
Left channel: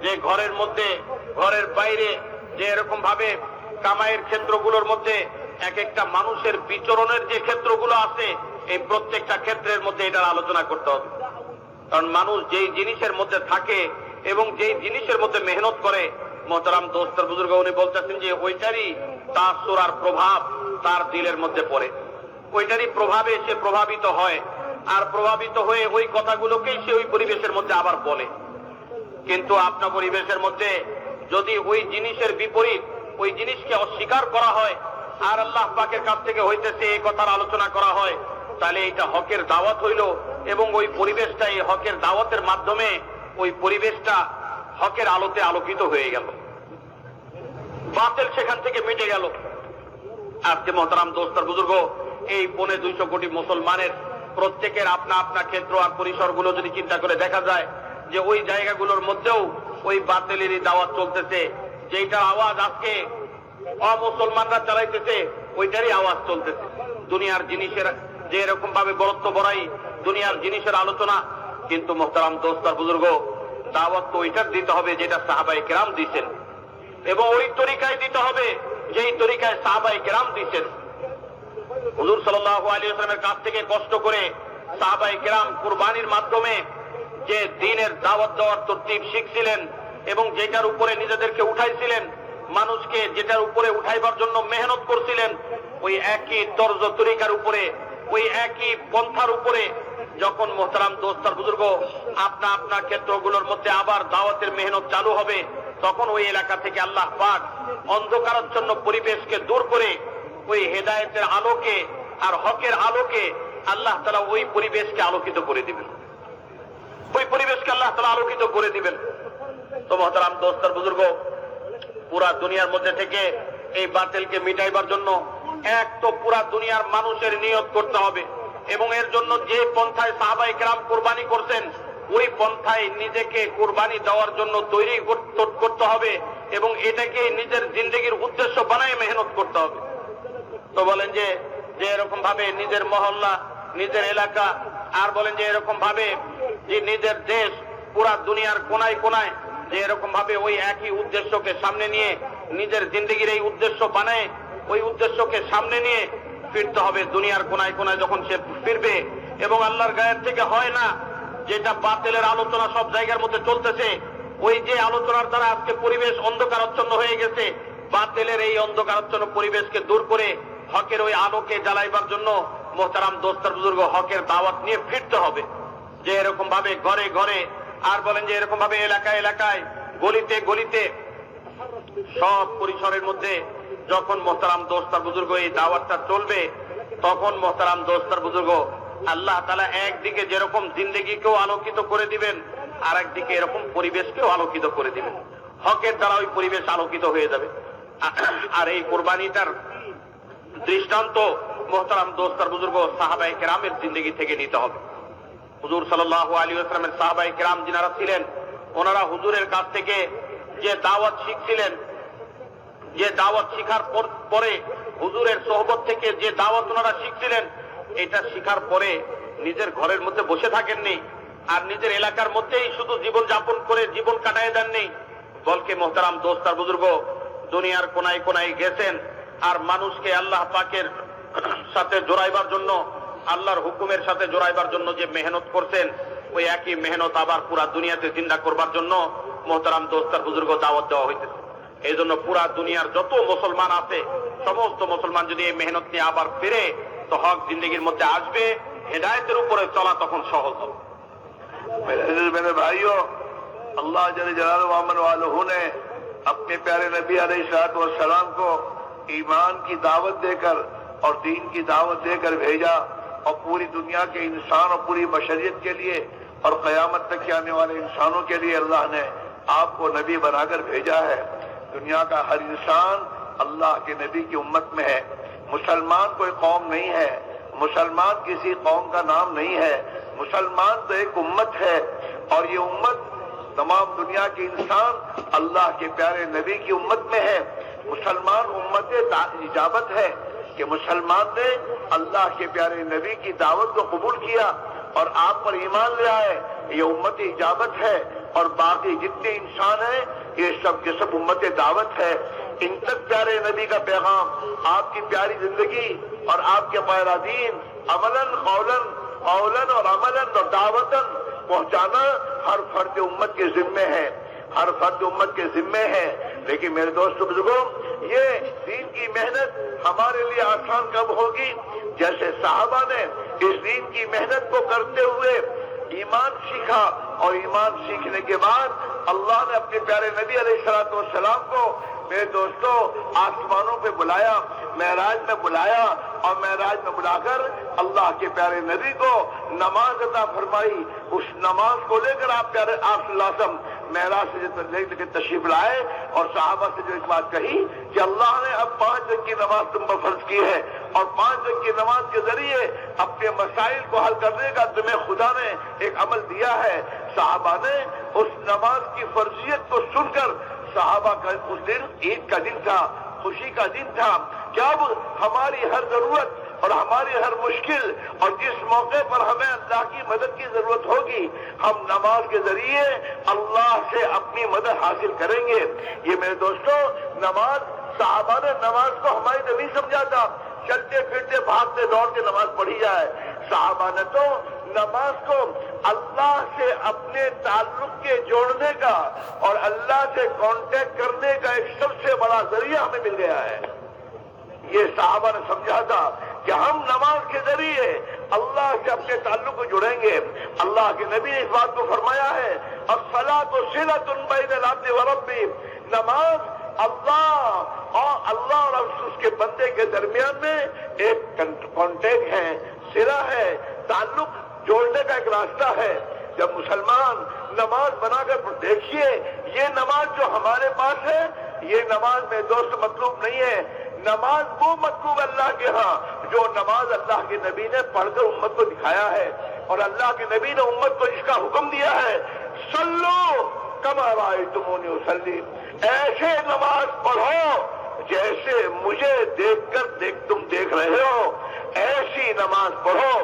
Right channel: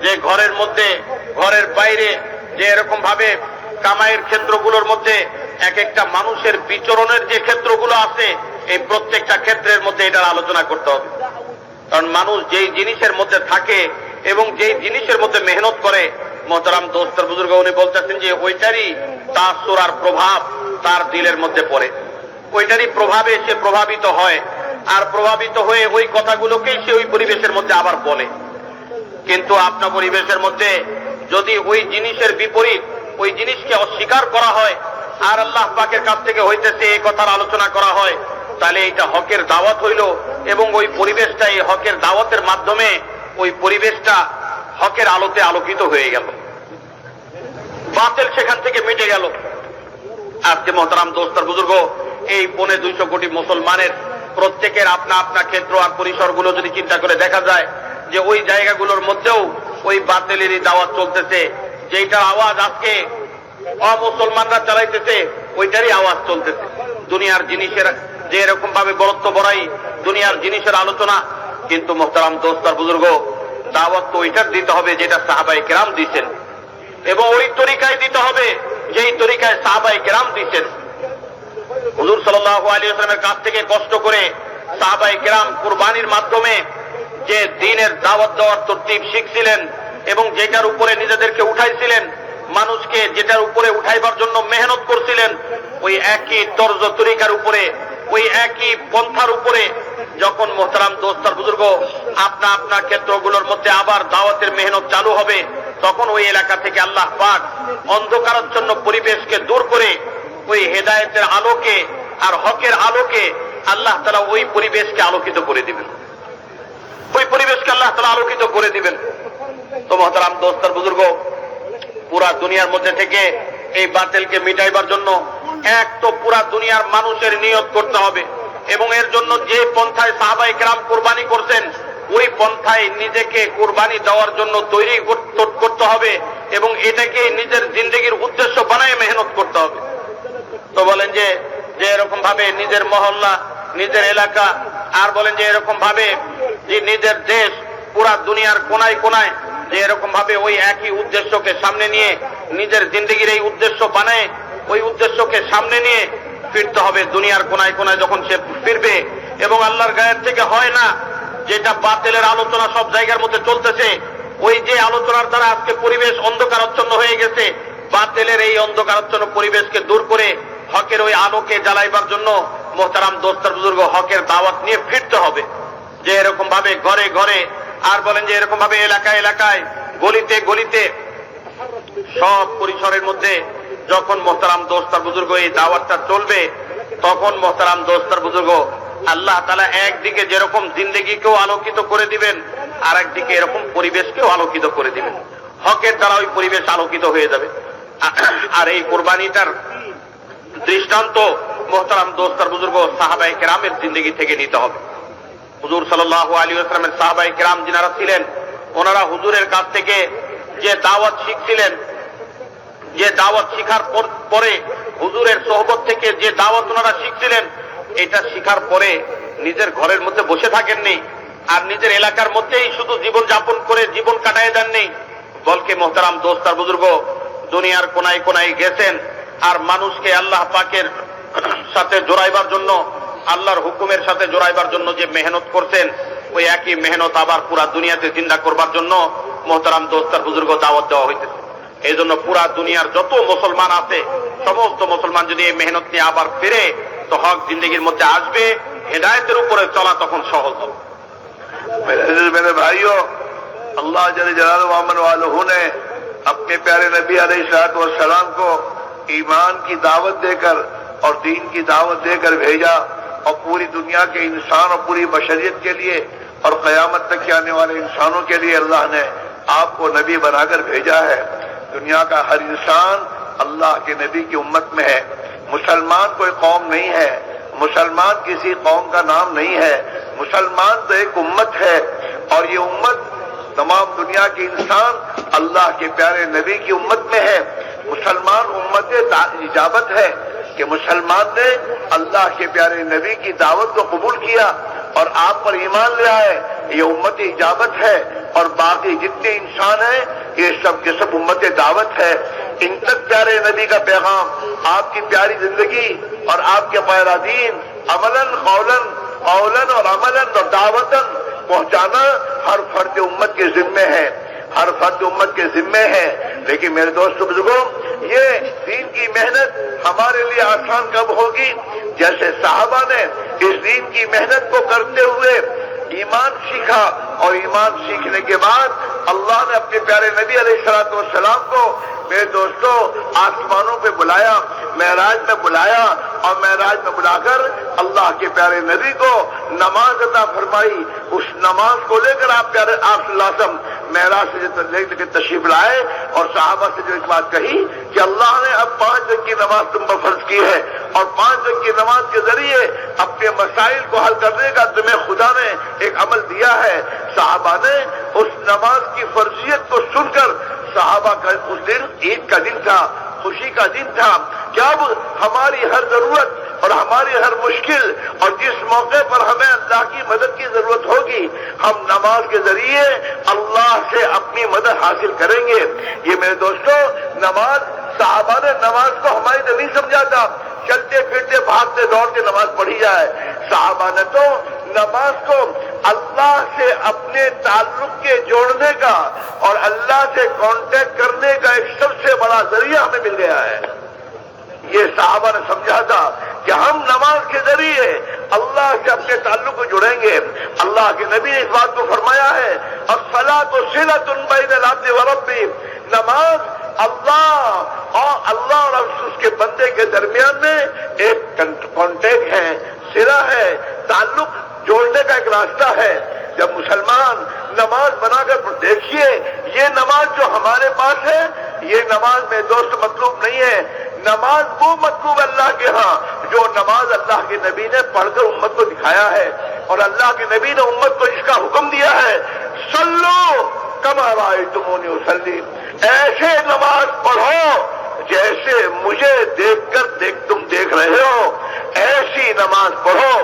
যে ঘরের মধ্যে, ঘরের বাইরে যে এরকম ভাবে কামাইয়ের ক্ষেত্রগুলোর মধ্যে এক একটা মানুষের বিচরণের যে ক্ষেত্রগুলো আছে, এই প্রত্যেকটা ক্ষেত্রের মধ্যে এটার আলোচনা করতে হবে। কারণ মানুষ যেই জিনিসের মধ্যে থাকে এবং যেই জিনিসের মধ্যে মেহনত করে, মোহতারাম দোস্তার বুজুর্গ উনি বলতেছেন যে ওইটারই তাসুর আর প্রভাব তার দিলের মধ্যে পড়ে, ওইটারই প্রভাবে সে প্রভাবিত হয়, আর প্রভাবিত হয়ে ওই কথাগুলোকেই সে ওই পরিবেশের মধ্যে আবার বলে। কিন্তু আপনার পরিবেশের মধ্যে যদি ওই জিনিসের বিপরীত, ওই জিনিসকে অস্বীকার করা হয় আর আল্লাহ পাকের কাছ থেকে হইতেছে এই কথার আলোচনা করা হয়, তাহলে এটা হকের দাওয়াত হইল এবং ওই পরিবেশটা এই হকের দাওয়াতের মাধ্যমে ওই পরিবেশটা হকের আলোতে আলোকিত হয়ে গেল, বাতিল সেখান থেকে মিটে গেল। আজকে মোহতারাম দোস্তার বুজুর্গ এই 250 কোটি মুসলমানের প্রত্যেকের আপনা আপনা ক্ষেত্র আর পরিসরগুলো যদি চিন্তা করে দেখা যায় যে ওই জায়গাগুলোর মধ্যেও ওই বাতিলেরই দাওয়াত চলতেছে, যেটার আওয়াজ আজকে অমুসলমানরা চালাইতেছে ওইটারই আওয়াজ চলতেছে। দুনিয়ার জিনিসের যে এরকম ভাবে বরত্ব বড়াই, দুনিয়ার জিনিসের আলোচনা। কিন্তু মোহতারাম দোস্তার বুজুর্গ দাওয়াত তো ওইটার দিতে হবে যেটা সাহাবায়ে কেরাম দিয়েছেন, এবং ওই তরিকায় দিতে হবে যেই তরিকায় সাহাবায়ে কেরাম দিয়েছেন। হুজুর সাল্লাল্লাহু আলাইহি ওয়াসাল্লামের কাছ থেকে কষ্ট করে সাহাবায়ে কেরাম কুরবানির মাধ্যমে যে দ্বীনের দাওয়াত দেওয়ার তরতিব শিখছিলেন এবং যেটার উপরে নিজেদেরকে উঠাইছিলেন, মানুষকে যেটার উপরে উঠাইবার জন্য মেহনত করছিলেন, ওই একই তর্জ তরিকার উপরে, ওই একই পন্থার উপরে যখন মোহতারাম দোস্তার বুজুর্গ আপনা আপনা ক্ষেত্রগুলোর মধ্যে আবার দাওয়াতের মেহনত চালু হবে, তখন ওই এলাকা থেকে আল্লাহ পাক অন্ধকারাচ্ছন্ন পরিবেশকে দূর করে ওই হেদায়েতের আলোকে আর হকের আলোকে আল্লাহ তাআলা ওই পরিবেশকে আলোকিত করে দিবেন, ওই পরিবেশকে আল্লাহ তাআলা আলোকিত করে দিবেন। তো মোহতারাম দোস্তার বুজুর্গ পুরা দুনিয়ার মধ্যে থেকে এই বাতিলকে মিটাইবার জন্য এক তো পুরা দুনিয়ার মানুষের নিয়ত করতে হবে, এবং এর জন্য যে পন্থায় সাহাবায়ে কেরাম কুরবানি করছেন ওই পন্থায় নিজেকে কুরবানি দেওয়ার জন্য তৈরি করতে হবে এবং এটাকে নিজের জিন্দেগির উদ্দেশ্য বানায় মেহনত করতে হবে। তো বলেন যে এরকম ভাবে নিজের মহল্লা, নিজের এলাকা, আর বলেন যে এরকম ভাবে যে নিজের দেশ, পুরা দুনিয়ার কোনায় কোনায় যে এরকম ভাবে ওই একই উদ্দেশ্যকে সামনে নিয়ে নিজের জিন্দেগির এই উদ্দেশ্য বানায়, ওই উদ্দেশ্যকে সামনে নিয়ে ফিরতে হবে। দুনিয়ার কোনায় কোনায় যখন সে ফিরবে এবং আল্লাহর গায়ের থেকে হয় না, যেটা বাতিলের আলোচনা সব জায়গার মধ্যে চলতেছে, ওই যে আলোচনার দ্বারা আজকে পরিবেশ অন্ধকারাচ্ছন্ন হয়ে গেছে, বাতিলের এই অন্ধকারাচ্ছন্ন পরিবেশকে দূর করে হকের ওই আলোকে জ্বালাইবার জন্য মোহতারাম দোস্তার বুজুর্গ হকের দাওয়াত নিয়ে ফিরতে হবে। যে এরকম ভাবে ঘরে ঘরে, আর বলেন যে এরকম ভাবে এলাকায় এলাকায়, গলিতে গলিতে, সব পরিসরের মধ্যে যখন মোহতারাম দোস্তার বুজুর্গ এই দাওয়াতটা চলবে, তখন মোহতারাম দোস্তার বুজুর্গ আল্লাহ তাআলা একদিকে যেরকম জিন্দেগিকেও আলোকিত করে দিবেন, আর একদিকে এরকম পরিবেশকেও আলোকিত করে দিবেন। হকের দ্বারা ওই পরিবেশ আলোকিত হয়ে যাবে। আর এই কোরবানিটার দৃষ্টান্ত মোহতারাম দোস্তার বুজুর্গ সাহাবায়ে কেরামের জিন্দেগি থেকে নিতে হবে। হুজুর সাল্লাল্লাহু আলাইহি ওয়াসাল্লামের সাহাবায়ে কেরাম যিনারা ছিলেন, ওনারা হুজুরের কাছ থেকে যে দাওয়াত শিখছিলেন, যে দাওয়াত শিখার পরে হুজুরের সোহবত থেকে যে দাওয়াত ওনারা শিখছিলেন, এটা শিখার পরে নিজের ঘরের মধ্যে বসে থাকেননি, আর নিজের এলাকার মধ্যেই শুধু জীবন যাপন করে জীবন কাটায় দেননি, বলকে মোহতারাম দোস্তার বুজুর্গ দুনিয়ার কোনায় কোনায় গেছেন, আর মানুষকে আল্লাহ পাকের সাথে জোড়াইবার জন্য, আল্লাহর হুকুমের সাথে জোড়াইবার জন্য যে মেহনত করছেন, ওই একই মেহনত আবার পুরা দুনিয়াতে জিন্দা করবার জন্য মোহতারাম দোস্তার বুজুর্গ দাওয়াত দেওয়া হইতেছে। এই জন্য পুরা দুনিয়ার যত মুসলমান আছে, সমস্ত মুসলমান যদি এই মেহনত নিয়ে আবার ফিরে, তো হক জিন্দগির মধ্যে আসবে, হেদায়েতের উপরে চলা তখন সহজ হবে। मेरे भाइयों, अल्लाह जल जलालुहु व अमन वालहु ने अपने प्यारे नबी अलैहिस्सलातु वस्सलाम को ईमान की दावत देकर और दीन की दावत देकर भेजा, और पूरी दुनिया के इंसान और पूरी बशरियत के लिए और क़यामत तक के आने वाले इंसानों के लिए अल्लाह ने आपको नबी बनाकर भेजा है। दुनिया का हर इंसान अल्लाह के नबी की उम्मत में है। मुसलमान कोई कौम नहीं है, मुसलमान किसी कौम का नाम नहीं है, मुसलमान तो एक उम्मत है, और ये उम्मत तमाम दुनिया के इंसान अल्लाह के प्यारे नबी की उम्मत में है। मुसलमान उम्मत इजाबत है कि मुसलमान ने अल्लाह के प्यारे नबी की दावत को कबूल किया और आप पर ईमान ले आए, ये उम्मत इजाबत है। और बाकी जितने इंसान हैं, ये सब के सब उम्मत दावत है। इन तक प्यारे नबी का पैगाम, आपकी प्यारी जिंदगी और आपके प्यारा दीन अमलन कौलन और अमलन और दावतन पहुंचाना हर फर्द उम्मत के जिम्मे है, हर फर्द उम्मत के जिम्मे है। लेकिन मेरे दोस्तों बुजुर्गों, ये दीन की मेहनत हमारे लिए आसान कब होगी? जैसे साहबा ने इस दीन की मेहनत को करते हुए ईमान सीखा, और ईमान सीखने के बाद अल्लाह ने अपने प्यारे नबी अलैहिस्सलातु वस्सलाम को, मेरे दोस्तों, आसमानों पे बुलाया, मेराज में बुलाया, और मेराज में बुलाकर अल्लाह के प्यारे नबी को नमाज अता फरमाई। उस नमाज को लेकर आप प्यारे आप सल्लल्लाहु अलैहि वसल्लम मेराज से लेकर तशरीफ लाए, और साहबा से जो एक बात कही कि अल्लाह ने अब 5 वक्त की नमाज तुम पर फर्ज की है, और 5 वक्त की नमाज के जरिए अपने मसाइल को हल करने का तुम्हें खुदा ने एक अमल दिया है। साहबा ने उस नमाज की फर्जियत को सुनकर, साहबा का उस दिन ईद का दिन था, खुशी का दिन था, क्या हमारी हर जरूरत और हमारी हर मुश्किल, और जिस मौके पर हमें अल्लाह की मदद की जरूरत होगी, हम नमाज के जरिए अल्लाह से अपनी मदद हासिल करेंगे। ये मेरे दोस्तों, नमाज, साहबा ने नमाज को हमारी तो नहीं समझा था चलते फिरते भागते दौड़ते नमाज पढ़ी जाए। साहबा ने तो नमाज को अल्लाह से अपने ताल्लुक के जोड़ने का और अल्लाह से कांटेक्ट करने का एक सबसे बड़ा जरिया हमें मिल गया है। ये साहबा ने समझा था कि हम नमाज के जरिए अल्लाह से अपने ताल्लुक को जुड़ेंगे। अल्लाह के नबी ने इस बात को फरमाया है, अस्सलातु सिलतुन बैनल अब्दि व रब्बी, नमाज अल्लाह और उसके बंदे के दरमियान में एक कांटेक्ट है, सिरा है, ताल्लुक जोड़ने का एक रास्ता है। जब मुसलमान नमाज बनाकर देखिए, ये नमाज जो हमारे पास है, ये नमाज में दोस्त मतलूब नहीं है, नमाज वो मतलूब अल्लाह के यहाँ जो नमाज अल्लाह के नबी ने पढ़कर उम्मत को दिखाया है, और अल्लाह के नबी ने उम्मत को इसका हुक्म दिया है, सल्लो कमा रायतुमूनी उसल्ली, ऐसे नमाज पढ़ो जैसे मुझे देखकर तुम देख रहे हो, ऐसी नमाज पढ़ो।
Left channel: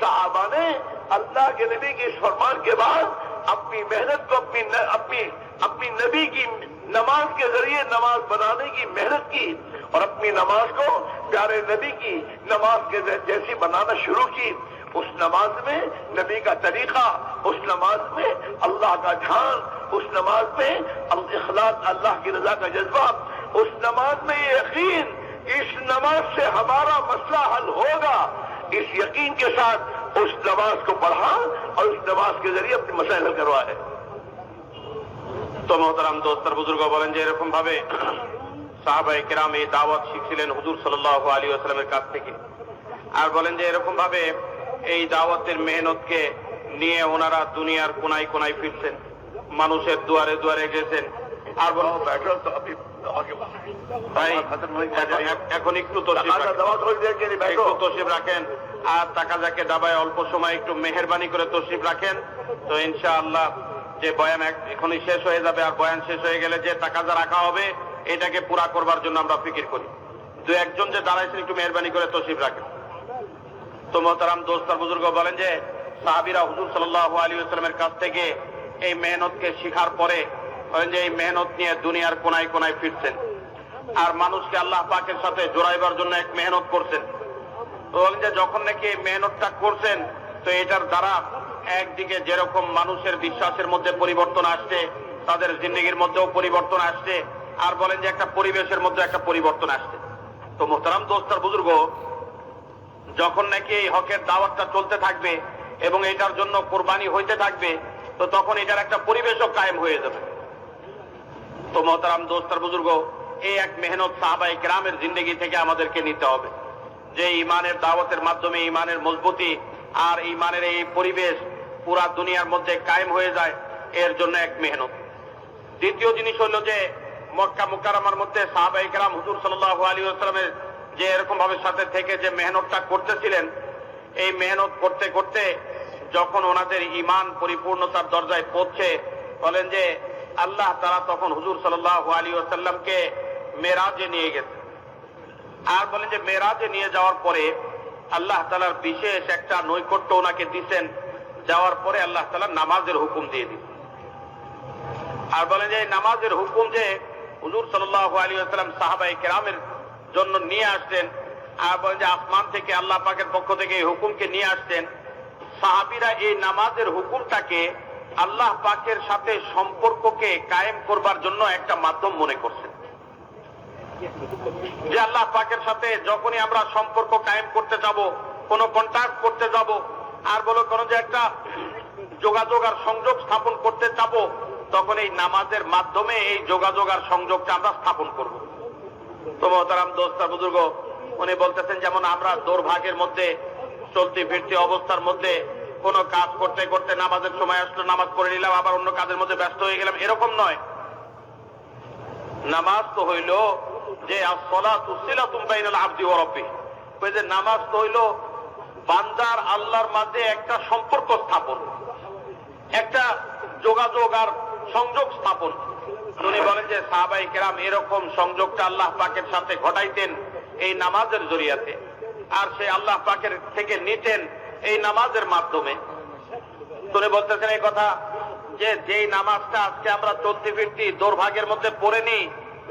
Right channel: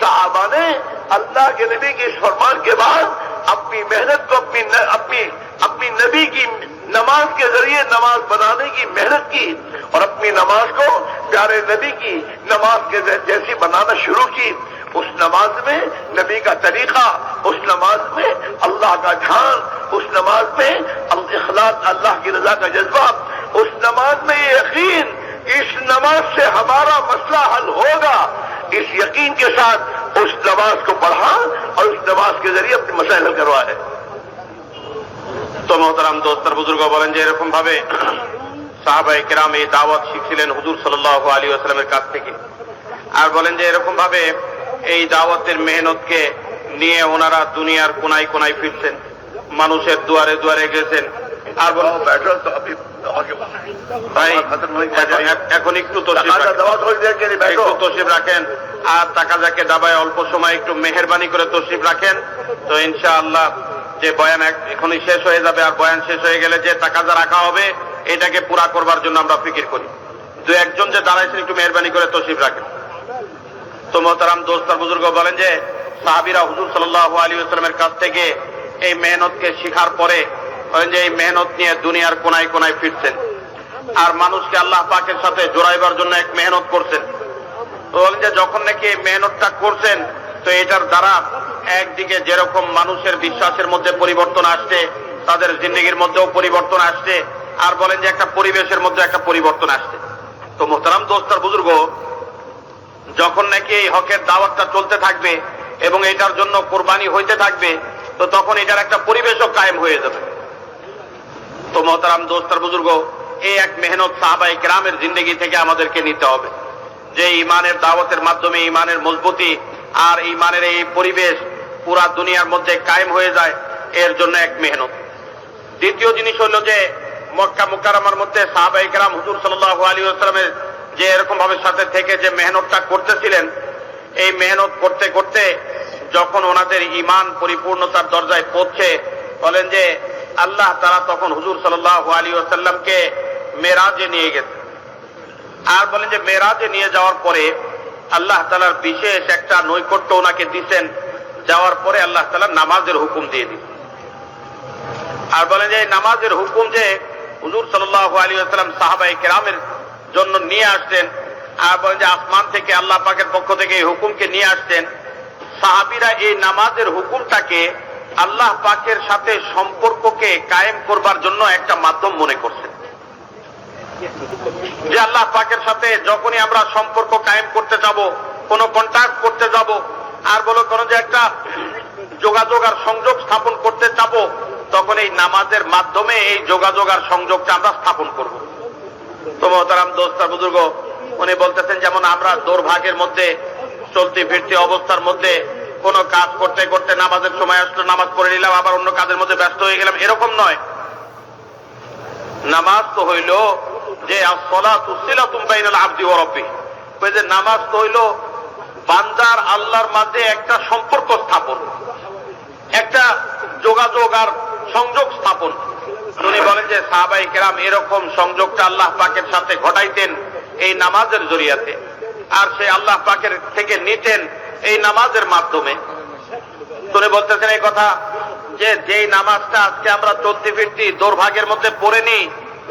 साहबा ने अल्लाह के नबी के इस फरमान के बाद अपनी मेहनत को अपनी नबी की नमाज के जरिए नमाज बनाने की मेहनत की और अपनी नमाज को प्यारे नबी की नमाज के जैसी बनाना शुरू की। उस नमाज में नबी का तरीका, उस नमाज में अल्लाह का ध्यान, उस नमाज में इखलास, अल्लाह की रजा का जज्बा, उस नमाज में ये यकीन, इस नमाज से हमारा मसला हल होगा, इस यकीन के साथ उस नमाज को पढ़ा और उस नमाज के जरिए अपनी मसाइल हल करवाए। তো মোহতারাম দোস্তার বুজুর্গ বলেন যে এরকম ভাবে সাহাবায়ে কেরাম এই দাওয়াত শিখছিলেন হুজুর সাল্লাল্লাহু আলাইহি ওয়াসাল্লামের কাছ থেকে। আর বলেন যে এরকম ভাবে এই দাওয়াতের মেহনতকে নিয়ে ওনারা দুনিয়ার কোনায় কোনায় ফিরছেন, মানুষের দুয়ারে দুয়ারে গেছেন। আর बैठो तो अभी ভাই खत्म नहीं এখন একটু তশরিফ রাখেন, दवा थोड़ी देर के लिए बैठो। একটু তশরিফ রাখেন। আর তাকাজাকে দাবায় অল্প সময় একটু মেহেরবানি করে তশরিফ রাখেন, তো ইনশাআল্লাহ যে বয়ান এখনই শেষ হয়ে যাবে। আর বয়ান শেষ হয়ে গেলে যে তাকাজা রাখা হবে এটাকে পুরা করবার জন্য আমরা ফিকির করি। দু একজন যে দাঁড়াইছেন একটু মেহেরবানি করে তশরিফ রাখেন। তো মোহতারাম দোস্তার বুজুর্গ বলেন যে সাহাবীরা হুজুর সাল্লাল্লাহু আলাইহি ওয়াসাল্লামের কাছ থেকে এই মেহনতকে শিখার পরে বলেন যে এই মেহনত নিয়ে দুনিয়ার কোনায় কোনায় ফিরছেন আর মানুষকে আল্লাহ পাকের সাথে জোড়াইবার জন্য এক মেহনত করছেন। তো বলেন যে যখন নাকি এই মেহনতটা করছেন তো এটার দ্বারা একদিকে যেরকম মানুষের বিশ্বাসের মধ্যে পরিবর্তন আসছে, তাদের জিন্দেগির মধ্যেও পরিবর্তন আসছে, আর বলেন যে একটা পরিবেশের মধ্যে একটা পরিবর্তন আসছে। তো মোহতারাম দোস্তার বুজুর্গ যখন নাকি এই হকের দাওয়াতটা চলতে থাকবে এবং এটার জন্য কোরবানি হইতে থাকবে তো তখন এটার একটা পরিবেশও কায়েম হয়ে যাবে। তো মোহতারাম দোস্তার বুজুর্গ এই এক মেহনত সাহাবায়ে কেরামের জিন্দেগি থেকে আমাদেরকে নিতে হবে যে ইমানের দাওয়াতের মাধ্যমে ইমানের মজবুতি আর ইমানের এই পরিবেশ পুরা দুনিয়ার মধ্যে কায়েম হয়ে যায়, এর জন্য এক মেহনত। দ্বিতীয় জিনিস হলো যে মক্কা মুকাররমার মধ্যে সাহাবায়ে কেরাম হুজুর সাল্লাল্লাহু আলাইহি ওয়াসাল্লামের যে এরকম ভাবে সাথে থেকে যে মেহনতটা করতেছিলেন, এই মেহনত করতে করতে যখন ওনাদের ঈমান পরিপূর্ণতার দরজায় পৌঁছে বলেন যে আল্লাহ তাআলা তখন হুজুর সাল্লাল্লাহু আলাইহি ওয়াসাল্লামকে মেরাজে নিয়ে গেছেন। আর বলেন যে মেরাজে নিয়ে যাওয়ার পরে আল্লাহ তাআলার বিশেষ একটা নৈকট্য ওনাকে দিয়েছেন। যাওয়ার পরে আল্লাহ তাআলা নামাজের হুকুম দিয়ে দিয়েছেন। আর বলেন যে নামাজের হুকুম যে হুজুর সাল্লাল্লাহু আলাইহি ওয়াসাল্লাম সাহাবায়ে কেরামের জন্য নিয়ে আসতেন, আর বলেন যে আসমান থেকে আল্লাহ পাকের পক্ষ থেকে এই হুকুমকে নিয়ে আসতেন। সাহাবীরা এই নামাজের হুকুমটাকে আল্লাহ পাকের সাথে সম্পর্ককে কায়েম করবার জন্য একটা মাধ্যম মনে করছেন। যে আল্লাহ পাকের সাথে যখনই আমরা সম্পর্ক কায়েম করতে যাব, কোনো কন্ট্যাক্ট করতে যাব, আর বলো কোনো যে একটা যোগাযোগ আর সংযোগ স্থাপন করতে যাব, তখন এই নামাজের মাধ্যমে এই যোগাযোগ আর সংযোগটা আমরা স্থাপন করব। তো মোহতারাম দোস্তার বুজুর্গ উনি বলতেছেন যেমন আমরা দৌড়ভাগের মধ্যে চলতি ফিরতি অবস্থার মধ্যে কোনো কাজ করতে করতে নামাজের সময় আসলো, নামাজ পড়ে নিলাম, আবার অন্য কাজের মধ্যে ব্যস্ত হয়ে গেলাম, এরকম নয়। নামাজ তো হইল যে আসসালাতু সিলাতুম বাইনাল আবদি ওয়া রাব্বিহ, ওই যে নামাজ তো হইল বান্দার আল্লাহর মাঝে একটা সম্পর্ক স্থাপন, একটা যোগাযোগ আর সংযোগ স্থাপন। উনি বলেন যে সাহাবায়ে কেরাম এরকম সংযোগটা আল্লাহ পাকের সাথে ঘটাইতেন এই নামাজের জরিয়াতে, আর সে আল্লাহ পাকের থেকে নিতেন এই নামাজের মাধ্যমে। উনি বলতেছেন এই কথা যে যেই নামাজটা আজকে আমরা চলতি ফিরতি দৌড়ভাগের মধ্যে পড়ে নিই,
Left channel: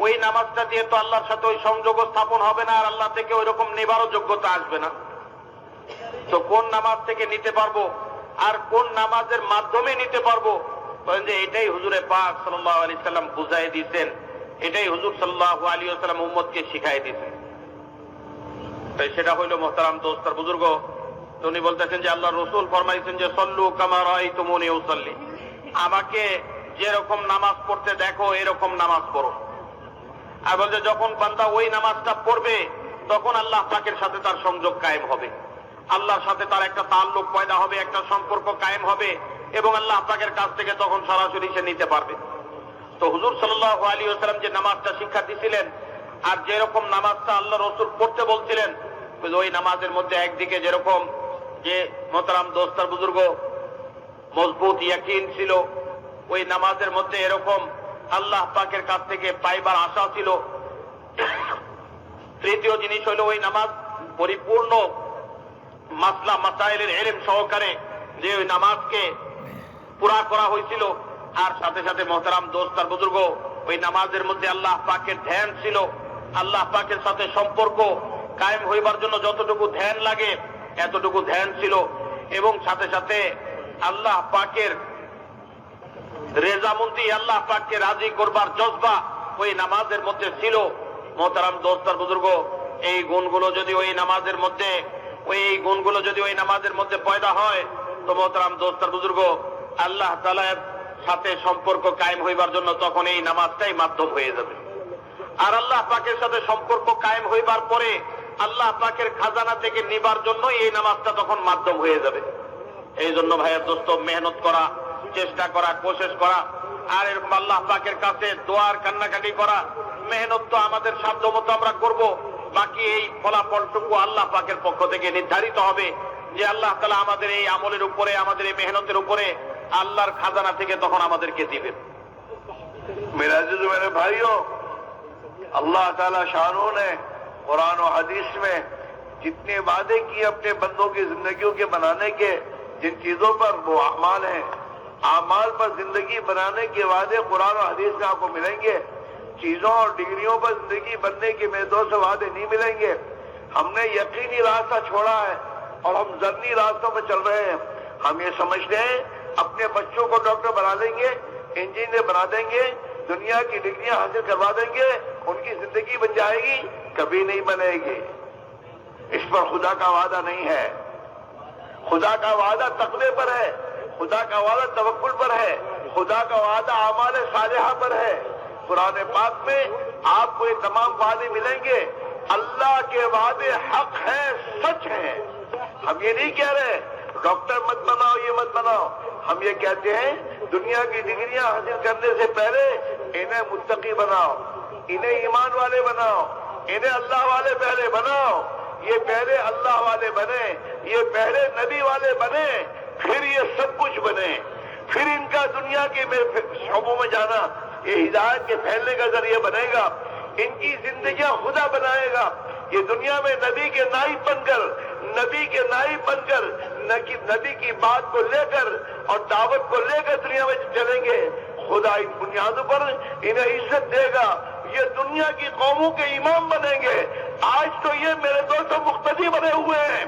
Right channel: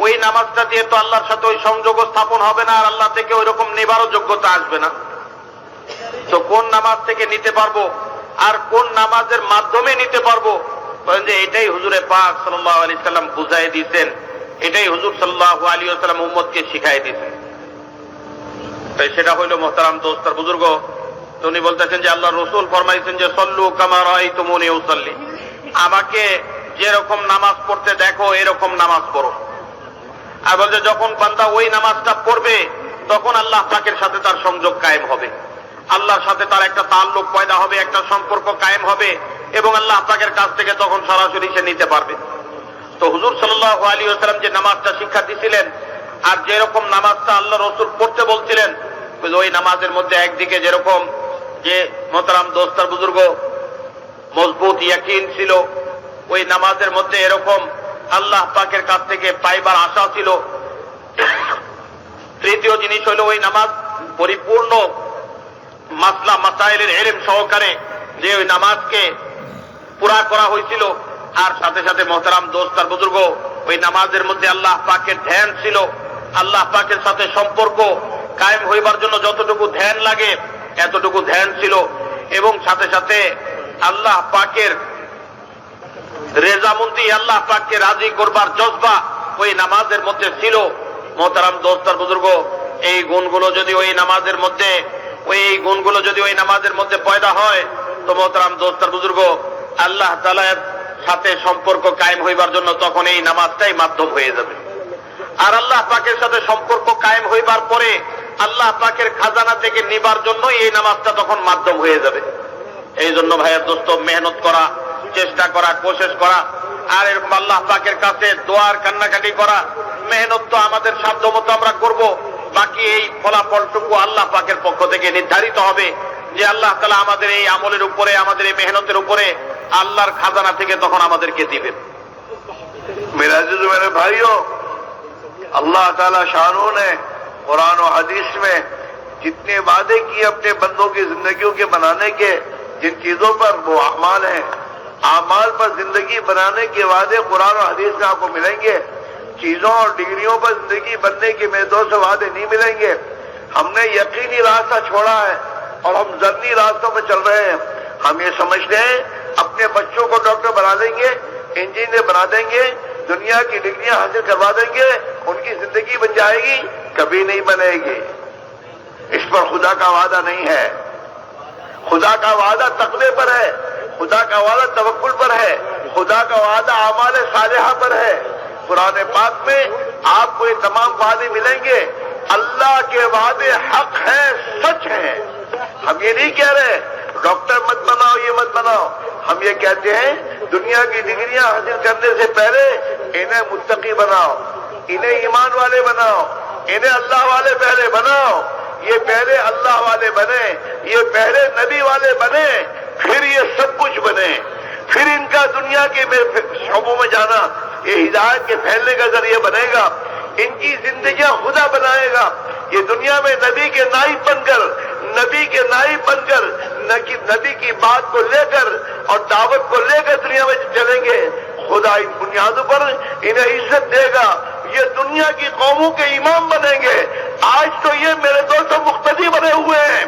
ওই নামাজটা দিয়ে তো আল্লাহর সাথে ওই সংযোগ স্থাপন হবে না, আর আল্লাহ থেকে ওই রকম নেবারও যোগ্যতা আসবে না। তো কোন নামাজ থেকে নিতে পারবো আর কোন নামাজের মাধ্যমে নিতে পারবো, বলেন যে এটাই হুজুরে পাক সাল্লাল্লাহু আলাইহি সাল্লাম বুঝাই দিয়েছেন, এটাই হুজুর সাল্লাল্লাহু আলাইহি ওয়াসাল্লাম উম্মতকে শিখাই দিয়েছেন। তাই সেটা হইল মোহতারাম দোস্তার বুজুর্গ। উনি বলতেছেন যে আল্লাহ রসুল ফরমাইছেন যে সল্লু কামা রাআইতুমুনি উসাল্লি, আমাকে যেরকম নামাজ পড়তে দেখো এরকম নামাজ পড়ো। আর বলছে যখন বান্দা ওই নামাজটা পড়বে তখন আল্লাহ পাকের সাথে তার সংযোগ কায়েম হবে, আল্লাহর সাথে তার একটা তাল্লুক পয়দা হবে, একটা সম্পর্ক কায়েম হবে, এবং আল্লাহ পাকের কাছ থেকে তখন সরাসরি সে নিতে পারবে। তো হুজুর সাল্লাল্লাহু আলাইহি ওয়াসাল্লাম যে নামাজটা শিক্ষা দিয়েছিলেন আর যেরকম নামাজটা আল্লাহ রসুল পড়তে বলছিলেন, ওই নামাজের মধ্যে একদিকে যেরকম যে মোহতারাম দোস্তার বুজুর্গ মজবুত ইয়াকিন ছিল, ওই নামাজের মধ্যে এরকম আল্লাহ পাকের কাছ থেকে পাইবার আশা ছিল। তৃতীয় জিনিস হলো ওই নামাজ পরিপূর্ণ মাসলা মাসাইলের ইলম সহকারে যে ওই নামাজকে পুরা করা হয়েছিল। আর সাথে সাথে মোহতারাম দোস্তার বুজুর্গ ওই নামাজের মধ্যে আল্লাহ পাকের ধ্যান ছিল, আল্লাহ পাকের সাথে সম্পর্ক কায়েম হইবার জন্য যতটুকু ধ্যান লাগে এতটুকু ধ্যান ছিল, এবং সাথে সাথে আল্লাহ পাকের রেজামন্দি, আল্লাহ পাককে রাজি করবার জজবা ওই নামাজের মধ্যে ছিল। মোহতারাম দোস্তার বুজুর্গ, এই গুণগুলো যদি ওই নামাজের মধ্যে পয়দা হয় তো মোহতারাম দোস্তার বুজুর্গ, আল্লাহ তাআলার সাথে সম্পর্ক কায়েম হইবার জন্য তখন এই নামাজটাই মাধ্যম হয়ে যাবে। আর আল্লাহ পাকের সাথে সম্পর্ক কায়েম হইবার পরে আল্লাহ পাকের খাজানা থেকে নিবার জন্য এই নামাজটা তখন মাধ্যম হয়ে যাবে। এই জন্য ভাইয়ের দোস্ত, মেহনত করা, চেষ্টা করা, কোশিশ করা, আর এরকম আল্লাহ পাকের কাছে দোয়ার কান্নাকাটি করা, মেহনত তো আমাদের সাধ্য মতো আমরা করব, বাকি এই ফলাফলটুকু আল্লাহ পাকের পক্ষ থেকে নির্ধারিত হবে, যে আল্লাহ তাআলা আমাদের এই আমলের উপরে, আমাদের এই মেহনতের উপরে আল্লাহর খাজানা থেকে তখন আমাদেরকে দিবেন। मेरे अजीज मेरे भाइयों, अल्लाह ताला शानों ने कुरान और हदीस में जितने वादे किए अपने बंदों की जिंदगियों के बनाने के, जिन चीजों पर वो अमाल हैं, अमाल पर जिंदगी बनाने के वादे कुरान और हदीस में आपको मिलेंगे। चीजों और डिग्रियों पर जिंदगी बनने के मेरे दोस्त वादे नहीं मिलेंगे। हमने यकीनी रास्ता छोड़ा है और हम जन्नी रास्तों पर चल रहे हैं। हम ये समझते हैं अपने बच्चों को डॉक्टर बना देंगे, इंजीनियर बना देंगे, दुनिया की डिग्रियां हासिल करवा देंगे, उनकी जिंदगी बन जाएगी। कभी नहीं बनेगी। इस पर खुदा का वादा नहीं है। खुदा का वादा तकवे पर है, खुदा का वादा तवक्कुल पर है, खुदा का वादा आमाल सालिहा पर है। कुरान पाक में आपको ये तमाम वादे मिलेंगे। अल्लाह के वादे हक हैं, सच हैं। हम ये नहीं कह रहे डॉक्टर मत बनाओ, ये मत बनाओ। हम ये कहते हैं दुनिया की डिग्रियां हासिल करने से पहले इन्हें मुत्तकी बनाओ, इन्हें ईमान वाले बनाओ, इन्हें अल्लाह वाले पहले बनाओ। ये पहले अल्लाह वाले बने, ये पहले नबी वाले बने, फिर ये सब कुछ बने, फिर इनका दुनिया के शोबों में जाना ये हिदायत के फैलने का जरिए बनेगा। इनकी जिंदगियां खुदा बनाएगा। ये दुनिया में नबी के नाइब बनकर, नबी के नाइब बनकर नबी की बात को लेकर और दावत को लेकर दुनिया में चलेंगे। खुदा इन बुनियादों पर इन्हें इज्जत देगा। ये दुनिया की कौमों के इमाम बनेंगे। आज तो ये मेरे दोस्तों मुक्तदी बने हुए हैं,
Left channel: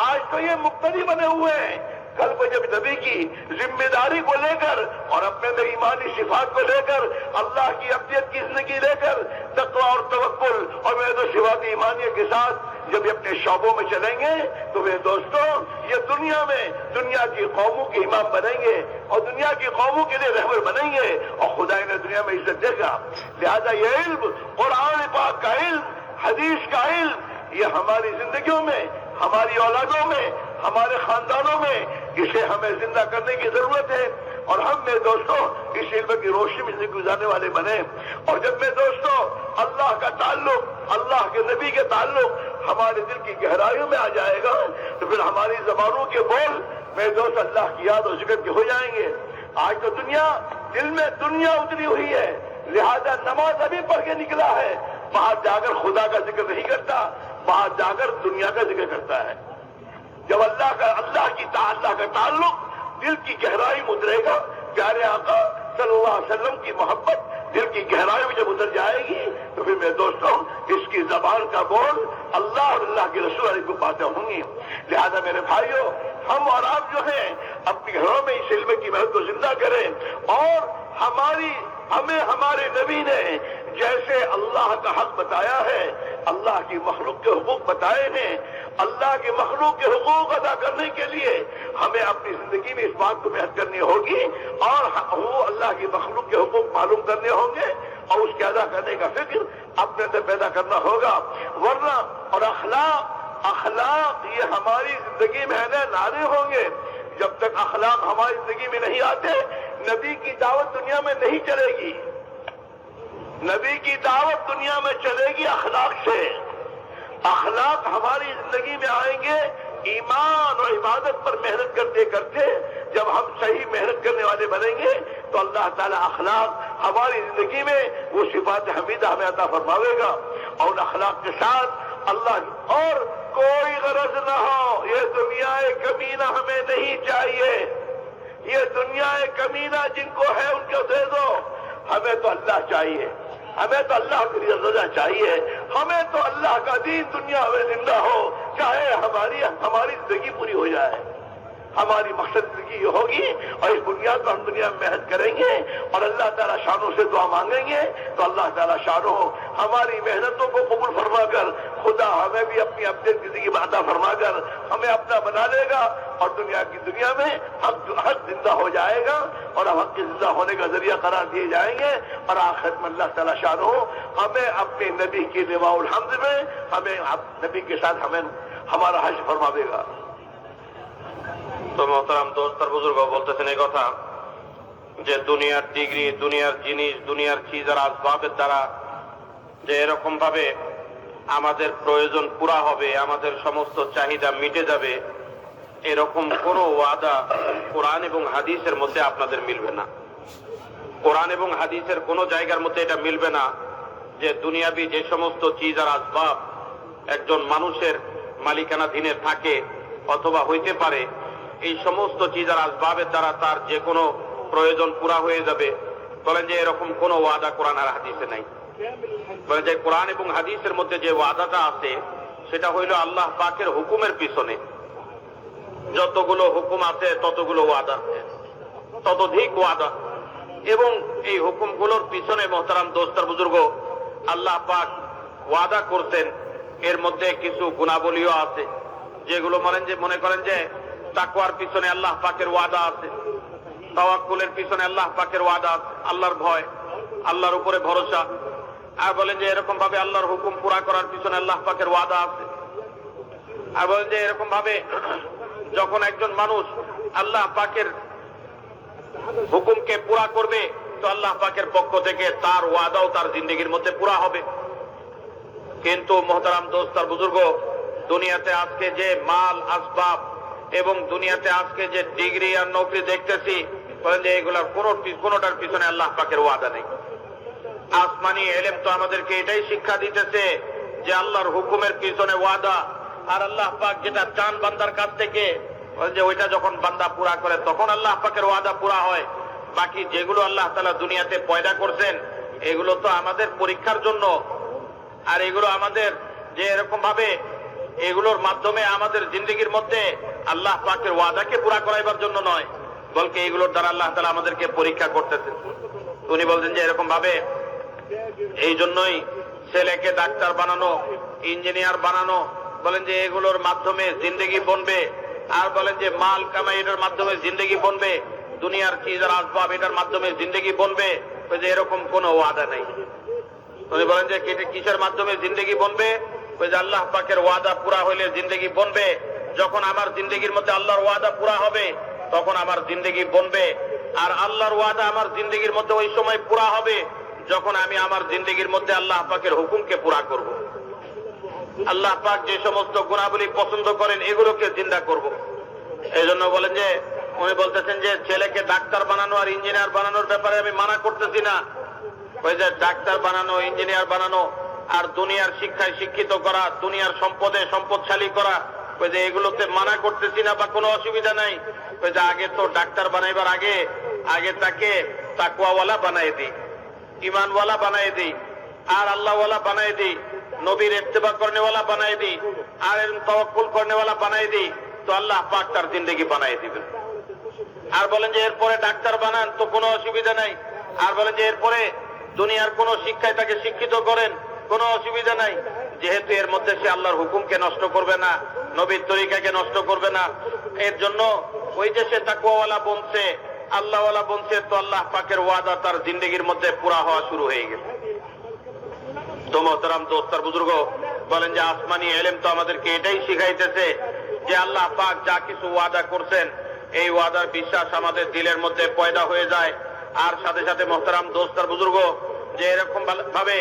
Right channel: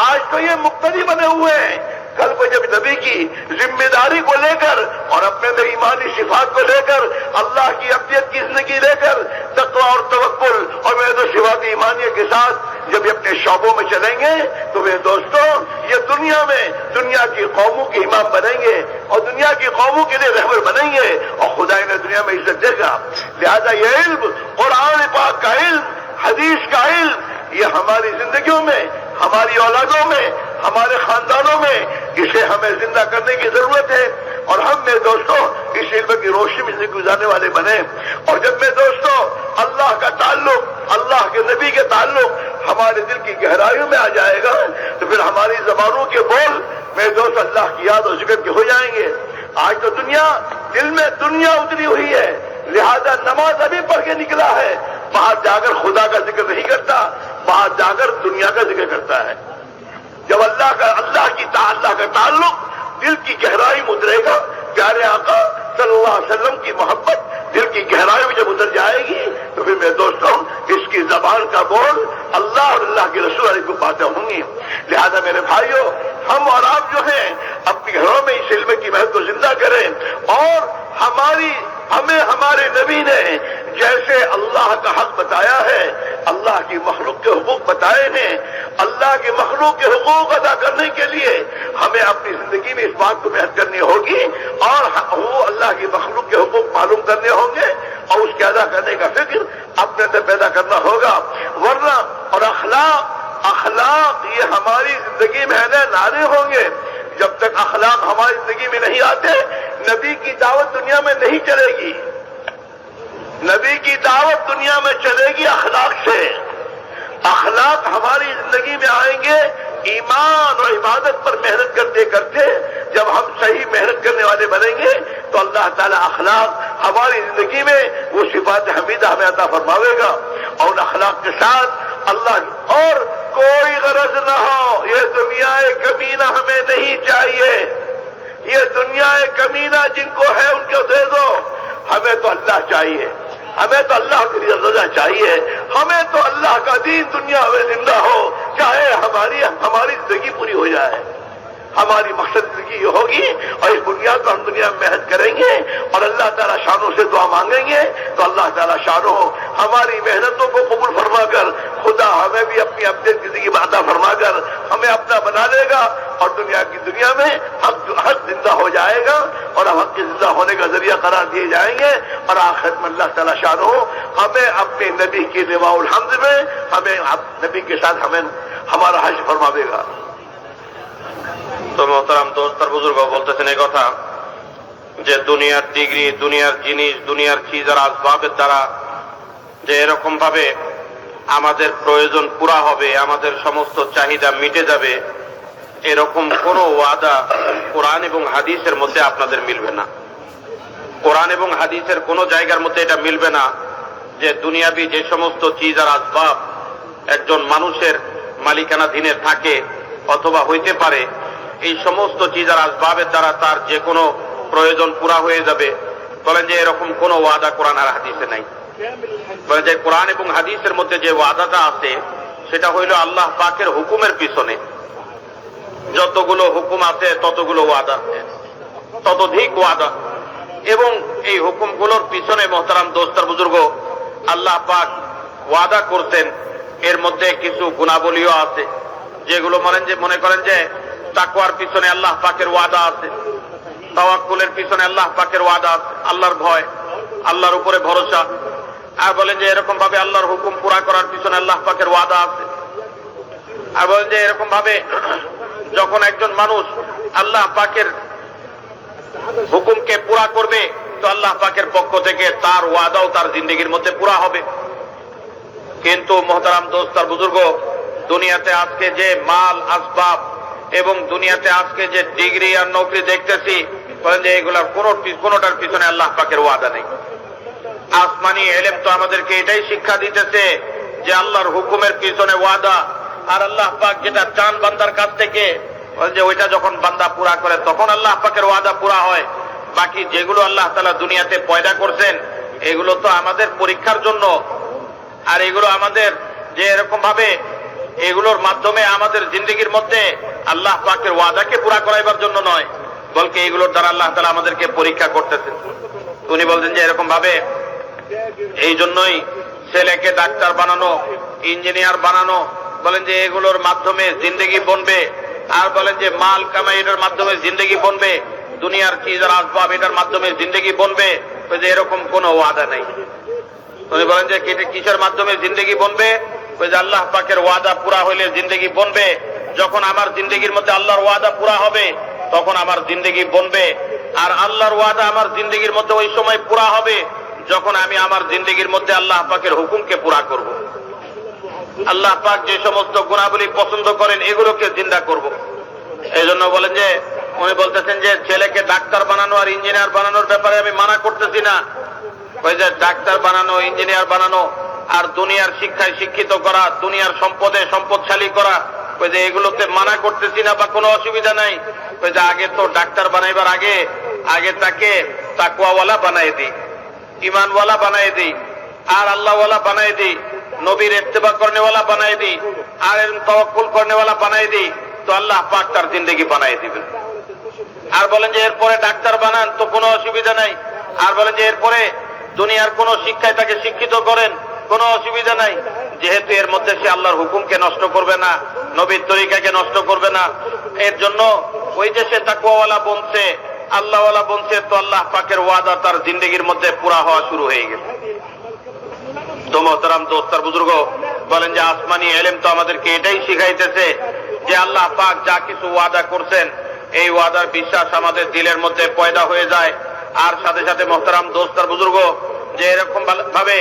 आज तो ये मुक्तदी बने हुए हैं। कल को जब नबी की जिम्मेदारी को लेकर और अपने अंदर ईमानी सिफात को लेकर, अल्लाह की अब्दियत की जिंदगी लेकर, तक़वा और तवक्कुल और मेरे दोस्त सिफात ईमानियत के साथ जब ये अपने शौबों में चलेंगे तो मेरे दोस्तों ये दुनिया में दुनिया की कौमों के इमाम बनेंगे और दुनिया की कौमों के लिए रहबर बनेंगे और खुदा इन्हें दुनिया में इज्जत देगा। लिहाजा ये इल्म, कुरान पाक का इल्म, हदीस का इल्म, ये हमारी जिंदगियों में, हमारी औलादों में, हमारे खानदानों में इसे हमें जिंदा करने की जरूरत है। और हम मेरे दोस्तों इस इल्म की रोशनी में जिंदगी गुजारने वाले बने। और जब मेरे दोस्तों अल्लाह का ताल्लुक, अल्लाह के नबी के ताल्लुक हमारे दिल की गहराइयों में आ जाएगा तो फिर हमारी जबानों के बोल मेरे दोस्त अल्लाह की याद और जिक्र के हो जाएंगे। आज तो दुनिया, दिल में दुनिया उतरी हुई है, लिहाजा नमाज अभी पढ़ के निकला है, बाहर जाकर खुदा का जिक्र नहीं करता, बाहर जाकर दुनिया का जिक्र करता है। जब अल्लाह का ताल्लुक दिल की गहराई में उतरेगा, प्यारे आका सल्लल्लाहु अलैहि वसल्लम की मोहब्बत दिल की गहराई में जब उतर जाएगी तो फिर मेरे दोस्तों इसकी जबान का बोल अल्लाह और अल्लाह के रसूल की बातें होंगी। लिहाजा मेरे भाइयों, हम और आप जो हैं अपने घरों में इस इल्म की महत्व को जिंदा करें और हमें हमारे नबी ने जैसे अल्लाह का हक बताया है, अल्लाह की मखलूक के हुकूक बताए हैं, अल्लाह के मखलूक के हुकूक अदा करने के लिए हमें अपनी जिंदगी में इस बात को मेहनत करनी होगी और वो अल्लाह की मखलूक के हुकूक मालूम करने होंगे और उसके अदा करने का फिक्र अपने अंदर पैदा करना होगा। वरना और अखलाक ये हमारी जिंदगी में नारे होंगे। जब तक अखलाक हमारी जिंदगी में नहीं आते, नबी की दावत दुनिया में नहीं चलेगी। नबी की दावत दुनिया में चलेगी अखलाक से। अखलाक हमारी जिंदगी में आएंगे ईमान और इबादत पर मेहनत करते करते। जब हम सही मेहनत करने वाले बनेंगे तो अल्लाह ताला अखलाक हमारी जिंदगी में वो सिफात हमीदा हमें अता फरमावेगा। और अखलाक के साथ अल्लाह और कोई गरज न हो, ये दुनिया कमीना हमें नहीं चाहिए। ये दुनिया कमीना जिनको है उनको दे दो। हमें तो अल्लाह चाहिए, हमें तो अल्लाह की रज़ा चाहिए, हमें तो अल्लाह का दीन दुनिया में जिंदा हो, चाहे हमारी जिंदगी पूरी हो जाए। हमारी मकसद जिंदगी ये होगी और इस बुनियाद पर हम दुनिया में मेहनत करेंगे और अल्लाह ताला शानों से दुआ मांगेंगे तो अल्लाह ताला शानों हमारी मेहनतों को कबूल फरमाकर खुदा हमें भी अपनी अपनी जिंदगी में अता फरमाकर हमें अपना बना देगा और दुनिया में हक जिंदा हो जाएगा और हम हक के जिंदा होने का जरिया करार दिए जाएंगे और आखिर में अल्लाह ताला शानों हमें अपने नबी की लिवाउल हम्द में हमें नबी के साथ हमें हमारा हज फरमा देगा। তো মোহতারাম দোস্ত আর বুজুর্গ বলতেছেন এই কথা যে দুনিয়ার ডিগ্রি, দুনিয়ার জিনিস, দুনিয়ার চিজ আর আসবাবের দ্বারা যে এরকম ভাবে আমাদের প্রয়োজন পুরা হবে, আমাদের সমস্ত চাহিদা মিটে যাবে, এরকম কোনো ওয়াদা কোরআন এবং হাদিসের মধ্যে আপনাদের মিলবে না। কোরআন এবং হাদিসের কোনো জায়গার মধ্যে এটা মিলবে না যে দুনিয়াবি যে সমস্ত চিজ আর আসবাব একজন মানুষের মালিকানাধীনে থাকে অথবা হইতে পারে, এই সমস্ত চিজ আর আসবাবের দ্বারা তার যে কোনো প্রয়োজন পুরা হয়ে যাবে। বলেন যে এরকম কোনো ওয়াদা কোরআন আর হাদিসে নাই। বলেন যে কোরআন এবং হাদিসের মধ্যে যে ওয়াদাটা আছে সেটা হইল আল্লাহ পাকের হুকুমের পিছনে যতগুলো হুকুম আছে ততগুলো ওয়াদা, ততোধিক ওয়াদা। এবং এই হুকুমগুলোর পিছনে মোহতারাম দোস্তার বুজুর্গ আল্লাহ পাক ওয়াদা করতেন, এর মধ্যে কিছু গুণাবলীও আছে যেগুলো মনে করেন যে তাকওয়ার পিছনে আল্লাহ পাকের ওয়াদা আছে, তাওয়াক্কুলের পিছনে আল্লাহ পাকের ওয়াদা আছে, আল্লাহর ভয়, আল্লাহর উপরে ভরসা। আর বলেন যে এরকম ভাবে আল্লাহর হুকুম পুরা করার পিছনে আল্লাহ পাকের ওয়াদা আছে। আর বলেন যে এরকম ভাবে যখন একজন মানুষ আল্লাহ পাকের হুকুমকে পুরা করবে তো আল্লাহ পাকের পক্ষ থেকে তার ওয়াদাও তার জিন্দেগির মধ্যে পুরা হবে। কিন্তু মোহতারাম দোস্ত আর বুজুর্গ, দুনিয়াতে আজকে যে মাল আসবাব এবং দুনিয়াতে আজকে যে ডিগ্রি আর নৌকরি দেখতেছি, বলেন যে এগুলার কোনোটার পিছনে আল্লাহ পাকের ওয়াদা নেই। আসমানি এলেম তো আমাদেরকে এটাই শিক্ষা দিতেছে যে আল্লাহর হুকুমের পিছনে ওয়াদা, আর আল্লাহ পাক যেটা চান বান্দার কাছ থেকে বলেন যে ওইটা যখন বান্দা পুরা করে তখন আল্লাহ পাকের ওয়াদা পুরা হয়। বাকি যেগুলো আল্লাহ তাআলা দুনিয়াতে পয়দা করছেন এগুলো তো আমাদের পরীক্ষার জন্য, আর এগুলো আমাদের যে এরকম ভাবে এগুলোর মাধ্যমে আমাদের জিন্দেগির মধ্যে আল্লাহ পাকের ওয়াদাকে পুরা করাইবার জন্য নয়, বলকে এগুলোর দ্বারা আল্লাহ তাআলা আমাদেরকে পরীক্ষা করতেছেন। উনি বলছেন যে এরকম ভাবে এই জন্যই ছেলেকে ডাক্তার বানানো, ইঞ্জিনিয়ার বানানো, বলেন যে এগুলোর মাধ্যমে জিন্দেগি বনবে। আর বলেন যে মাল কামাই এটার মাধ্যমে জিন্দেগি বনবে, দুনিয়ার চিজ আর আসবাব এটার মাধ্যমে জিন্দেগি বনবে, যে এরকম কোনো ওয়াদা নেই। উনি বলেন যে কিসের মাধ্যমে জিন্দেগি বনবে, ওই যে আল্লাহ পাকের ওয়াদা পুরা হইলে জিন্দেগি বনবে। যখন আমার জিন্দেগির মধ্যে আল্লাহর ওয়াদা পুরা হবে তখন আমার জিন্দেগি বনবে। আর আল্লাহর ওয়াদা আমার জিন্দেগির মধ্যে ওই সময় পুরা হবে যখন আমি আমার জিন্দেগির মধ্যে আল্লাহ পাকের হুকুমকে পুরা করব। আল্লাহ পাক যে সমস্ত গুণাবলী পছন্দ করেন এগুলোকে জিন্দা করব। এই জন্য বলেন যে উনি বলতেছেন যে ছেলেকে ডাক্তার বানানো আর ইঞ্জিনিয়ার বানানোর ব্যাপারে আমি মানা করতেছি না। ওই যে ডাক্তার বানানো, ইঞ্জিনিয়ার বানানো আর দুনিয়ার শিক্ষায় শিক্ষিত করা, দুনিয়ার সম্পদে সম্পদশালী করা, ওই যে এগুলোতে মানা করতেছি না বা কোনো অসুবিধা নাই। ওই যে আগে তো ডাক্তার বানাইবার আগে তাকে তাকওয়াওয়ালা বানাই দিই, ইমানওয়ালা বানাই দিই, আর আল্লাহওয়ালা বানাই দিই, নবীর ইত্তেবা করনেওয়ালা বানাই দিই, আর তাওয়াক্কুল করনেওয়ালা বানাই দিই, তো আল্লাহ পাক তার জিন্দেগি বানাই দিবেন। আর বলেন যে এরপরে ডাক্তার বানান তো কোনো অসুবিধা নাই। আর বলেন যে এরপরে দুনিয়ার কোন শিক্ষায় তাকে শিক্ষিত করেন, কোনো অসুবিধা নাই, যেহেতু এর মধ্যে সে আল্লাহর হুকুমকে নষ্ট করবে না, নবীর তরিকাকে নষ্ট করবে না। এর জন্য ওই যে সে তাকওয়াওয়ালা বনছে, আল্লাহওয়ালা বনছে, তো আল্লাহ পাকের ওয়াদা তার জিন্দেগির মধ্যে পুরা হওয়া শুরু হয়ে গেছে। তো মোহতারাম দোস্তার বুজুর্গ বলেন যে আসমানি এলেম তো আমাদেরকে এটাই শিখাইতেছে যে আল্লাহ পাক যা কিছু ওয়াদা করছেন এই ওয়াদার বিশ্বাস আমাদের দিলের মধ্যে পয়দা হয়ে যায়। আর সাথে সাথে মোহতারাম দোস্তার বুজুর্গ যে এরকম ভাবে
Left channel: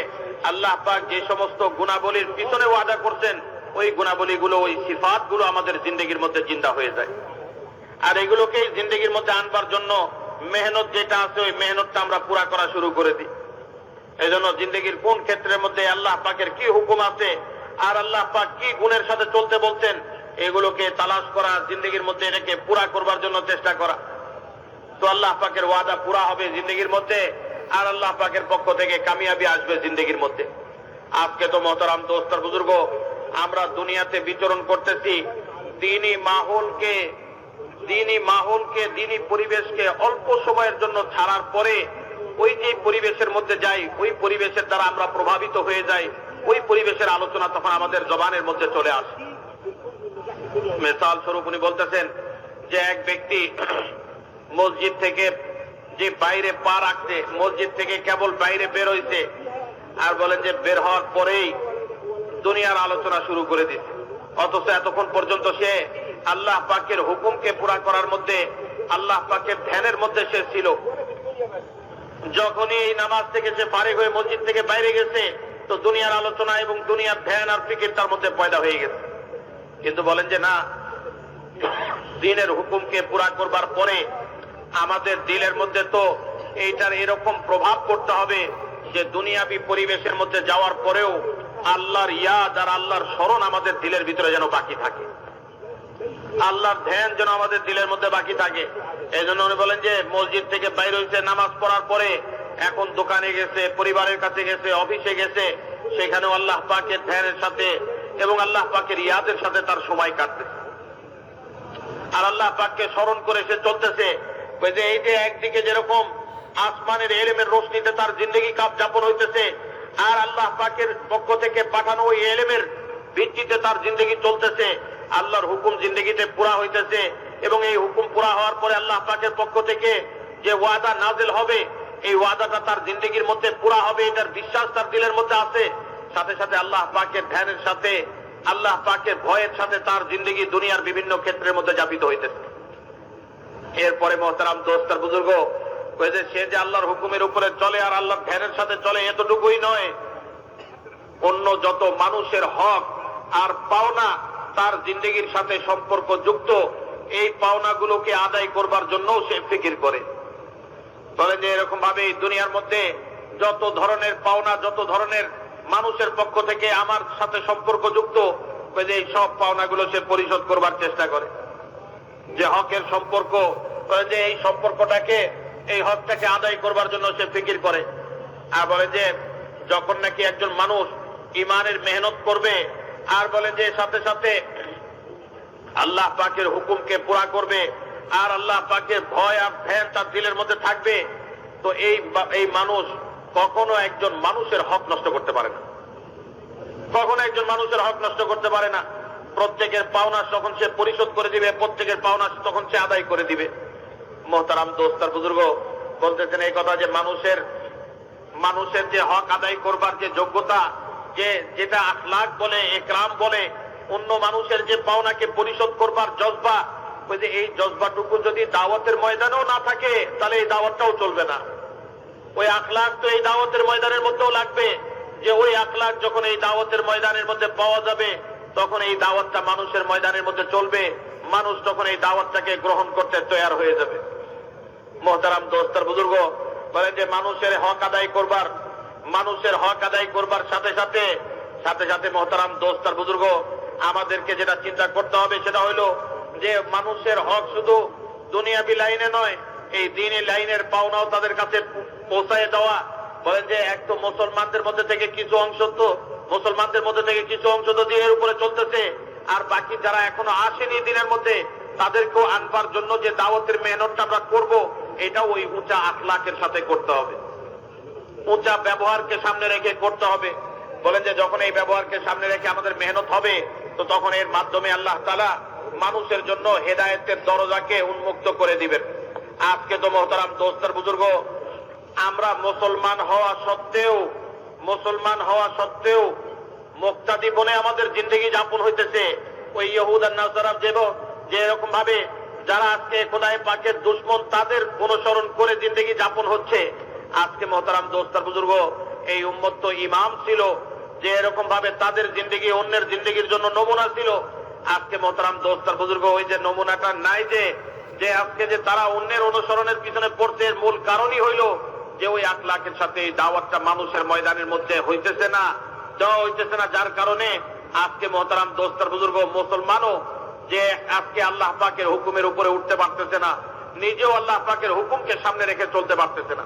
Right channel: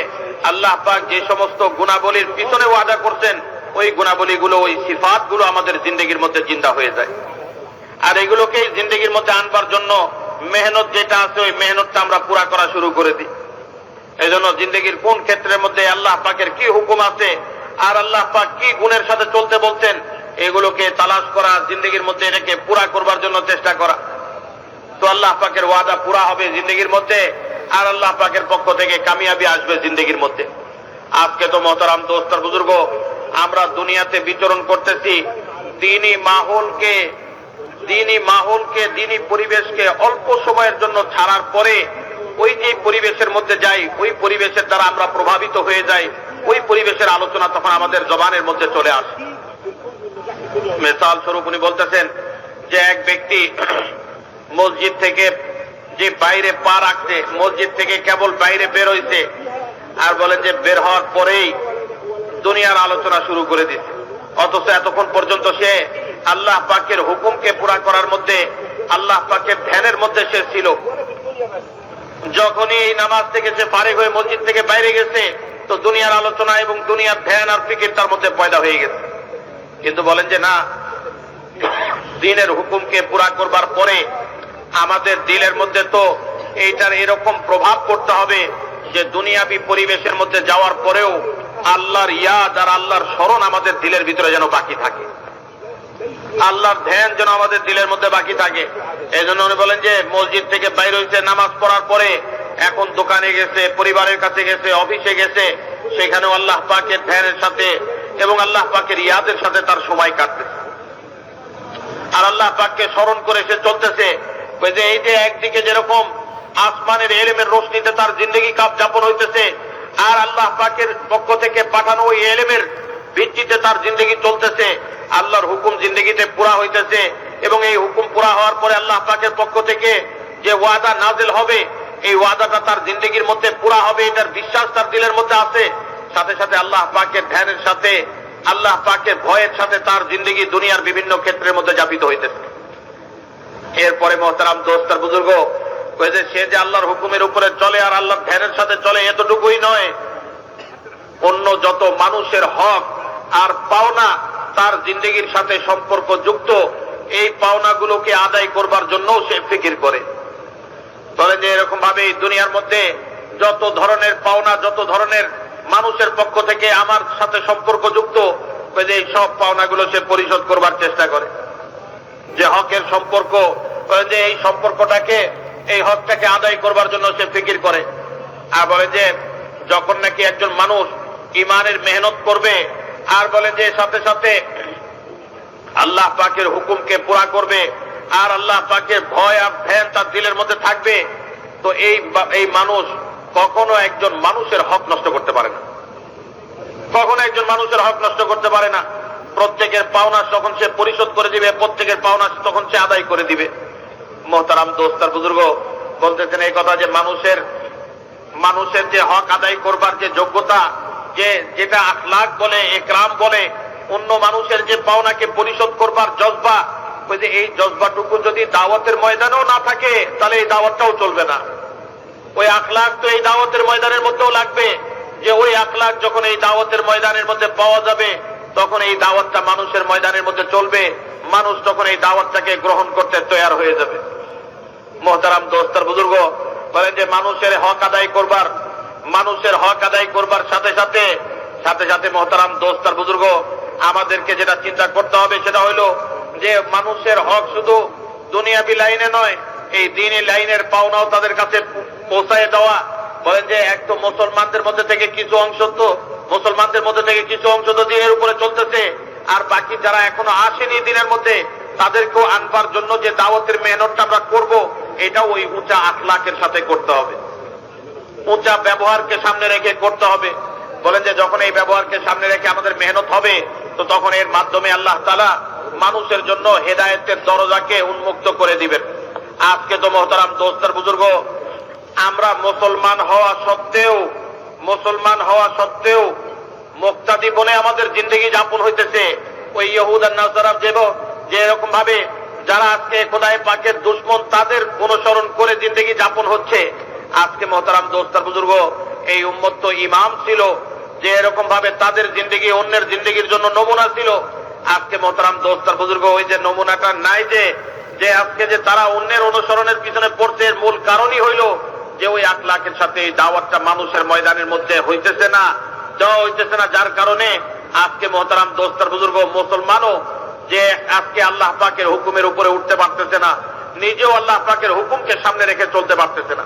আল্লাহ পাক যে সমস্ত গুণাবলীর পিছনে ওয়াদা করছেন ওই গুণাবলীগুলো, ওই সিফাতগুলো আমাদের জিন্দেগির মধ্যে জিন্দা হয়ে যায়। আর এগুলোকে জিন্দেগির মধ্যে আনবার জন্য মেহনত যেটা আছে ওই মেহনতটা আমরা পুরা করা শুরু করে দিই। এই জন্য জিন্দেগির কোন ক্ষেত্রের মধ্যে আল্লাহ পাকের কি হুকুম আছে আর আল্লাহ পাক কি গুণের সাথে চলতে বলছেন এগুলোকে তালাশ করা, জিন্দেগির মধ্যে এটাকে পুরা করবার জন্য চেষ্টা করা। তো আল্লাহ পাকের ওয়াদা পুরা হবে জিন্দেগির মধ্যে আর আল্লাহ পাকের পক্ষ থেকে কামিয়াবি আসবে জিন্দেগির মধ্যে। আজকে তো মহতারাম দোস্ত আর বুজুর্গ, আমরা দুনিয়াতে বিচরণ করতেছি দ্বীনি মাহৌলকে দ্বীনি পরিবেশকে অল্প সময়ের জন্য ছাড়ার পরে ওই যে পরিবেশের মধ্যে যাই, ওই পরিবেশের দ্বারা আমরা প্রভাবিত হয়ে যাই, ওই পরিবেশের আলোচনা তখন আমাদের জবানের মধ্যে চলে আসে। মিসাল স্বরূপ উনি বলতেছেন যে এক ব্যক্তি মসজিদ থেকে যে বাইরে পা রাখছে, মসজিদ থেকে কেবল বাইরে বের হইছে, আর বলে যে বের হওয়ার পরেই দুনিয়ার আলোচনা শুরু করে দিচ্ছে, অথচ এতক্ষণ পর্যন্ত সে আল্লাহ পাকের হুকুমকে পুরা করার মধ্যে, আল্লাহ পাকের ধ্যানের মধ্যে সে ছিল। যখনই এই নামাজ থেকে সে ফারিগ হয়ে মসজিদ থেকে বাইরে গেছে, তো দুনিয়ার আলোচনা এবং দুনিয়ার ধ্যান আর ফিকির তার মধ্যে পয়দা হয়ে গেছে। কিন্তু বলেন যে না, দ্বীনের হুকুমকে পুরা করবার পরে আমাদের দিলের মধ্যে তো এইটার এরকম প্রভাব পড়তে হবে যে দুনিয়াবি পরিবেশের মধ্যে যাওয়ার পরেও আল্লাহর ইয়াদ আর আল্লাহর স্মরণ আমাদের দিলের ভিতরে যেন বাকি থাকে, আল্লাহর ধ্যান যেন আমাদের দিলের মধ্যে বাকি থাকে। এই জন্য উনি বলেন যে মসজিদ থেকে বাইরে হয়েছে, নামাজ পড়ার পরে এখন দোকানে গেছে, পরিবারের কাছে গেছে, অফিসে গেছে, সেখানেও আল্লাহ পাকের ধ্যানের সাথে এবং আল্লাহ পাকের ইয়াদের সাথে তার সময় কাটতেছে, আর আল্লাহ পাককে স্মরণ করে সে চলতেছে। যে এই যে একদিকে যেরকম আসমানের এলেমের রোশনীতে তার জিন্দগি কাপ যাপন হইতেছে, আর আল্লাহ পাকের পক্ষ থেকে পাঠানো ওই এলেমের ভিত্তিতে তার জিন্দগি চলতেছে, আল্লাহর হুকুম জিন্দগিতে পুরা হইতেছে, এবং এই হুকুম পুরা হওয়ার পরে আল্লাহ পাকের পক্ষ থেকে যে ওয়াদা নাজিল হবে, এই ওয়াদাটা তার জিন্দগির মধ্যে পুরা হবে, এটার বিশ্বাস তার দিলের মধ্যে আছে। সাথে সাথে আল্লাহ পাকের ধ্যানের সাথে, আল্লাহ পাকের ভয়ের সাথে তার জিন্দগি দুনিয়ার বিভিন্ন ক্ষেত্রের মধ্যে যাপিত হইতেছে। এরপরে মহতারাম দোস্ত আর বুজুর্গ, সে যে আল্লাহর হুকুমের উপরে চলে আর আল্লাহর ধ্যানের সাথে চলে, এতটুকুই নয়, অন্য যত মানুষের হক আর পাওনা তার জিন্দগির সাথে সম্পর্ক যুক্ত, এই পাওনাগুলোকে আদায় করবার জন্য সে ফিকির করে। তবে যে এরকম ভাবে দুনিয়ার মধ্যে যত ধরনের পাওনা, যত ধরনের মানুষের পক্ষ থেকে আমার সাথে সম্পর্ক যুক্ত, এই সব পাওনাগুলো সে পরিশোধ করবার চেষ্টা করে। যে হকের সম্পর্ক, যে এই সম্পর্কটাকে, এই হকটাকে আদায় করবার জন্য সে ফিকির করে। আর বলে যে যখন নাকি একজন মানুষ ইমানের মেহনত করবে, আর বলে যে সাথে সাথে আল্লাহ পাকের হুকুমকে পুরা করবে, আর আল্লাহ পাকের ভয় আর ধ্যান তার দিলের মধ্যে থাকবে, তো এই মানুষ কখনো একজন মানুষের হক নষ্ট করতে পারে না, কখনো একজন মানুষের হক নষ্ট করতে পারে না। প্রত্যেকের পাওনা তখন সে পরিশোধ করে দিবে, প্রত্যেকের পাওনা তখন সে আদায় করে দিবে। মোহতারাম দোস্ত আর বুজুর্গ, বলতেছেন এই কথা যে মানুষের যে হক আদায় করবার যে যোগ্যতা, যেটা আখলাক বলে, একরাম বলে, অন্য মানুষের যে পাওনাকে পরিশোধ করবার জজবা, ওই যে এই জজবাটুকু যদি দাওয়াতের ময়দানেও না থাকে, তাহলে এই দাওয়াতটাও চলবে না। ওই আখলাক তো এই দাওয়াতের ময়দানের মধ্যেও লাগবে, যে ওই আখলাক যখন এই দাওয়াতের ময়দানের মধ্যে পাওয়া যাবে, তখন এই দাওয়াতটা মানুষের ময়দানের মধ্যে চলবে, মানুষ তখন এই দাওয়াতটাকে গ্রহণ করতে তৈয়ার হয়ে যাবে। মোহতারাম দোস্ত আর বুজুর্গ, বলেন যে মানুষের হক আদায় করবার সাথে সাথে মোহতারাম দোস্ত আর বুজুর্গ, আমাদেরকে যেটা চিন্তা করতে হবে সেটা হইল যে মানুষের হক শুধু দুনিয়াবি লাইনে নয়, এই দ্বীনি লাইনের পাওনাও তাদের কাছে পৌঁছায় দেওয়া। বলেন যে এক তো মুসলমানদের মধ্যে থেকে কিছু অংশ তো দ্বীনের উপরে চলতেছে, আর বাকি যারা এখনো আসেনি দ্বীনের মধ্যে, তাদেরকেও আনবার জন্য যে দাওয়াতের মেহনতটা আমরা করব, এটাও ওই উঁচা আখলাকের সাথে করতে হবে, উঁচা ব্যবহারকে সামনে রেখে করতে হবে। বলেন যে যখন এই ব্যবহারকে সামনে রেখে আমাদের মেহনত হবে, তো তখন এর মাধ্যমে আল্লাহ তাআলা মানুষের জন্য হেদায়েতের দরজাকে উন্মুক্ত করে দিবেন। আজকে তো মোহতারাম দোস্ত আর বুজুর্গ, আমরা মুসলমান হওয়া সত্ত্বেও মুক্তাদি বলে আমাদের জিন্দগি যাপন হইতেছে। ওই ইহুদ আর নাসারা যে এরকম ভাবে যারা আজকে খোদায়ে পাকের দুশমন, তাদের অনুসরণ করে জিন্দগি যাপন হচ্ছে। আজকে মোহতারাম দোস্ত আর বুজুর্গ, এই উম্মত তো ইমাম ছিল, যে এরকম ভাবে তাদের জিন্দগি অন্যের জিন্দগির জন্য নমুনা ছিল। আজকে মোহতারাম দোস্ত আর বুজুর্গ, ওই যে নমুনাটা নাই, যে আজকে যে তারা অন্যের অনুসরণের পিছনে পড়ছে, এর মূল কারণই হইল যে ওই আখলাকের সাথে এই দাওয়াতটা মানুষের ময়দানের মধ্যে হইতেছে না, যার কারণে আজকে মোহতারাম দোস্ত আর বুজুর্গ, মুসলমানও যে আজকে আল্লাহ পাকের হুকুমের উপরে উঠতে পারতেছে না, নিজেও আল্লাহ পাকের হুকুমকে সামনে রেখে চলতে পারতেছে না।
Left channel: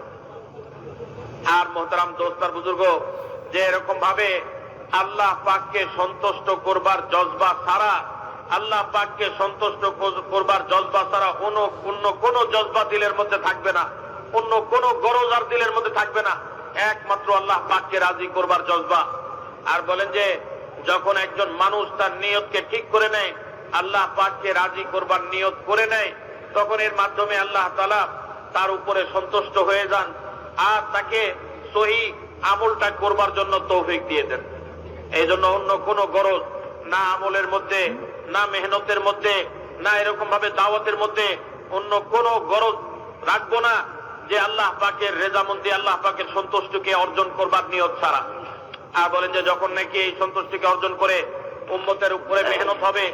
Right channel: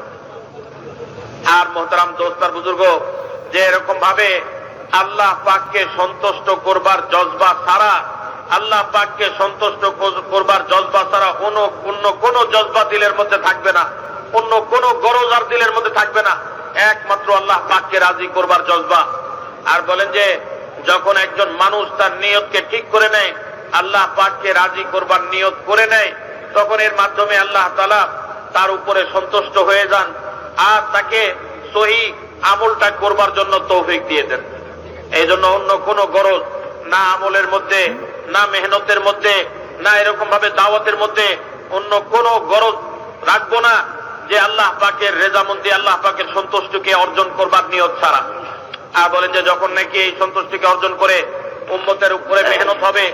আর মোহতারাম দোস্ত আর বুজুর্গ, যে এরকম ভাবে আল্লাহ পাককে সন্তুষ্ট করবার জজবা ছাড়া, আল্লাহ পাককে সন্তুষ্ট করবার জজবা ছাড়া অন্য কোন জজবা দিলের মধ্যে থাকবে না, অন্য কোন গরজ আর দিলের মধ্যে থাকবে না, একমাত্র আল্লাহ পাককে রাজি করবার জজবা। আর বলেন যে যখন একজন মানুষ তার নিয়তকে ঠিক করে নেয়, আল্লাহ পাককে রাজি করবার নিয়ত করে নেয়, তখন এর মাধ্যমে আল্লাহ তাআলা তার উপরে সন্তুষ্ট হয়ে যান আর তাকে সহি আমলটা করবার জন্য তৌফিক দিয়ে দেন। এই জন্য অন্য কোন গরজ না আমলের মধ্যে, না মেহনতের মধ্যে, না এরকম ভাবে দাওয়াতের মধ্যে অন্য কোন গরজ রাখবো না, যে আল্লাহ পাকের রেজামন্দি, আল্লাহ পাকের সন্তুষ্টিকে অর্জন করবার নিয়ত ছাড়া। আর বলেন যে যখন নাকি এই সন্তুষ্টিকে অর্জন করে উম্মতের উপরে মেহনত হবে,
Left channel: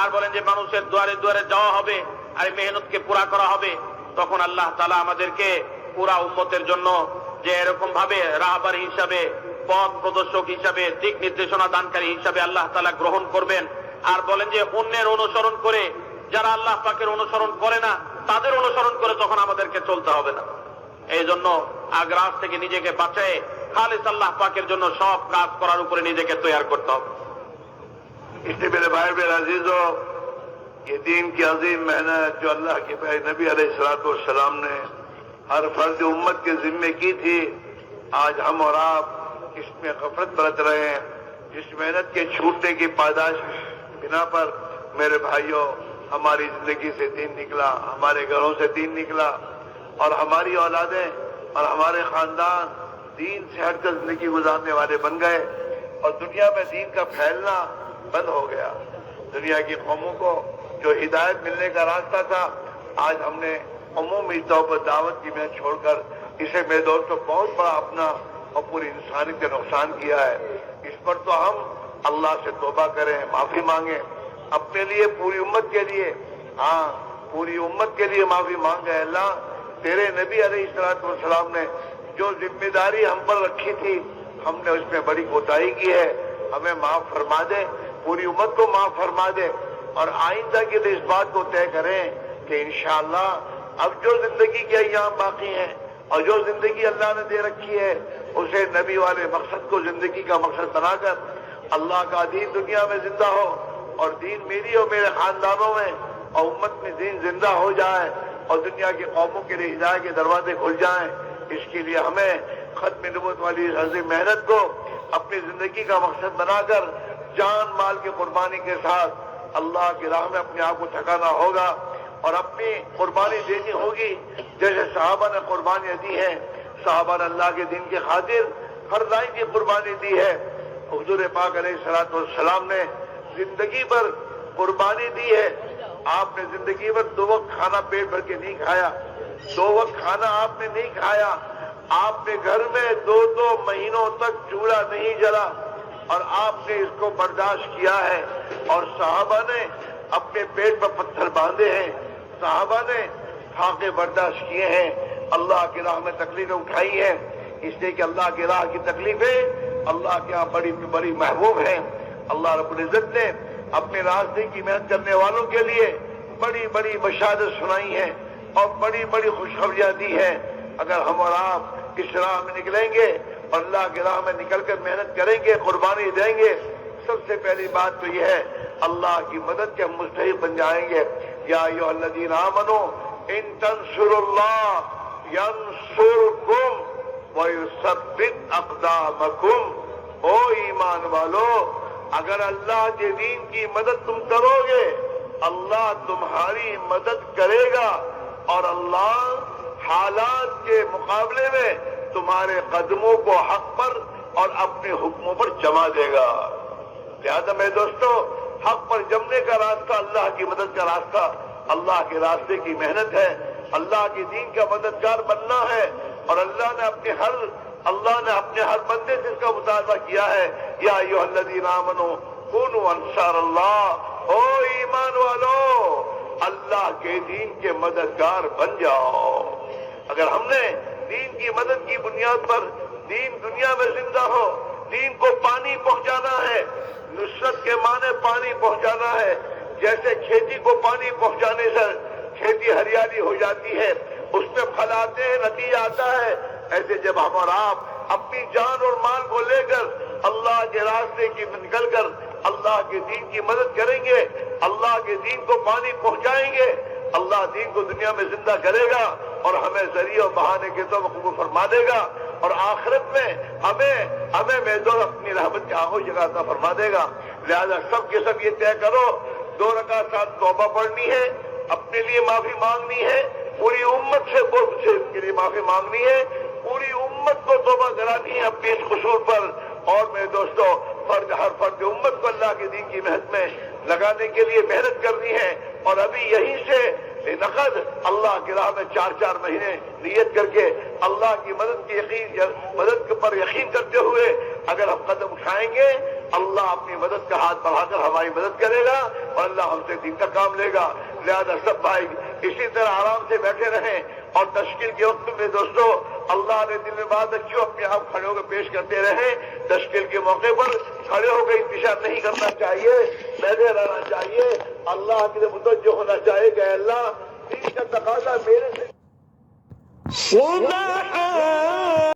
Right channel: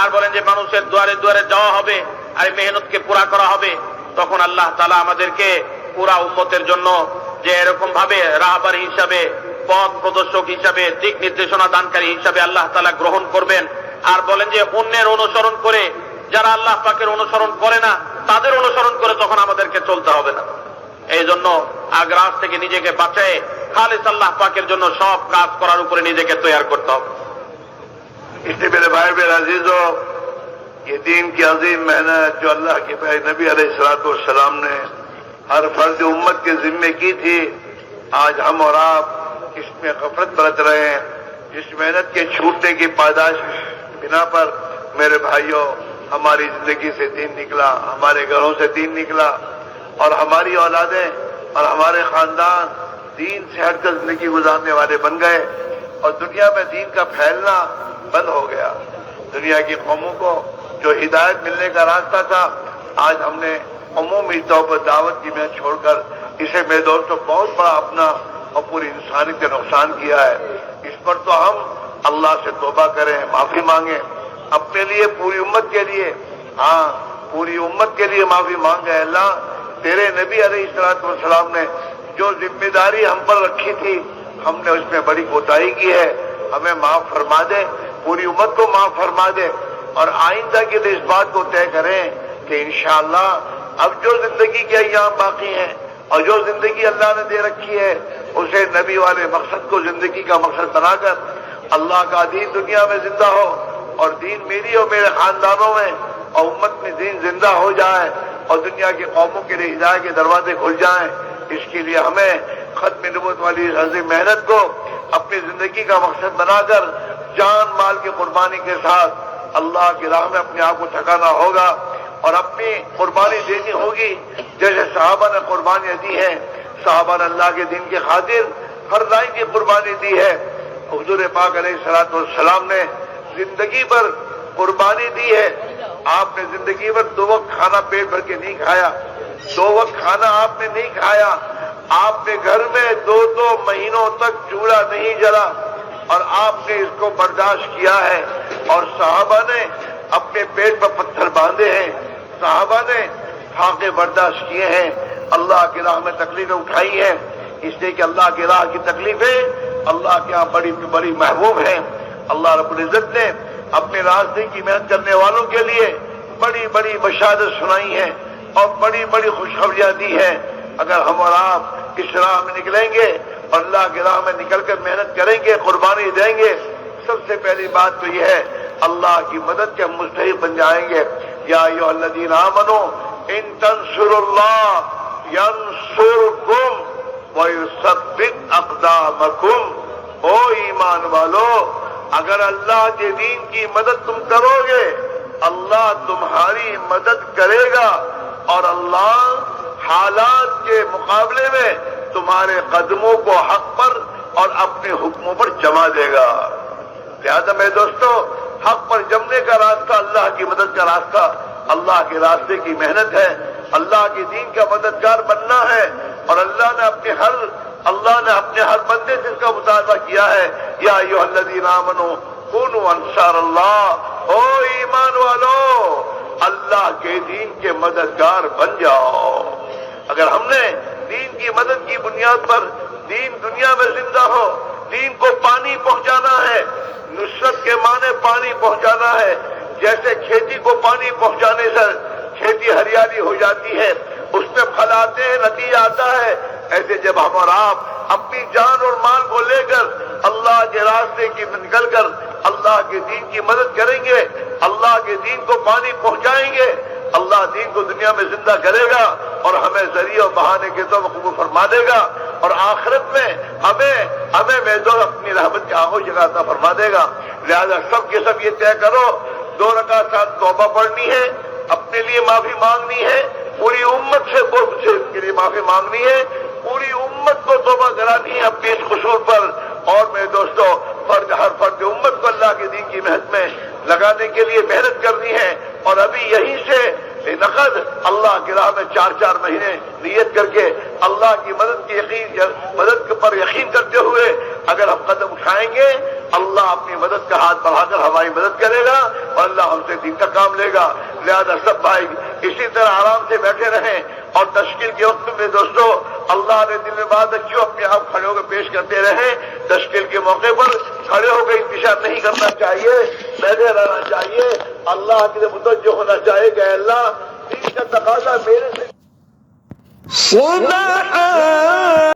আর বলেন যে মানুষের দুয়ারে দুয়ারে যাওয়া হবে আর এই মেহনতকে পুরা করা হবে, তখন আল্লাহ তাআলা আমাদেরকে পুরা উম্মতের জন্য যে এরকম ভাবে রাহবার হিসাবে, পথ প্রদর্শক হিসাবে, দিক নির্দেশনা দানকারী হিসাবে আল্লাহ তাআলা গ্রহণ করবেন। আর বলেন যে অন্যের অনুসরণ করে, যারা আল্লাহ পাকের অনুসরণ করে না তাদের অনুসরণ করে তখন আমাদেরকে চলতে হবে না। এই জন্য আগ্রাস থেকে নিজেকে বাঁচায় খালিস আল্লাহ পাকের জন্য সব কাজ করার উপরে নিজেকে তৈরি করতে হবে। इसलिए मेरे भाई मेरे अजीजों, ये दीन की अजीम मेहनत जो अल्लाह के प्यारे नबी अलैहिस्सलाम ने हर फर्ज उम्मत के जिम्मे की थी, आज हम और आप इसमें गफलत बरत रहे हैं। इस मेहनत के छूटने की पादाश बिना पर मेरे भाइयों, हमारी जिंदगी से दीन निकला, हमारे घरों से दीन निकला और हमारी औलादें और हमारे खानदान दीन से हटकर जिंदगी गुजारने वाले बन गए और दुनिया में दीन का फैलना बंद हो गया। दुनिया की कौमों को जो हिदायत मिलने का रास्ता था, आज हमने अमूमी तौर पर दावत की महनत छोड़कर इसे मेरे दोस्तों बहुत बड़ा अपना और पूरी इंसानियत का नुकसान किया है। इस पर तो हम अल्लाह से तौबा करें, माफी मांगे, अपने लिए, पूरी उम्मत के लिए, हाँ पूरी उम्मत के लिए माफी मांगे। अल्लाह, तेरे नबी अलैहिस्सलाम ने जो जिम्मेदारी हम पर रखी थी, हमने उसमें बड़ी कोताही की है, हमें माफ फरमा दे, पूरी उम्मत को माफ फरमा दे और आइंदा के लिए इस बात को तय करें कि इंशाअल्लाह अब जो जिंदगी के अय्याम बाकी हैं और जो जिंदगी अल्लाह ने दे रखी है, उसे नबी वाले मकसद को जिंदगी का मकसद बनाकर अल्लाह का दीन दुनिया में जिंदा हो और दीन मेरी और मेरे खानदानों में और उम्मत में दीन जिंदा हो जाए और दुनिया की कौमों के लिए हिदायत के दरवाजे खुल जाएं। इसके लिए हमें खत्म नबूवत वाली अजीम मेहनत को अपनी जिंदगी का मकसद बनाकर जान माल की कुर्बानी के साथ अल्लाह की राह में अपने आप को ठकाना होगा और अपनी कुर्बानी देनी होगी जैसे सहाबा ने कुर्बानियां दी हैं। सहाबा ने अल्लाह के दीन के खातिर हर लाइन की कुर्बानी दी है। हुजूर पाक अलैहिस्सलाम ने जिंदगी भर कुर्बानी दी है। आपने जिंदगी भर 2 वक्त खाना पेट भर के नहीं खाया, 2 वक्त खाना आपने नहीं खाया, आपने घर में 2-2 महीनों तक चूल्हा नहीं जला और आपने इसको बर्दाश्त किया है। और सहाबा ने अपने पेट पर पत्थर बांधे हैं, सहाबा ने फाके बर्दाश्त किए हैं, अल्लाह की राह में तकलीफें उठाई हैं, इसलिए कि अल्लाह की राह की तकलीफें अल्लाह के यहाँ बड़ी बड़ी महबूब हैं। अल्लाह रब्बुल इज्जत ने अपने रास्ते की मेहनत करने वालों के लिए बड़ी बड़ी बशारत सुनाई है और बड़ी बड़ी खुशखबरियां दी है। अगर हम और आप इस राह में निकलेंगे और अल्लाह की राह में निकलकर मेहनत करेंगे, कुर्बानी देंगे, सबसे पहली बात तो यह है अल्लाह की मदद के हम मुस्तहिक बन जाएंगे। या अय्युहल्लज़ीना आमनू इन तंसुरुल्लाह यंसुरकुम व युसब्बित अक़दामकुम। ओ ईमान वालो, अगर अल्लाह के दीन की मदद तुम करोगे, अल्लाह तुम्हारी मदद करेगा और अल्लाह हालात के मुकाबले में तुम्हारे कदमों को हक पर और अपने हुक्मों पर जमा देगा। लिहाजा मेरे दोस्तों, हक पर जमने का रास्ता अल्लाह की मदद का रास्ता, अल्लाह के रास्ते की मेहनत है, अल्लाह के दीन का मददगार बनना है। और अल्लाह ने अपने हर बंदे से इसका मुतालबा किया है। या अय्युहल्लज़ीना आमनू कूनू अंसारल्लाह। ओ ईमान वालो, अल्लाह के दीन के मददगार बन जाओ। अगर हमने दीन की मदद की बुनियाद पर दीन दुनिया में जिंदा हो, दीन को पानी पहुंचाना है, नुसरत के माने पानी पहुंचाना है। जैसे खेती को पानी पहुंचाने से खेती हरियाली हो जाती है, उसमें फल आते हैं, नतीजा आता है, ایسے جب ہم اور آپ اپنی جان اور مال کو لے کر اللہ کے راستے کی نکل کر اللہ کے دین کی مدد کریں گے، اللہ کے دین کو پانی پہنچائیں گے، اللہ دین کو دنیا میں زندہ کرے گا اور ہمیں ذریعہ و بہانے کے طور پر قبول فرما دے گا، اور آخرت میں ہمیں محضور اپنی رحمت کے آغوش جگہ عطا فرما دے گا۔ لہذا سب کے سب یہ طے کرو، 2 رکعت ساتھ توبہ پڑھنی ہے، اپنے لیے معافی مانگنی ہے، پوری امت سے اس کے لیے معافی مانگنی ہے، پوری امت کو توبہ کرانی ہے اپنے اس قصور پر، اور میرے دوستو ہر فرد امت کو اللہ کے دین کی محنت میں لگانے کے لیے محنت کرنی ہے، اور ابھی یہیں سے نقد اللہ کی راہ میں 4 مہینے نیت کر کے اللہ کی مدد پر یقین کرتے ہوئے اگر ہم قدم اٹھائیں گے، اللہ اپنی مدد کا ہاتھ بڑھا کر ہماری مدد کرے گا اور اللہ ہم سے دین کا کام لے گا۔ لہذا سب بھائی اسی طرح آرام سے بیٹھے رہیں، اور تشکیل کے وقت میں دوستو اللہ نے دل میں بات رکھی ہو، اپنے آپ کھڑے ہو کے پیش کرتے رہیں۔ تشکیل کے موقع پر کھڑے ہو کے انتشار نہیں کرنا چاہیے، بیٹھے رہنا چاہیے، اللہ کے لیے متوجہ ہونا چاہیے کہ اے اللہ دین کا تقاضا میرے سے